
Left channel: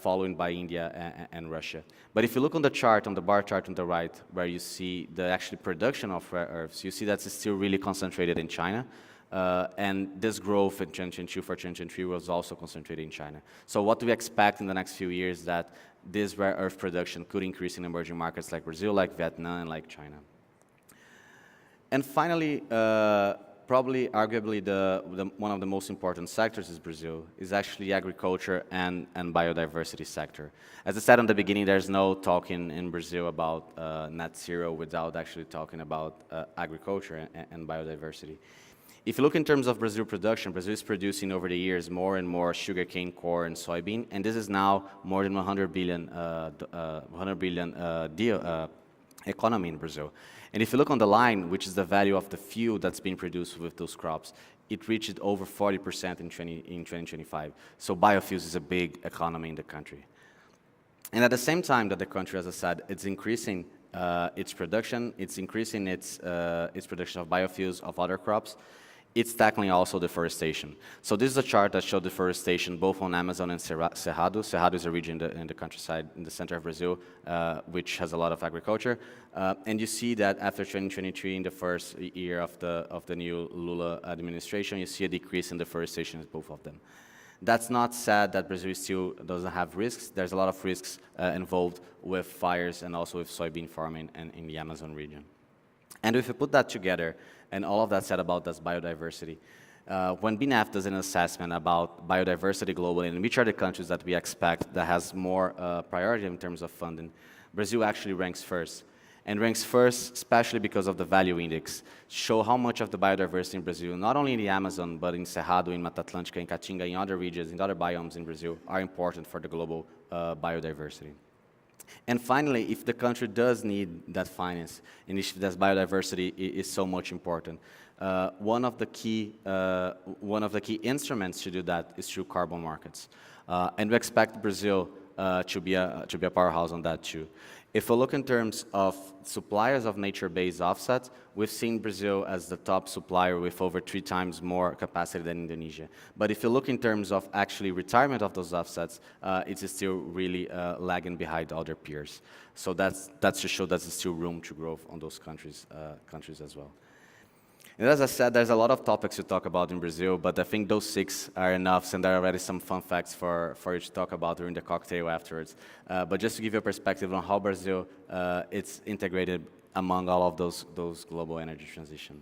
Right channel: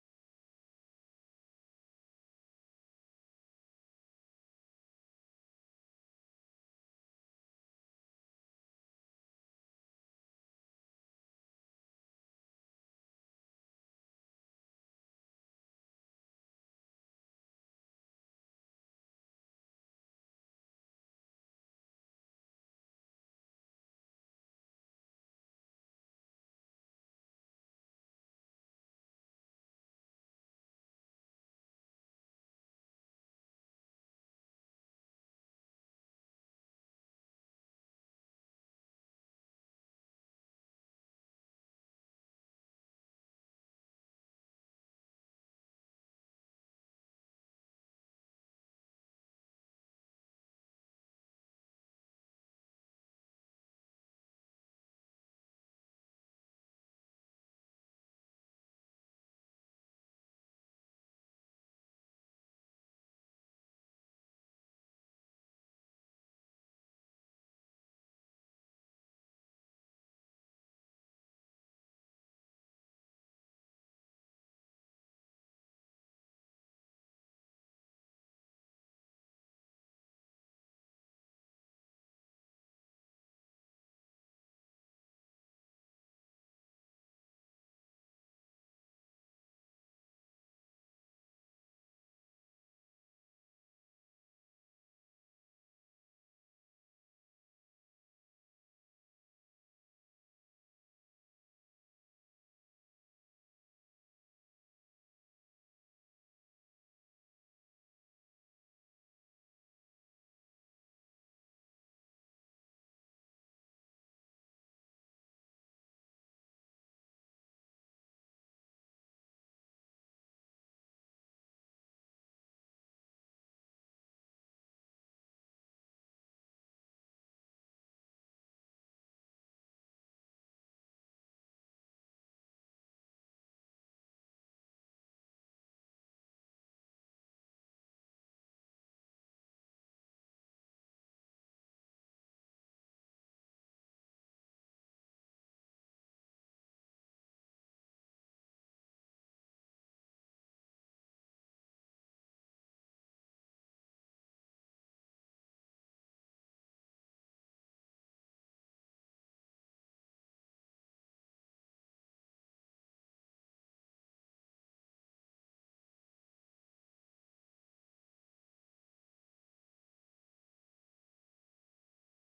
followed by India and Russia. But if you look on the chart, on the bar chart on the right, where you see the actual production of rare earths, you see that's still really concentrated in China. And this growth in 2022 for 2023 was also concentrated in China. So what do we expect in the next few years that this rare earth production could increase in emerging markets like Brazil, like Vietnam, and like China. And finally, probably arguably one of the most important sectors is Brazil, is actually agriculture and biodiversity sector. As I said in the beginning, there's no talk in Brazil about net zero without actually talking about agriculture and biodiversity. If you look in terms of Brazil production, Brazil is producing over the years more and more sugarcane, corn, and soybean, and this is now more than 100 billion economy in Brazil. And if you look on the line, which is the value of the fuel that's being produced with those crops, it reached over 40% in 2025. So biofuels is a big economy in the country. And at the same time that the country, as I said, it's increasing its production, it's increasing its production of biofuels, of other crops, it's tackling also deforestation. So this is a chart that shows deforestation both on Amazon and Cerrado. Cerrado is a region in the countryside in the center of Brazil, which has a lot of agriculture. And you see that after 2023, in the first year of the new Lula administration, you see a decrease in deforestation in both of them. That's not said that Brazil still doesn't have risks. There's a lot of risks involved with fires and also with soybean farming in the Amazon region. And if you put that together, and all of that said about this biodiversity, when BNEF does an assessment about biodiversity globally and which are the countries that we expect that has more priority in terms of funding, Brazil actually ranks first. And ranks first, especially because of the value index, show how much of the biodiversity in Brazil, not only in the Amazon, but in Cerrado, in Mata Atlântica, in Caatinga, in other regions, in other biomes in Brazil, are important for the global biodiversity. And finally, if the country does need that finance, and if that biodiversity is so much important, one of the key instruments to do that is through carbon markets. And we expect Brazil to be a powerhouse on that too. If we look in terms of suppliers of nature-based offsets, we've seen Brazil as the top supplier with over 3 times more capacity than Indonesia. But if you look in terms of actually retirement of those offsets, it's still really lagging behind other peers. So that's to show that there's still room to grow on those countries as well. And as I said, there's a lot of topics to talk about in Brazil, but I think those 6 are enough, and there are already some fun facts for you to talk about during the cocktail afterwards. But just to give you a perspective on how Brazil it's integrated among all of those global energy transition.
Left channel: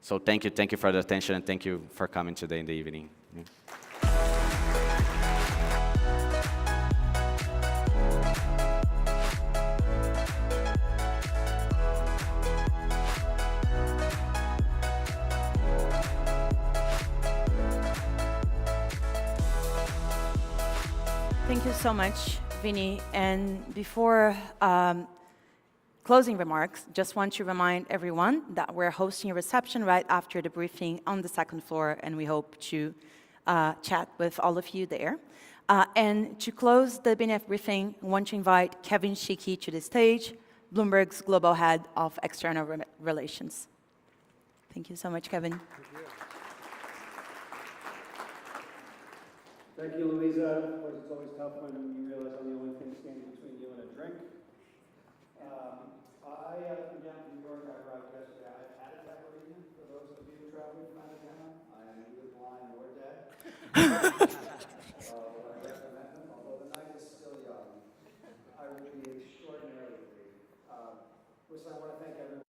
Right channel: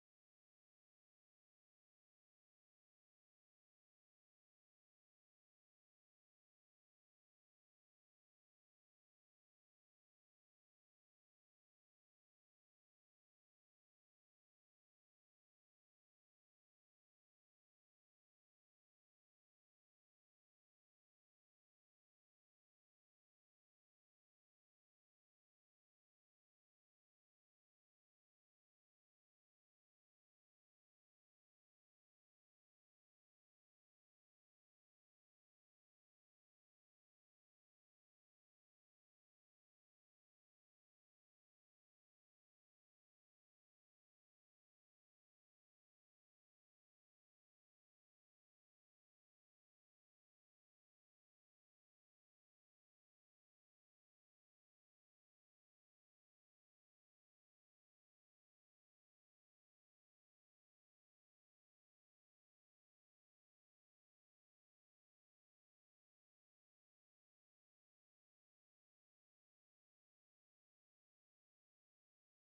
So thank you for the attention, and thank you for coming today in the evening. Yeah. Thank you so much, Vinny. And before closing remarks, just want to remind everyone that we're hosting a reception right after the briefing on the 2nd floor, and we hope to chat with all of you there. And to close the BNF briefing, I want to invite Kevin Shiki to the stage, Bloomberg's Global Head of External Relations. Thank you so much, Kevin. Thank you, Louisa. Of course, it's always tough when you realize I'm the only thing standing between you and a drink. I am down from New York. I arrived yesterday. I've had a tabarina, for those of you traveling from out of town. I am neither blind nor dead. I recommend them, although the night is still young. I will be extraordinarily brief. Listen, I want to thank everyone.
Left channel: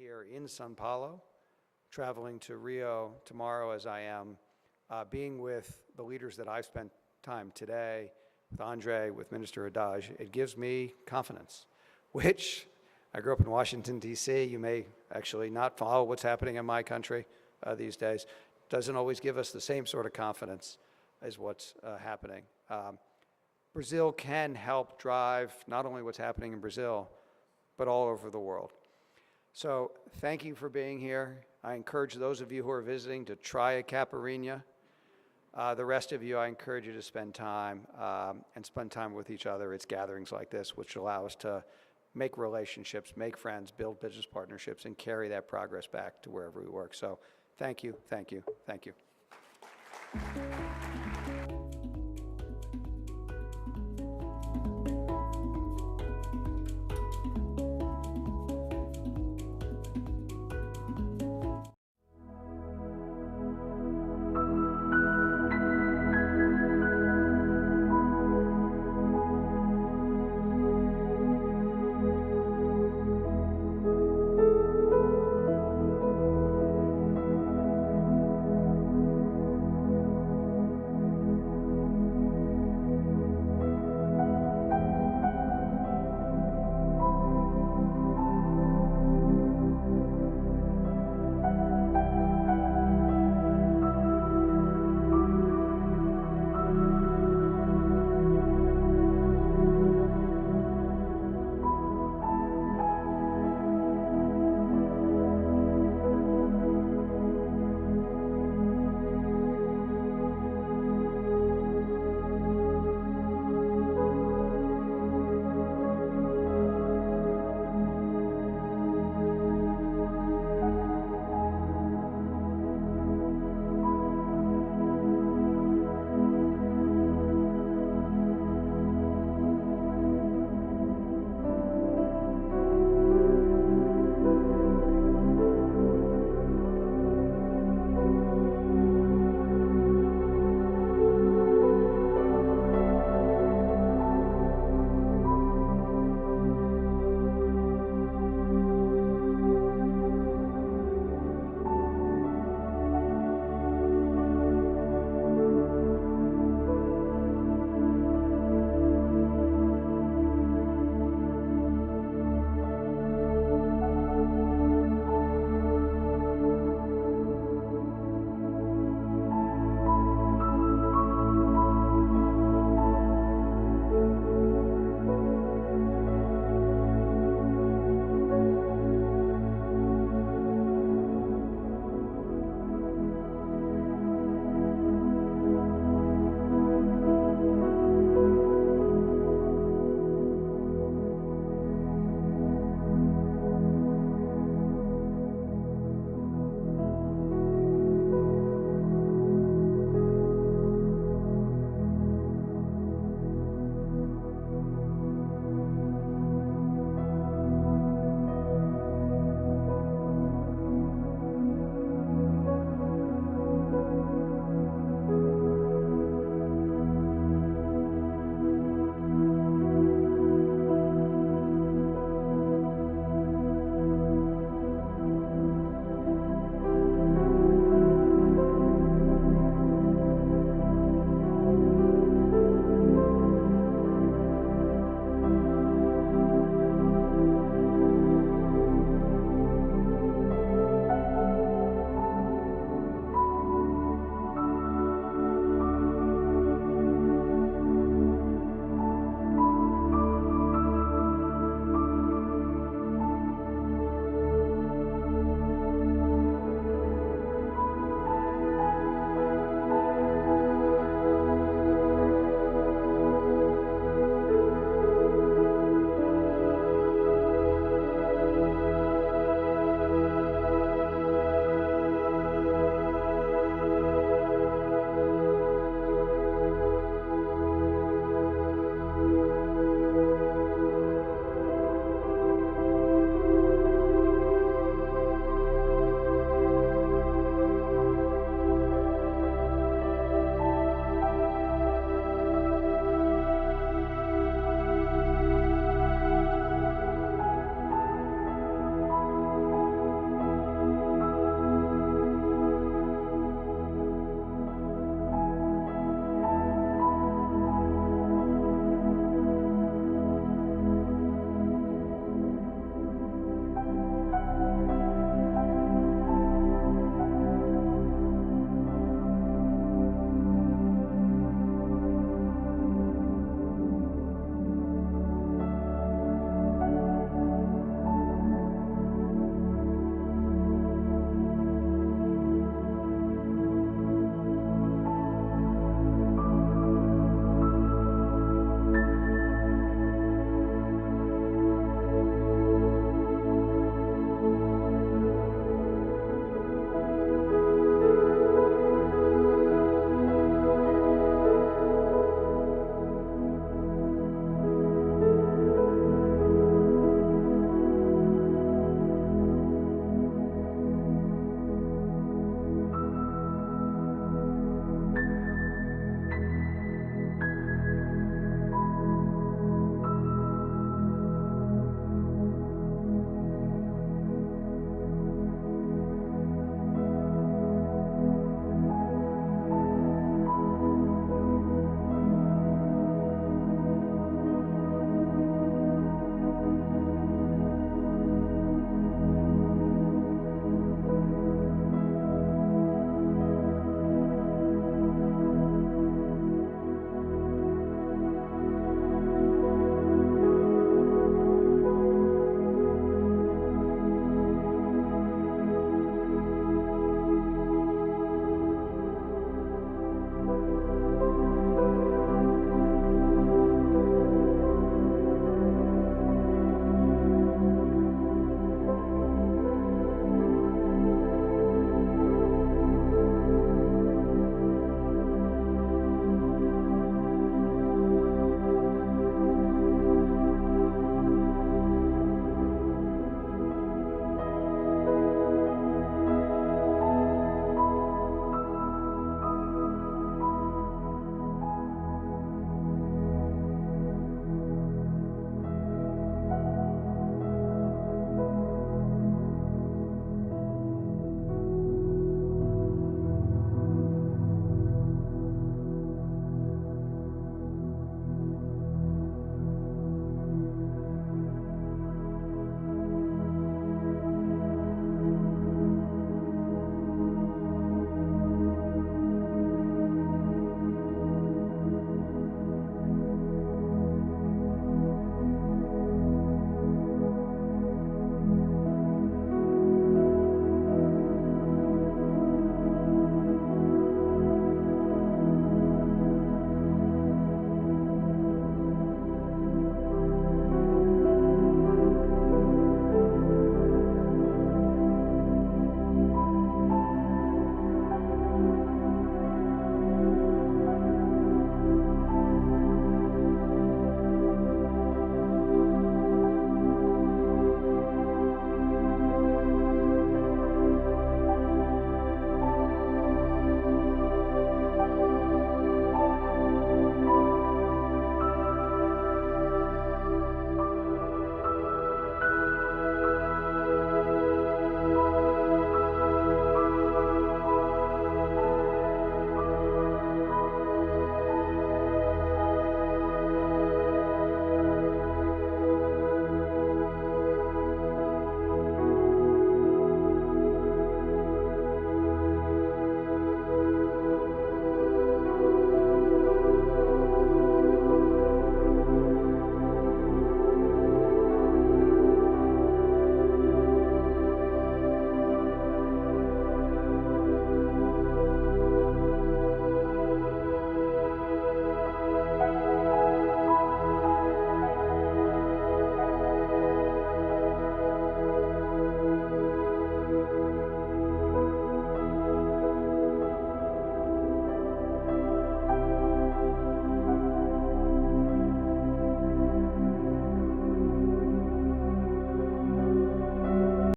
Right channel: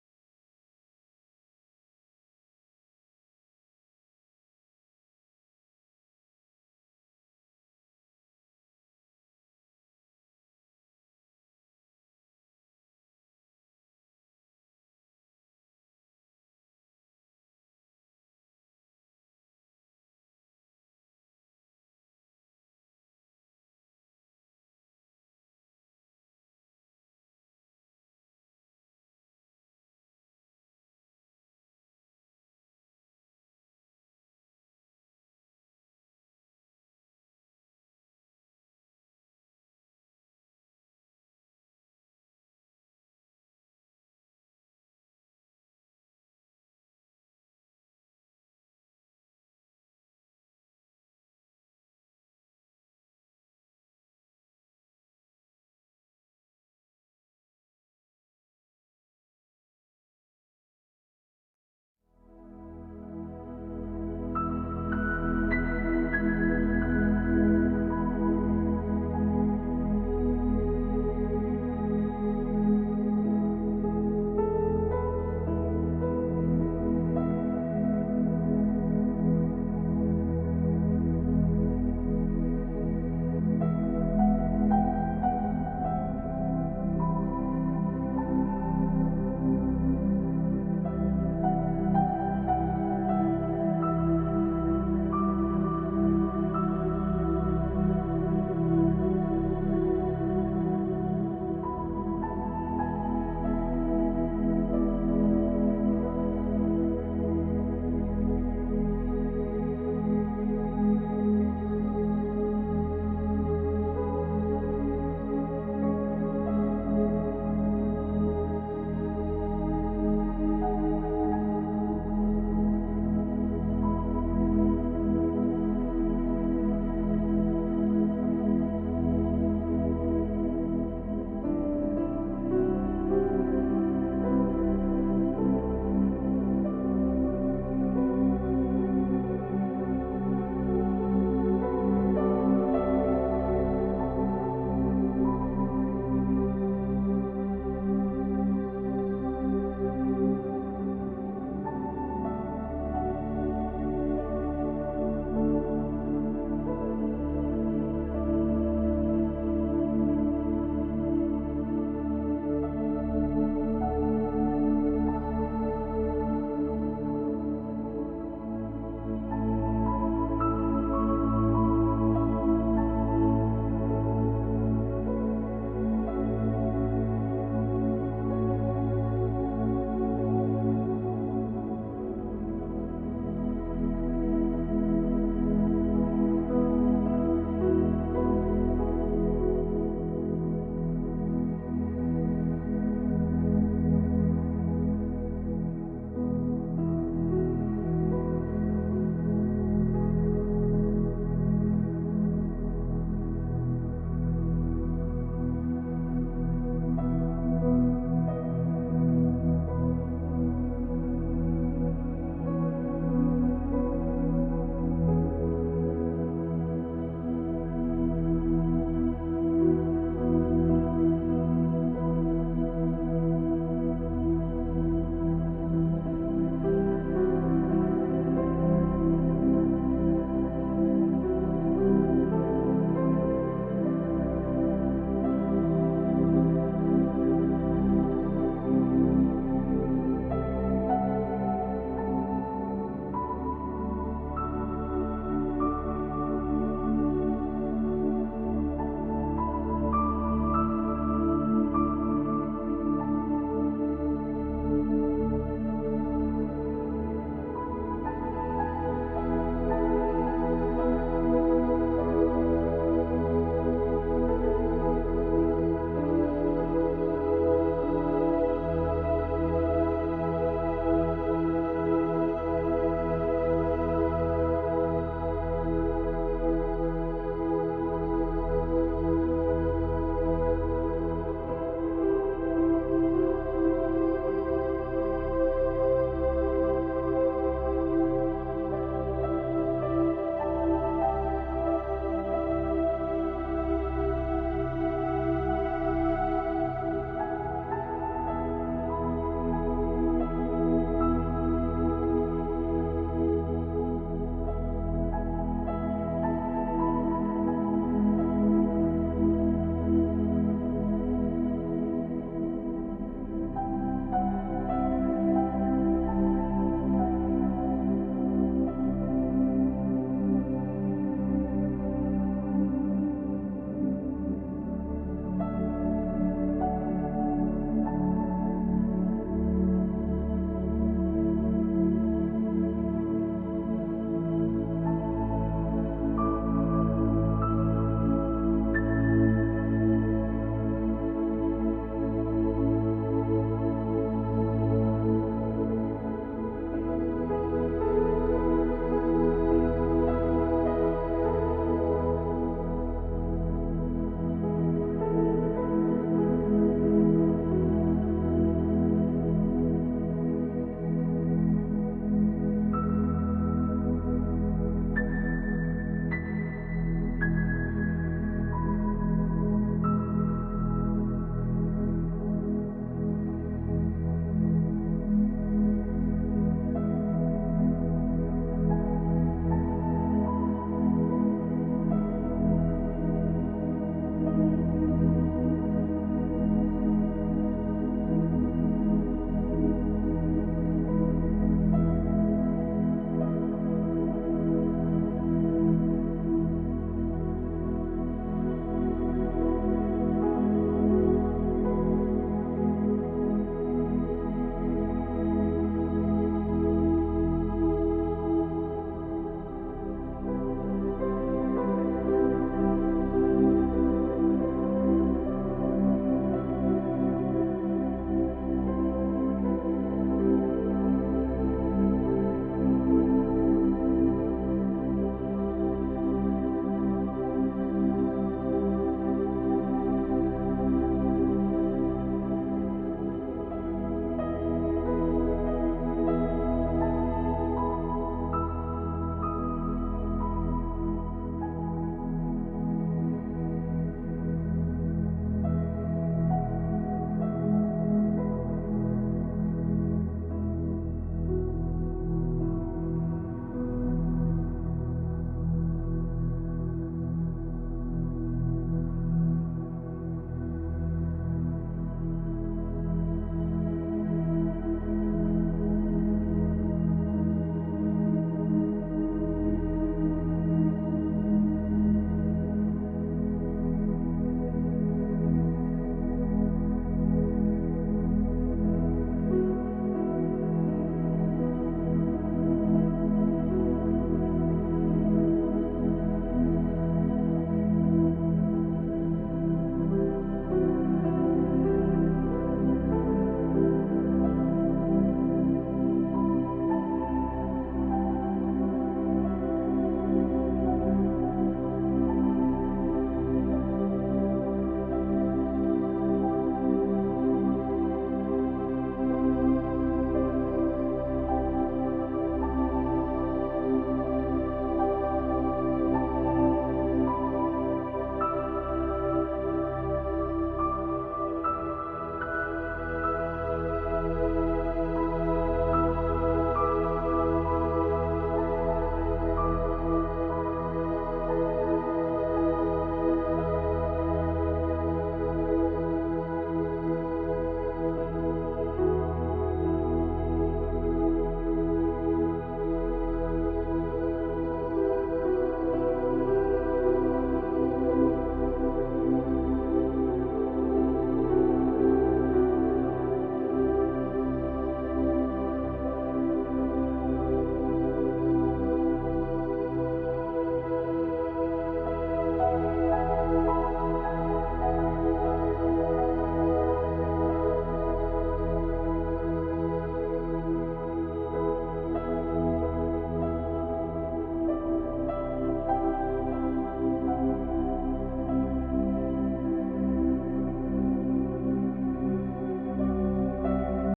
Here in Sao Paulo, traveling to Rio tomorrow as I am, being with the leaders that I've spent time today, with André, with Minister Haddad, it gives me confidence, which I grew up in Washington, D.C. You may actually not follow what's happening in my country these days. Doesn't always give us the same sort of confidence as what's happening. Brazil can help drive not only what's happening in Brazil, but all over the world. So thank you for being here. I encourage those of you who are visiting to try a caipirinha. The rest of you, I encourage you to spend time with each other. It's gatherings like this which allow us to make relationships, make friends, build business partnerships, and carry that progress back to wherever we work. So thank you, thank you, thank you.